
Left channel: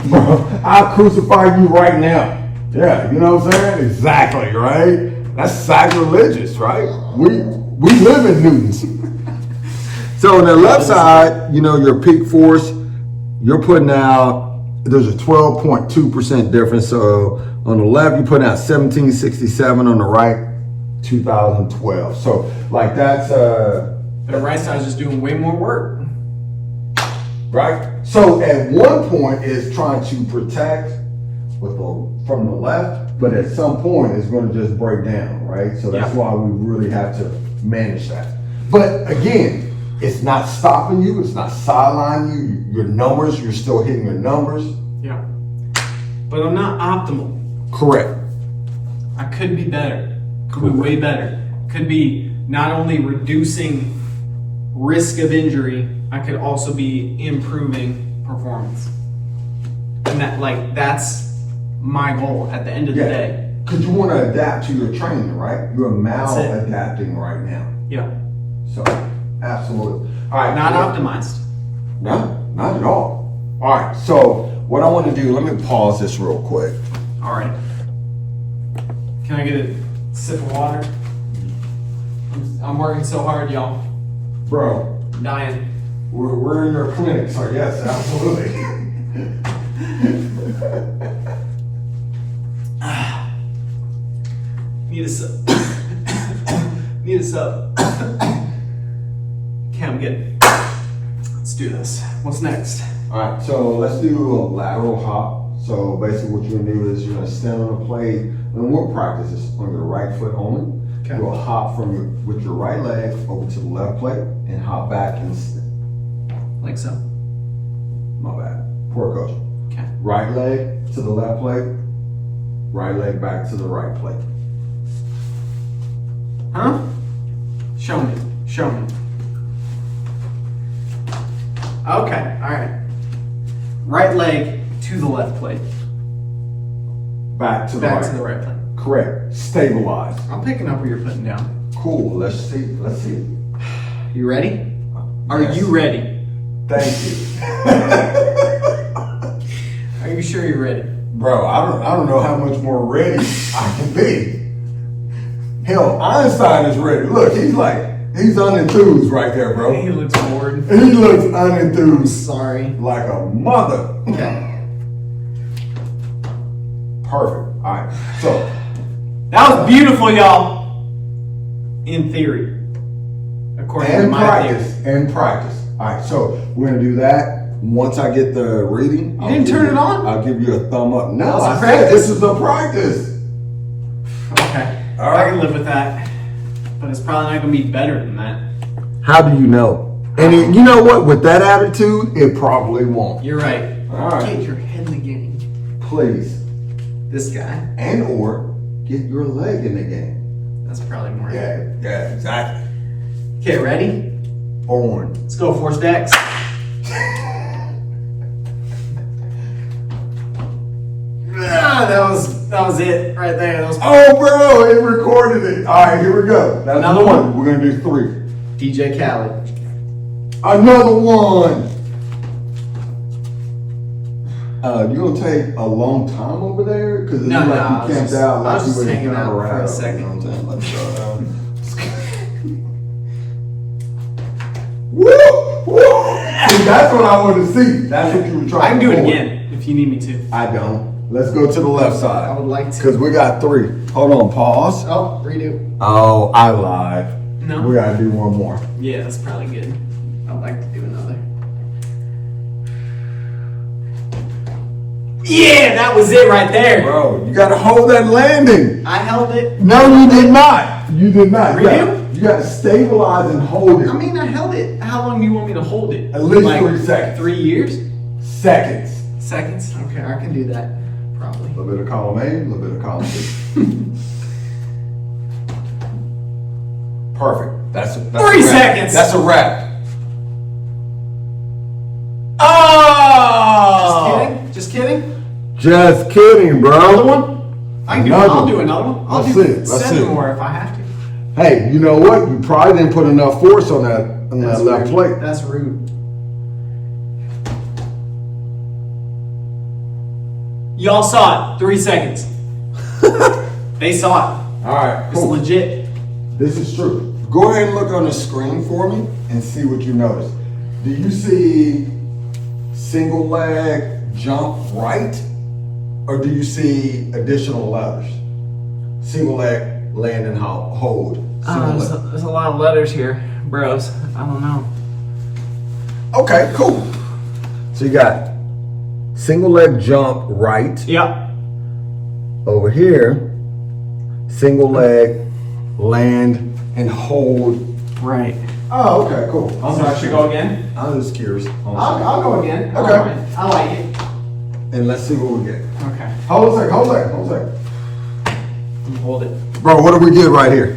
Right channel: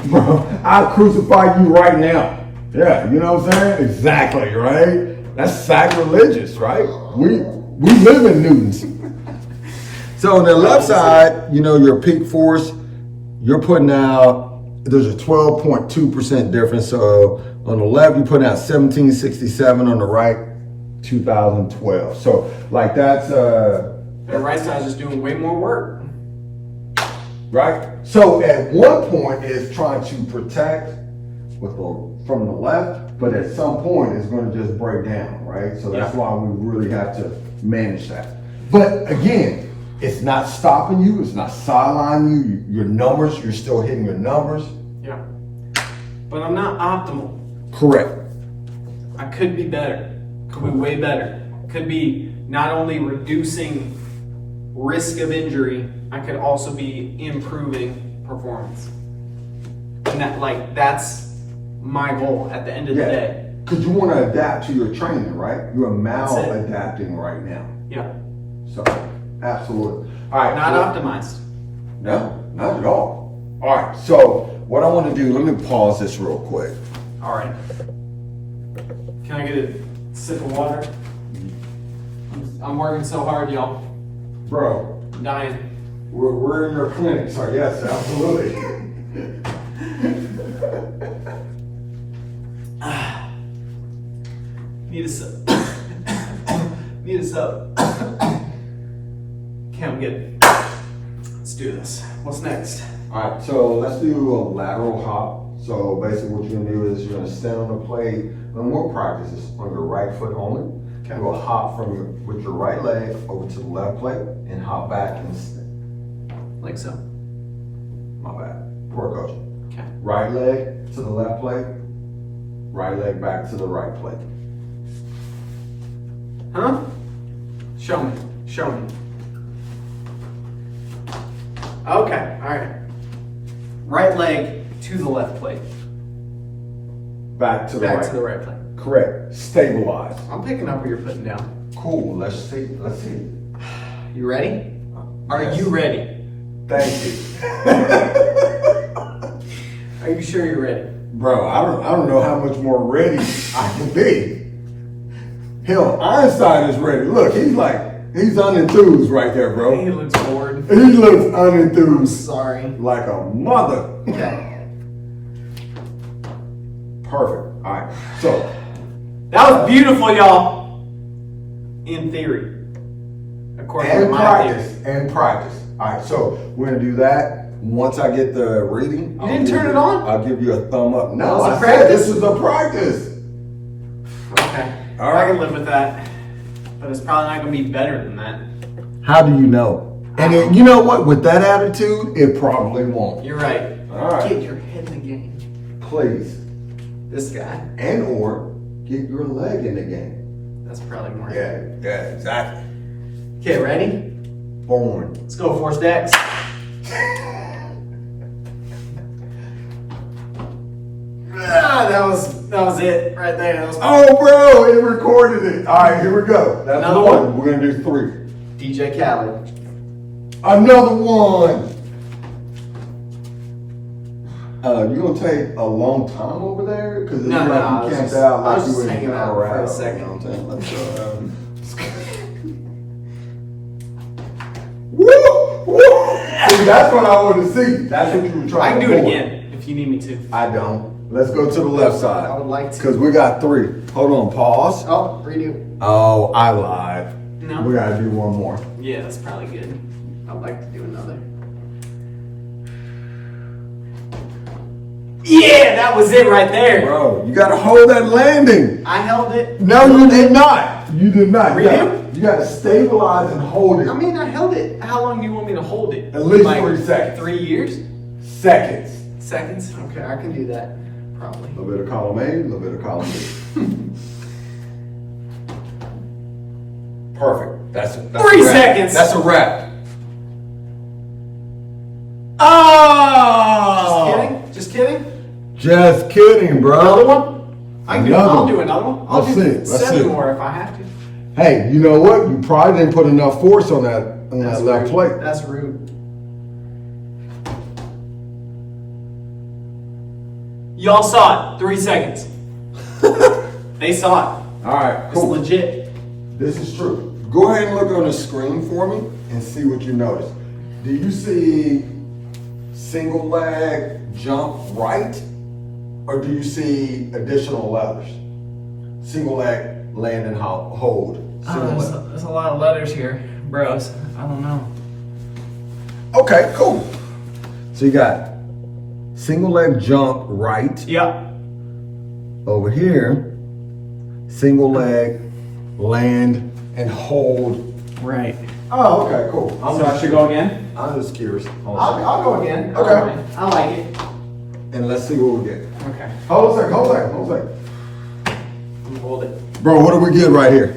Bro, I'll crucify you right now. Yeah, you know what I'm saying? Exactly, right? That's sacrilegious, right? We live in newtons. So on the left side, you know, your peak force, you're putting out, there's a 12.2% difference. So on the left, you're putting out 1767, on the right, 2012. So like that's The right side's just doing way more work. right. So at one point it's trying to protect from the left, but at some point it's going to just break down, right? So that's why we really have to manage that. But again, it's not stopping you, it's not sidelining you. Your numbers, you're still hitting your numbers. Yeah. But I'm not optimal. Correct. I could be better. Could be way better. Could be not only reducing risk of injury, I could also be improving performance. And that's my goal at the end of the day. Because you want to adapt to your training, right? You're That's it. maladapting right now. Yeah. So, absolutely. All right. Not optimized. No, not at all. All right. So, what I want to do, let me pause this real quick. All right. Can I get a sip of water? I'm working so hard, y'all. Bro, I'm dying. we're in your clinic, so yes, absolutely. Need a sip. Need a sip. Okay, I'm good. Let's do this. What's next? All right, so let's do a lateral hop. So basically what you're gonna do is you're gonna stand on a plate, and we'll practice this on your right foot only. Okay. You'll hop with your right leg over to the left plate and hop back and Like so. my bad, poor coach. Okay. Right leg to the left plate, right leg back to the right plate. Huh? Show me. Show me. Okay, alright. Right leg to the left plate. Back to the Back right. to the right plate. Correct. Stabilize. I'm picking up what you're putting down. Cool. Let's see. Let's see it. You ready? Are Yes. you ready? Thank you. Are you sure you're ready? Bro, I don't know how much more ready I can be. Hell, Einstein is ready. Look, he's unenthused right there, bro. He looks bored. He looks unenthused. Sorry. Like a mother. Okay. Perfect. All right. So, That was beautiful, y'all. In theory. According to and my practice. theory. And practice. All right. So, we're going to do that. Once I get the reading. You didn't turn it on? I'll give you a thumb up. No, That was I a said practice. this is the practice. Okay. All right. I can live with that. But it's probably not going to be better than that. How do you know? And you know what? With that attitude, it probably won't. You're right. All right. Get your head in the game. Please. This guy. And or get your leg in the game. That's probably more. Yeah, exactly. Okay, ready? Born. Let's go 4 stacks. That was it right there. That was Oh, bro, it recorded it. All right, here we go. That's Another one? We're going to do 3. DJ Khaled. Another one. You going to take a long time over there? Because it's No, like I you was camped just- out I like was you just were in hanging out for a Colorado. second. You know what I'm saying? Woo! Woo! See, that's what I want to see. That's what you were trying I can to do it pull. again if you need me to. I don't. Let's go to the left side. I would like to. Because we got 3. Hold on, pause. Oh, redo. Oh, I lied. No. We got to do one more. Yeah, that's probably good. I'd like to do another. Yeah, that was it right there. Bro, you got to hold that landing. I held it. No, you did not. You did not. Redo? You got to stabilize and hold it. I mean, I held it. How long do you want me to hold it? At least 3 seconds. 3 years? Seconds. Seconds? Okay, I can do that. Probably. A little bit of column A, a little bit of column B. Perfect. That's 3 a wrap. seconds. That's a wrap. Oh! Oh! Just kidding? Just kidding, bro. Another one? I'll do another one. I'll Let's do see it. Let's 7 see it. more if I have to. Hey, you know what? You probably didn't put enough force on that left plate. That's rude. Y'all saw it. 3 seconds. They saw it. All right, It's cool. legit. This is true. Go ahead and look on the screen for me and see what you notice. Do you see single leg jump right? Or do you see additional letters? Single leg land and hold. Single leg. There's a lot of letters here, bros. I don't know. Okay, cool. So you got single leg jump right. Yep. Over here, single leg land and hold. Right. Oh, okay, cool. So I should go again? I'm just curious. I'll go again. Okay. I like it. And let's see what we get. Okay. Hold on a second. Hold it. Bro, what do we get right here?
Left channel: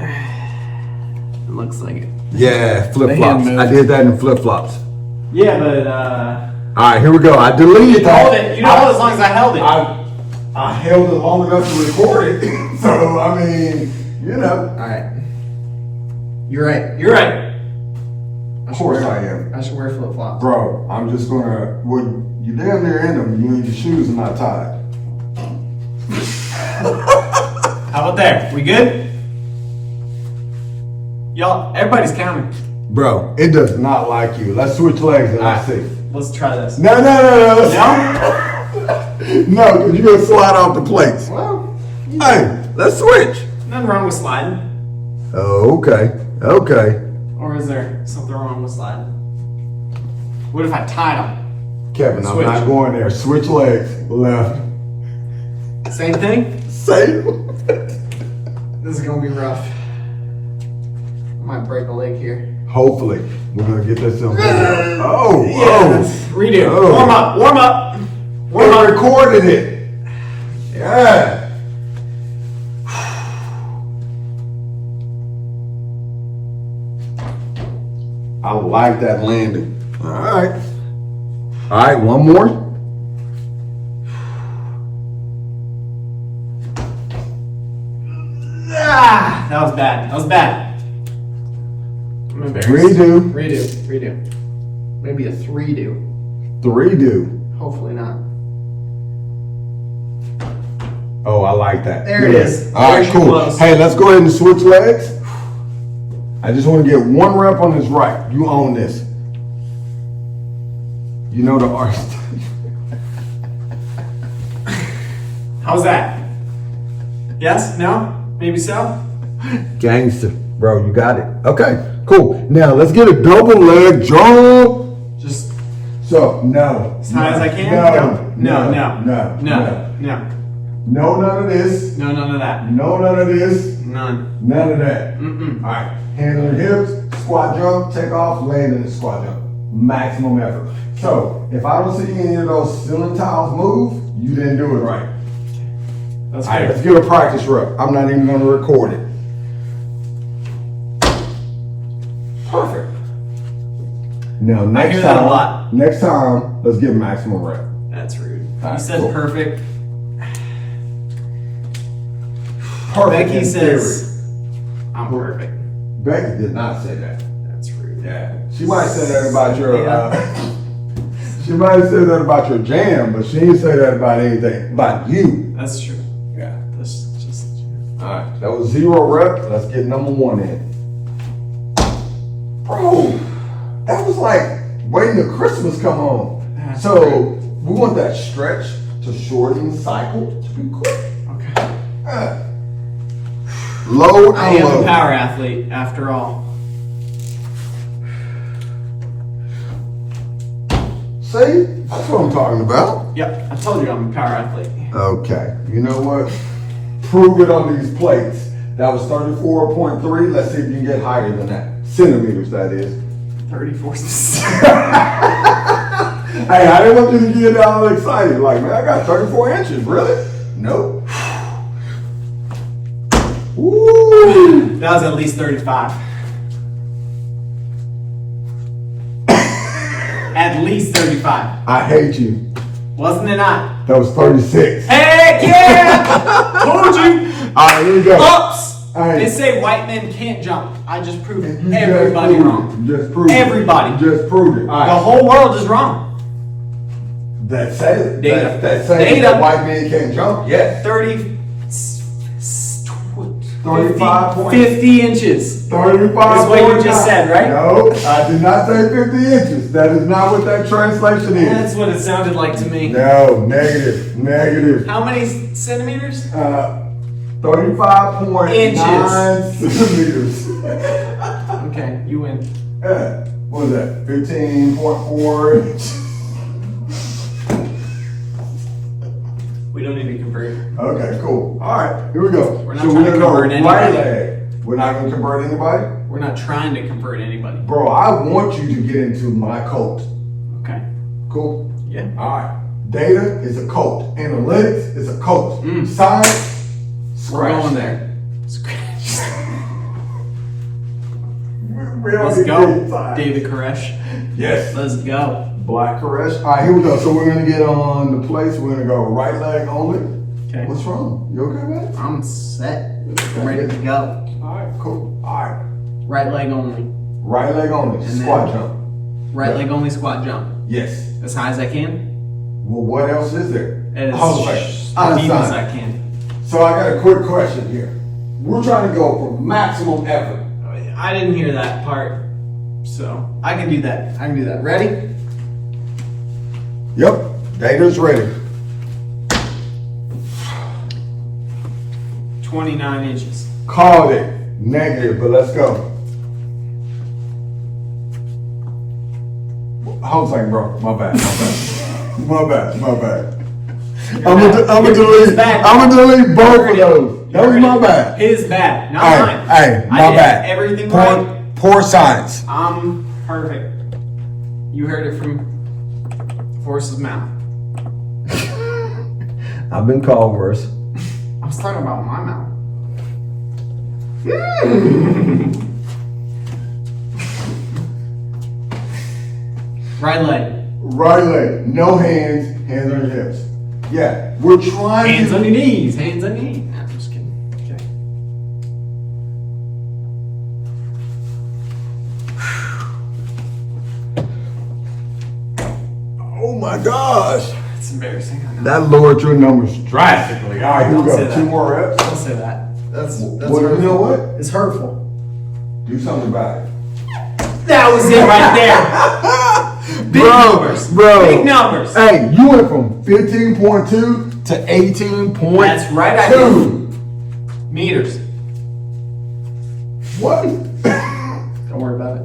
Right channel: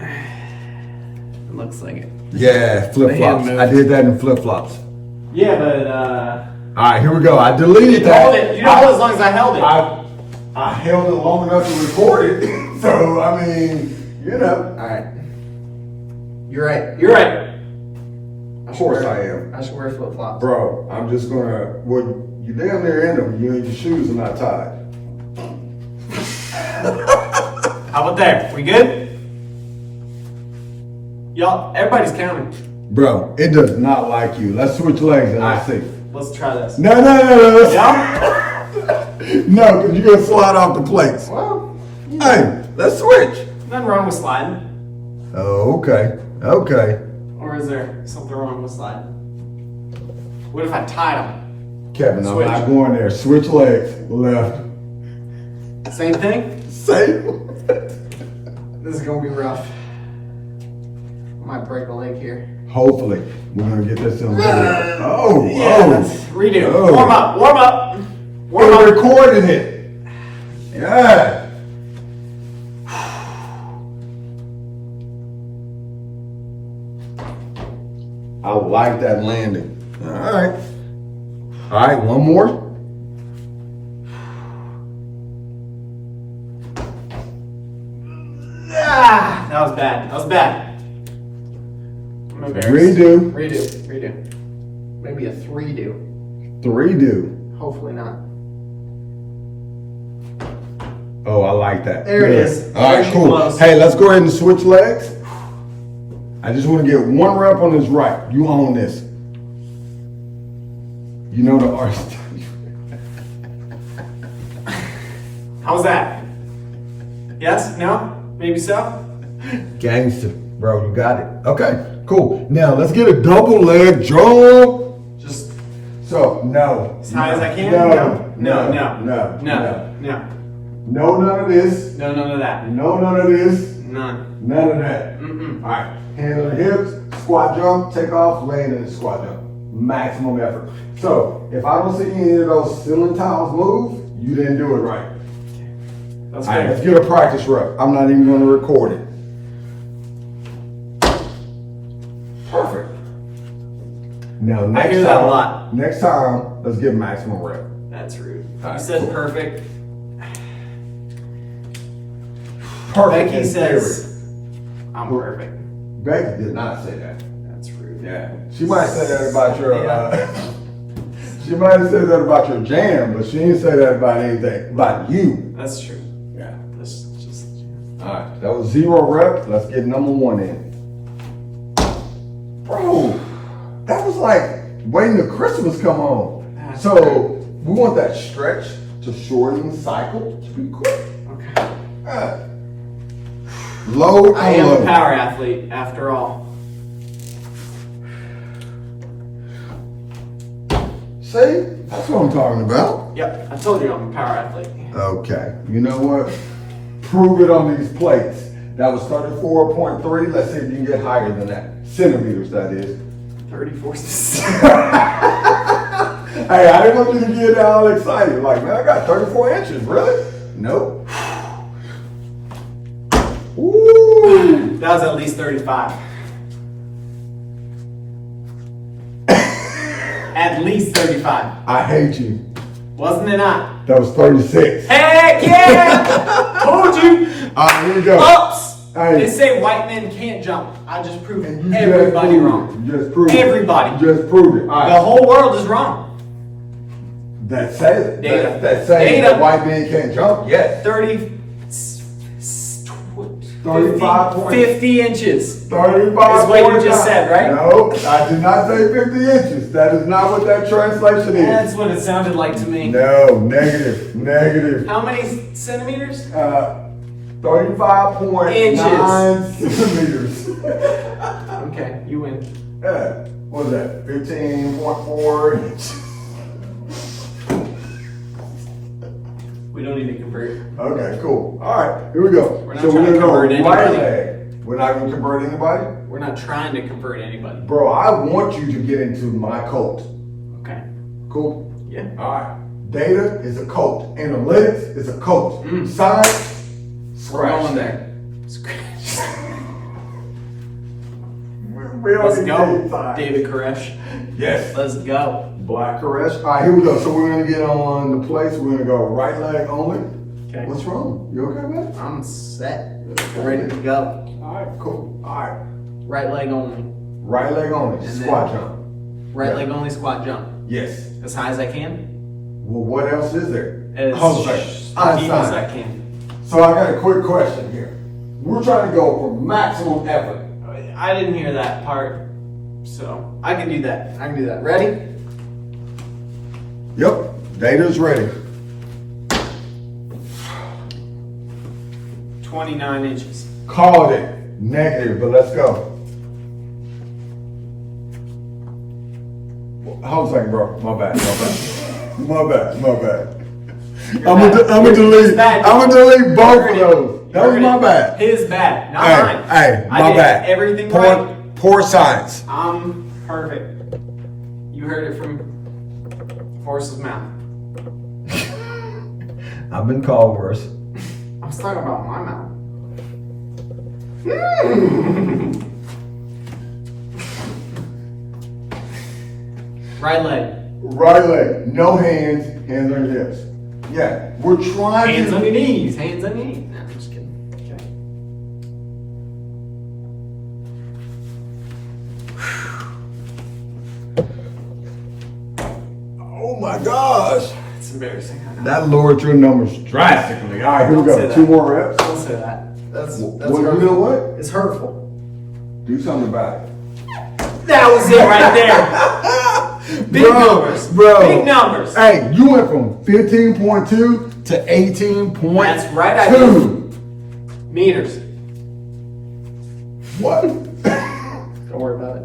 It looks like it. Yeah, flip The hand flops. moved. I did that in flip flops. Yeah, but All right, here we go. I deleted that. hold it. You know, as long as I held it. I held it long enough to record it. So, I mean, you know. All right. You're right. You're right. Of course I am. I should wear flip flops. Bro, I'm just gonna, well, you damn near in them. You and your shoes are not tied. How about there? We good? Y'all, everybody's counting. Bro, it does not like you. Let's switch legs and let's see. Let's try this. No. No, because you're gonna slide off the plates. Well, Hey, let's switch. nothing wrong with sliding. Oh, okay. Or is there something wrong with sliding? What if I tied them? Kevin, Switch. I'm not going there. Switch legs. Left. Same thing? Same. This is gonna be rough. I might break a leg here. Hopefully, we're gonna get this on video. Oh, Redo. Oh. Warm up. We recorded it. Yeah. I like that landing. All right, one more. That was bad. That was bad. I'm embarrassed. Redo. Maybe a 3-do. 3-do. Hopefully not. Oh, I like that. There it is. All right, Very cool. close. Hey, let's go ahead and switch legs. I just want to get one rep on this right. You own this. You know the art. How's that? Yes? No? Maybe so? Gangster. Bro, you got it. Okay, cool. Now, let's get a double leg jump. Just So, no. as high as I can? No, No. No, none of this. No, none of that. No, none of this. None. None of that. Mm-mm. All right, hands on the hips, squat jump, take off, land in the squat jump. Maximum effort. So, if I don't see any of those ceiling tiles move, you didn't do it right. That's All right, fair. let's get a practice rep. I'm not even gonna record it. Perfect. Now, next hear time, that a lot. Next time, let's get maximum rep. That's rude. All right, You said cool. perfect. Perfect Becky in says I'm perfect. theory. Becky did not say that. That's rude. Yeah, she might have said that about your. Yeah. She might have said that about your jam, but she didn't say that about anything about you. That's true. Yeah. That's just. All right, that was 0 rep. Let's get number 1 in. Bro, that was like waiting till Christmas come home. That's So great. we want that stretch to shorten the cycle to be quick. Okay. Low and I am low. a power athlete after all. See, that's what I'm talking about. Yep, I told you I'm a power athlete. Okay, you know what? Prove it on these plates. That was 34.3. Let's see if you can get higher than that. Centimeters, that is. 34. Hey, I didn't want you to get all excited. Like, man, I got 34 inches. Really? Nope. Ooh. That was at least 35. At least 35. I hate you. Wasn't it not? That was 36. Heck yeah! Told you! All right, here we go. Oops! Hey. They say white men can't jump. I just proved You everybody just proved wrong. it. You just proved Everybody. it. You just proved it. All The right. whole world is wrong. That say Data. that say Data. that white men can't jump. Yes. 35 50 inches. 35. Is what you just said, right? No, I did not say 50 inches. That is not what that translation is. That's what it sounded like to me. No, negative. How many centimeters? 35.9 centimeters. Okay, you win. Yeah. What was that? 15.4 inches. We don't need to convert. Okay, cool. All right, here we go. We're not trying to convert right anybody. leg. We're not going to convert anybody? We're not trying to convert anybody. Bro, I want you to get into my cult. Okay. Cool? Yeah. All right. Data is a cult. Analytics is a cult. Science, We're scratch going that. there. Scratch. We don't Let's need go, to get science. David Koresh. Yes. Let's go. Black Koresh. All right, here we go. So we're going to get on the place. We're going to go right leg only. Okay. What's wrong? You okay with it? I'm set. I'm ready to go. All right, cool. All right. Right leg only. Right leg only. And Squat then- jump. Right leg only squat jump. Yes. As high as I can. Well, what else is there? As Hold on a deep second. as I can. So I got a quick question here. We're trying to go for maximum effort. I didn't hear that part. So I can do that. Ready? Yep. Data's ready. 29 inches. Called it. Negative, but let's go. Hold on a second, bro. My bad. I'm gonna delete both of those. That was my bad. His bad, not mine. Hey, I my did bad. everything right. Poor science. I'm perfect. You heard it from the horse's mouth. I've been called worse. I was talking about my mouth. Right leg. Right leg, no hands, hands on your hips. Yeah, we're trying Hands to. on your knees. Hands on your knees. Nah, I'm just kidding. Okay. embarrassing. I know. That lowered your numbers drastically. All right, here we Don't say go. that. 2 more reps. Don't say that. That's Well, you know what? It's hurtful. Do something about it. That was it right there. Big numbers. Bro. Big numbers. Hey, you went from 15.2 to 18.2. That's right, I did. Meters. What? Don't worry about it.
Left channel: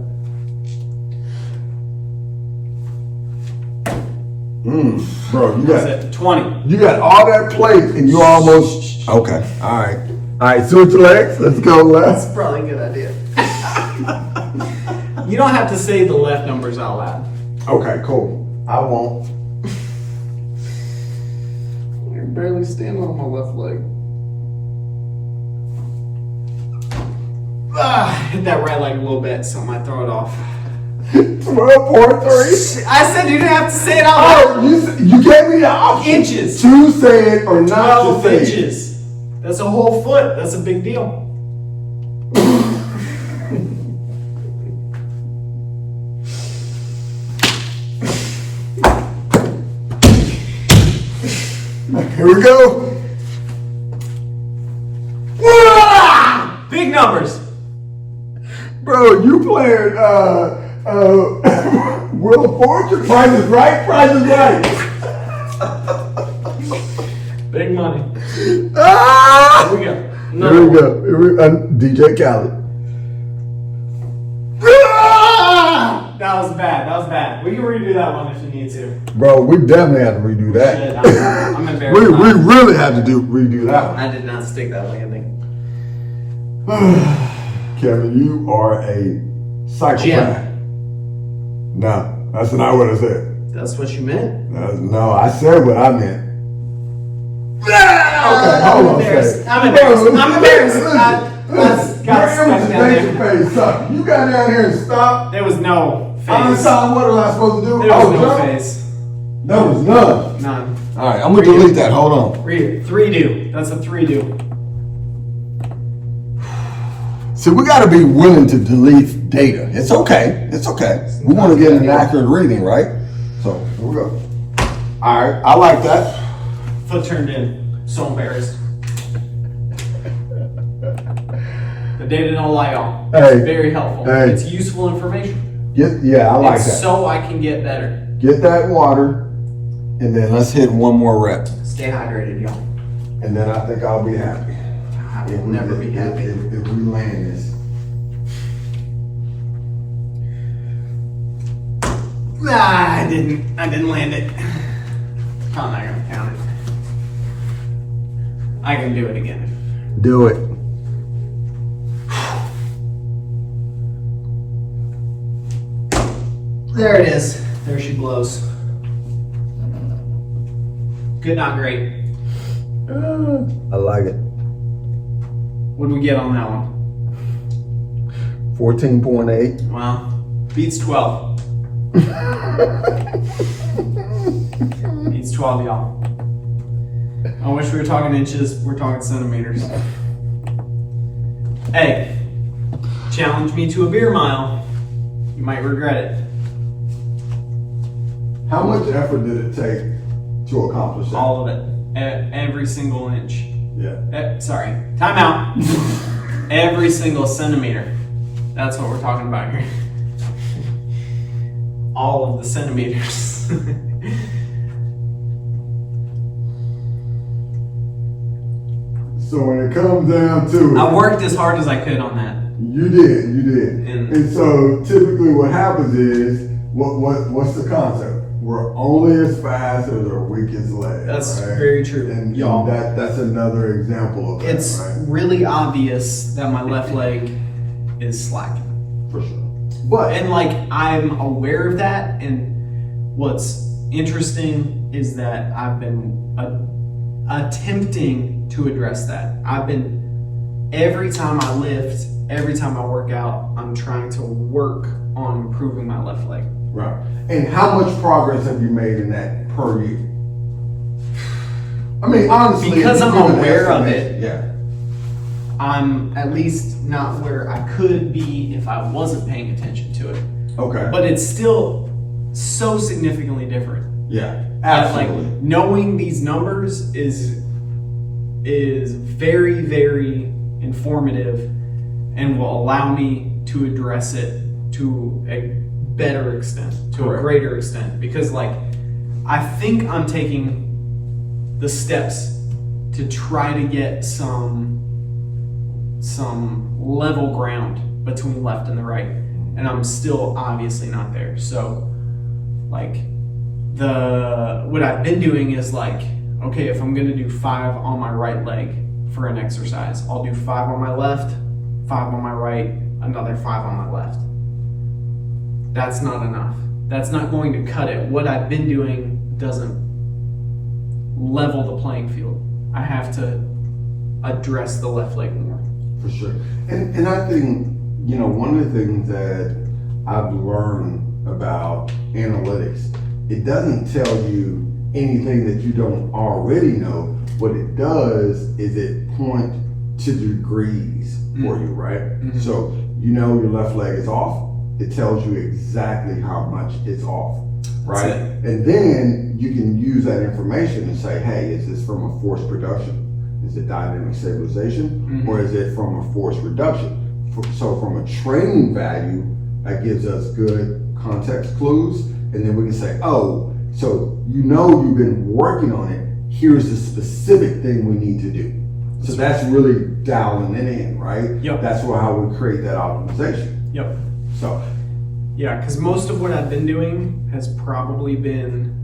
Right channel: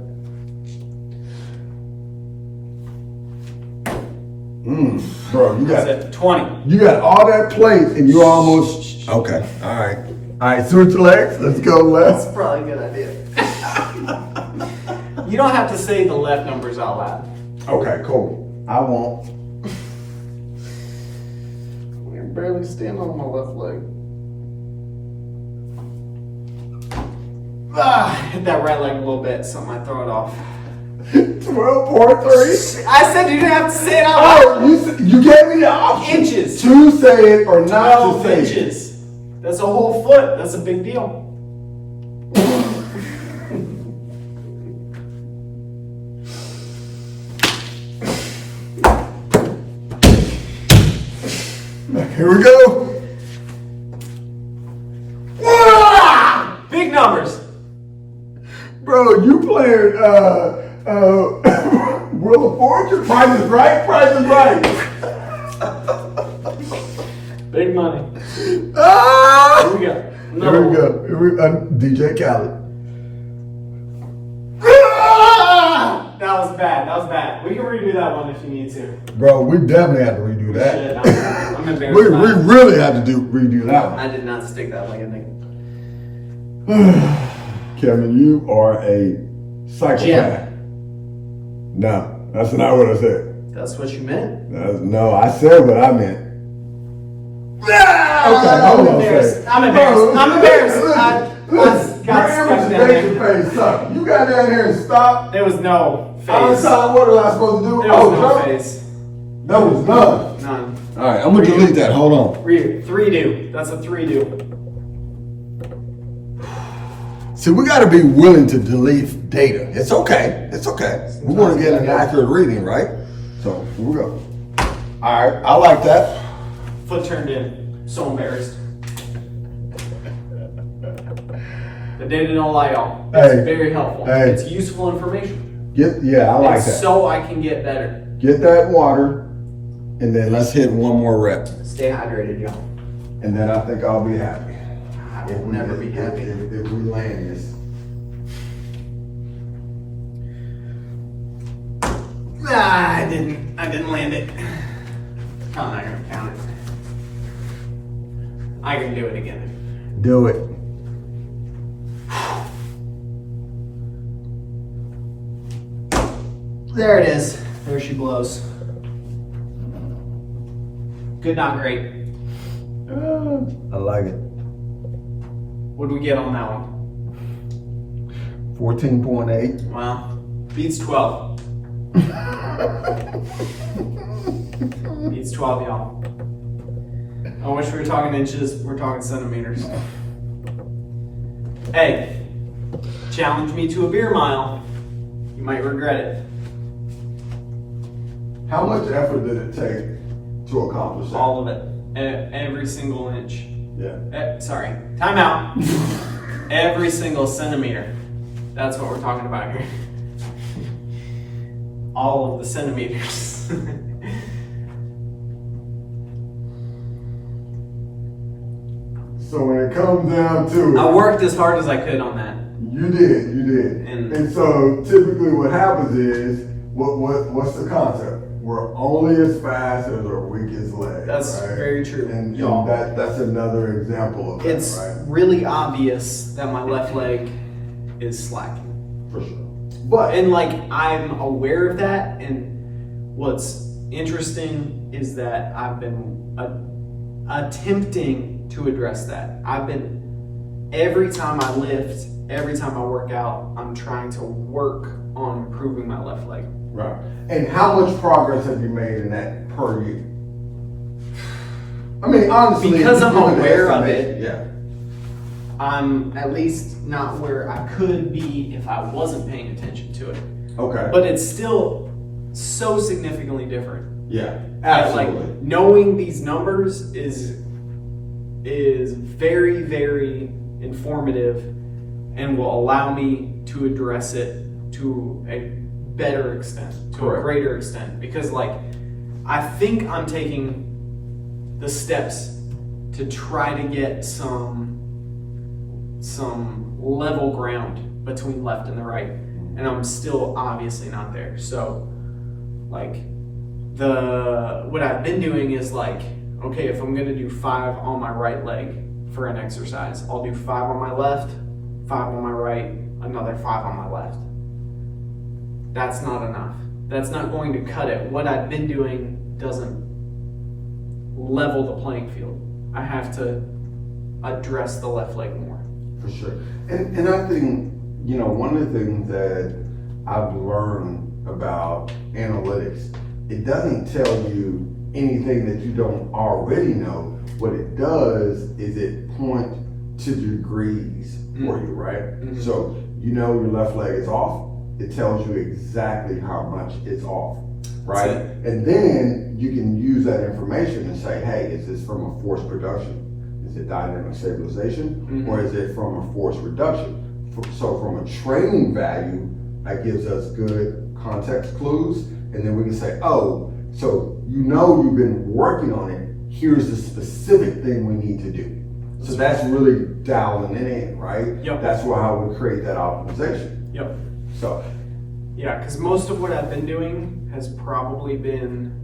Bro, That's it. 20. you got all that plate and you almost. Okay. All right. All right, switch legs. Let's go left. That's probably a good idea. You don't have to say the left numbers out loud. Okay, cool. I won't. You're barely standing on my left leg. Hit that right leg a little bit, so I might throw it off. 12.3. I said you didn't have to say it out loud. Oh, you gave me the option. Inches. To say it or not 12 to say it. inches. That's a whole foot. That's a big deal. Here we go. Big numbers. Bro, you playing Wheel of Fortune? Price is right, Price is right. Big money. Ah! Here we go. No. Here we go. DJ Khaled. That was bad. That was bad. We can redo that one if you need to. Bro, we definitely had to redo Shit, that. I'm embarrassed. we really had to redo that one. I did not stick that landing. Kevin, you are a psychopath. No, that's not what I said. That's what you meant. No, I said what I meant. Okay, I'm hold on a embarrassed. second. I'm embarrassed. I'm embarrassed. Listen, I got your stuck down image there. face sucked. You got down here and stopped. There was no face. I'm gonna tell them what am I supposed to do? There was no jump. face. There was none. None. All right, I'm gonna delete that. Hold on. Read it. 3-do. That's a 3-do. See, we got to be willing to delete data. It's okay. It's okay. We want to get an accurate reading, right? So here we go. All right, I like that. Foot turned in. So embarrassed. The data don't lie, y'all. It's Hey. very helpful. Hey. It's useful information. Yeah, I like It's that. so I can get better. Get that water, and then let's hit one more rep, Stay hydrated, y'all. and then I think I'll be happy. I will never be happy. If we land this. I didn't land it. I'm not gonna count it. I can do it again. Do it. There it is. There she blows. Good, not great. I like it. What did we get on that one? 14.8. Well, beats 12. Beats 12, y'all. I wish we were talking inches. We're talking centimeters. Hey, challenge me to a beer mile. You might regret it. How much effort did it take to accomplish that? All of it. Every single inch. Yeah. Sorry. Time out. Every single centimeter. That's what we're talking about here. All of the centimeters. So when it comes down to I it, worked as hard as I could on that. you did. And- And so typically what happens is, what's the concept? We're only as fast as our weakest leg. That's right? very true, And y'all. that's another example of It's that, right? really obvious that my left leg is slacking. For sure. But And like I'm aware of that, and what's interesting is that I've been attempting to address that. Every time I lift, every time I work out, I'm trying to work on improving my left leg. right. And how much progress have you made in that per year? I mean, honestly, Because I'm give an aware of estimation. it. Yeah. I'm at least not where I could be if I wasn't paying attention to it. Okay. But it's still so significantly different. Yeah. Absolutely. Like knowing these numbers is very, very informative and will allow me to address it to a better extent, to Correct. a greater extent. Because like I think I'm taking the steps to try to get some level ground between left and the right, and I'm still obviously not there. So like what I've been doing is like, okay, if I'm gonna do 5 on my right leg for an exercise, I'll do 5 on my left, 5 on my right, another 5 on my left. That's not enough. That's not going to cut it. What I've been doing doesn't level the playing field. I have to address the left leg more. For sure. And I think, one of the things that I've learned about analytics, it doesn't tell you anything that you don't already know. What it does is it points to degrees for you, right? Mm-hmm. So your left leg is off. It tells you exactly how much it's off, right? And then you can use that information and say, hey, is this from a force production? Is it dynamic stabilization? Mm-hmm. Or is it from a force reduction? So from a training value, that gives us good context clues. And then we can say, oh, so you've been working on it. Here's the specific thing we need to do. So that's really dialing it in, right? Yep. That's how we create that optimization. Yep. So Yeah, because most of what I've been doing has probably been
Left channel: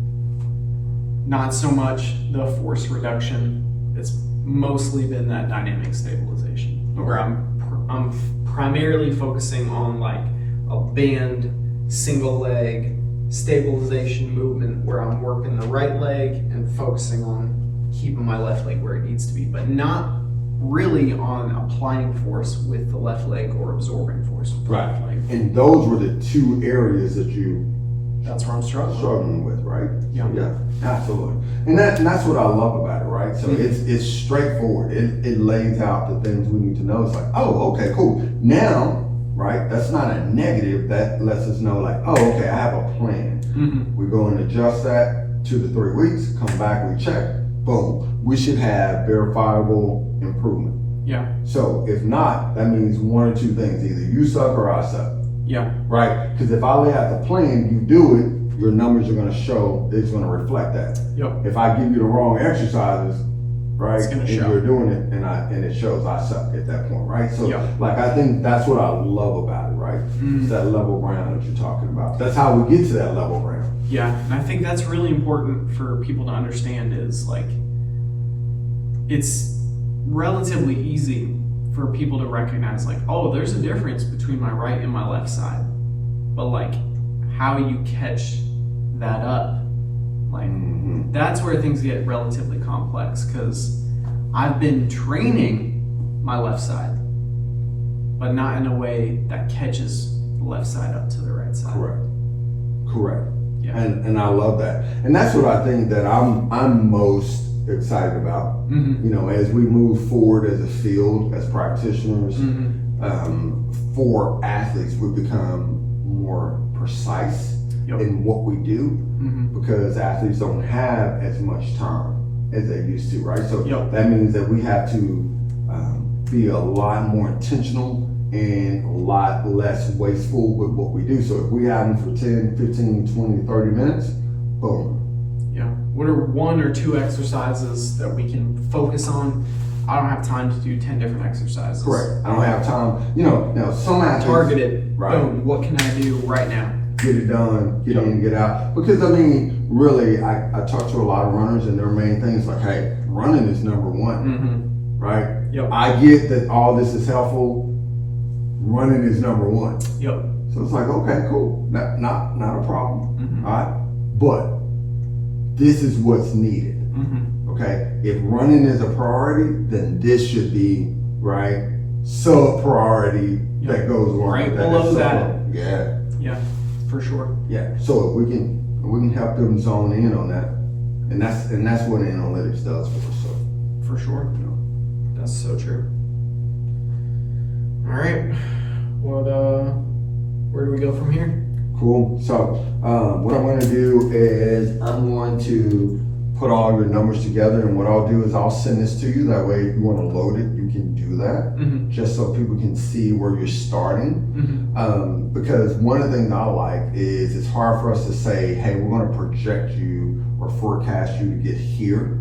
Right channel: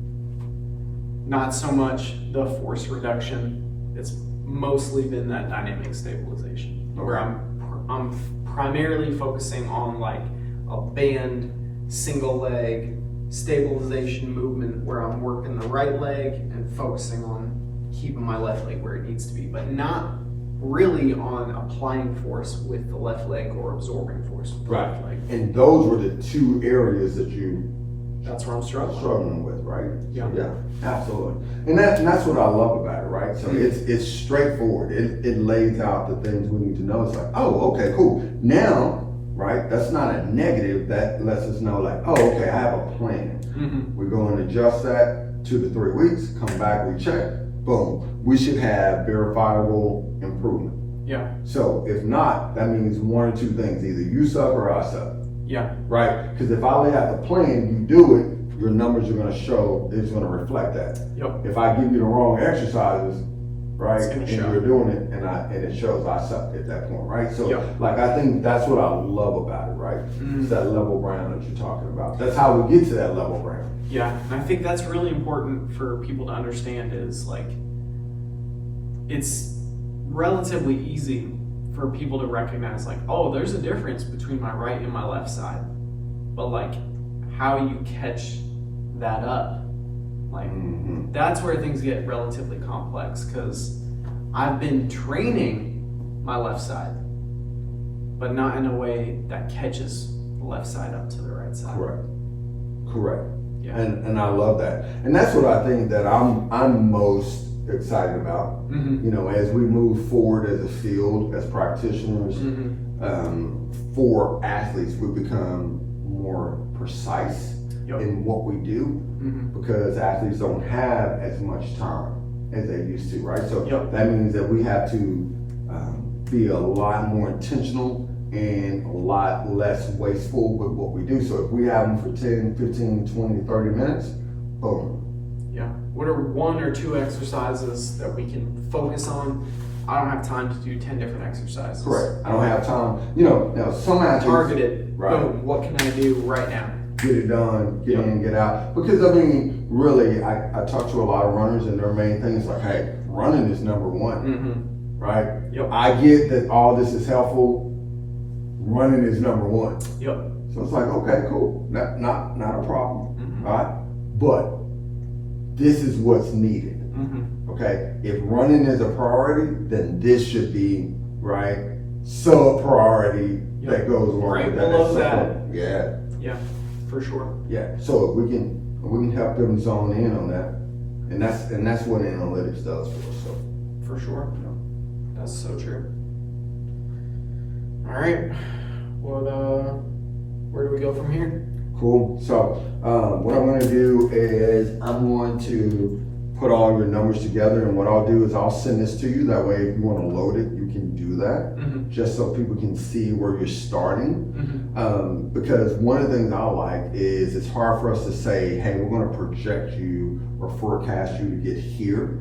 not so much the force reduction. It's mostly been that dynamic stabilization, where I'm primarily focusing on like a band, single leg stabilization movement, where I'm working the right leg and focusing on keeping my left leg where it needs to be, but not really on applying force with the left leg or absorbing force with the left leg. And those were the 2 areas that you That's where I'm struggling. with, right? Yeah. Yeah, absolutely. And that's what I love about it, right? So it's straightforward. It lays out the things we need to know. It's like, oh, okay, cool. Now, right, that's not a negative. That lets us know like, oh, okay, I have a plan. Mm-hmm. We go and adjust that 2 to 3 weeks, come back, we check, boom. We should have verifiable improvement. Yeah. So if not, that means 1 or 2 things. Either you suck or I suck. Yeah. Right? Because if I lay out the plan, you do it, your numbers are going to show, it's going to reflect that. Yep. If I give you the wrong exercises, right, It's gonna and show. you're doing it, and it shows I suck at that point, right? So, Yep. like, I think that's what I love about it, right? It's that level ground that you're talking about. That's how we get to that level ground. Yeah, and I think that's really important for people to understand is like, it's relatively easy for people to recognize like, oh, there's a difference between my right and my left side. But like, how you catch that up, like, that's where things get relatively complex, because I've been training my left side, but not in a way that catches the left side up to the right side. Correct. Yeah. And I love that. And that's what I think that I'm most excited about. As we move forward as a field, as practitioners, for athletes, we become more precise in what we do, because athletes don't have as much time as they used to, right? So that means that we have to be a lot more intentional and a lot less wasteful with what we do. So if we have them for 10, 15, 20, 30 minutes, boom. Yeah. What are 1 or 2 exercises that we can focus on? I don't have time to do 10 different exercises. Correct. I don't have time. Now some athletes Targeted. Right. Boom. What can I do right now? get it done, get in, get out. Because I mean, really, I talk to a lot of runners, and their main thing is like, hey, running is number one, right? Yep. I get that all this is helpful. Running is number one. Yep. So it's like, okay, cool, not a problem, all right? But this is what's needed, okay? If running is a priority, then this should be, right, sub-priority that goes along Right with below that. that. Yeah. Yeah, for sure. Yeah, so if we can help them zone in on that, and that's what analytics does for us. So For sure. you know. That's so true. All right. What? Where do we go from here? Cool. So what I'm going to do is I'm going to put all your numbers together, and what I'll do is I'll send this to you. That way, if you want to load it, you can do that, just so people can see where you're starting. Because one of the things I like is it's hard for us to say, hey, we're going to project you or forecast you to get here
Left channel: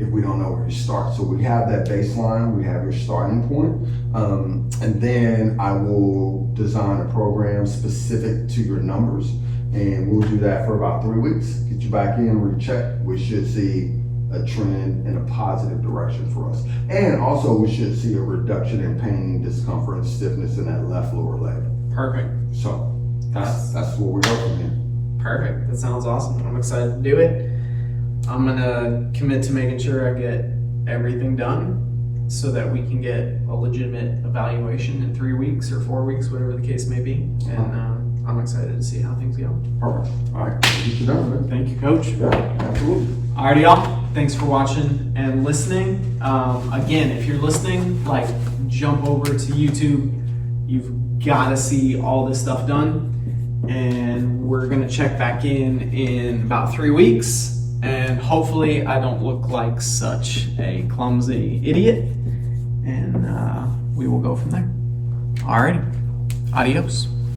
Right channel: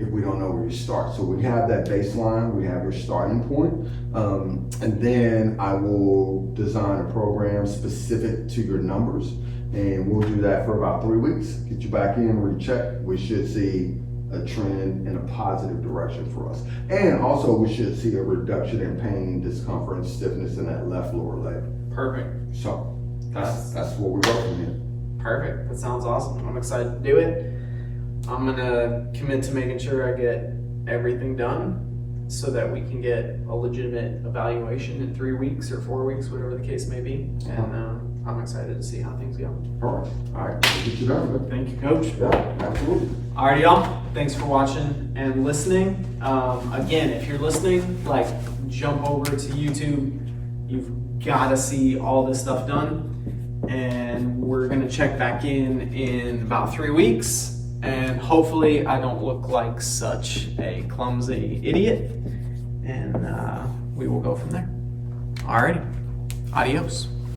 if we don't know where you start. So we have that baseline, we have your starting point, and then I will design a program specific to your numbers, and we'll do that for about 3 weeks. Get you back in, recheck. We should see a trend in a positive direction for us. And also we should see a reduction in pain, discomfort, and stiffness in that left lower leg. Perfect. So that's what we're working in. Perfect. That sounds awesome. I'm excited to do it. I'm gonna commit to making sure I get everything done so that we can get a legitimate evaluation in 3 weeks or 4 weeks, whatever the case may be. And I'm excited to see how things go. Perfect. All right, get you done, man. Thank you, Coach. Yeah, absolutely. Alrighty, y'all. Thanks for watching and listening. Again, if you're listening, like, jump over to YouTube. You've got to see all this stuff done. And we're going to check back in about 3 weeks. And hopefully I don't look like such a clumsy idiot. And we will go from there. Alrighty. Adios.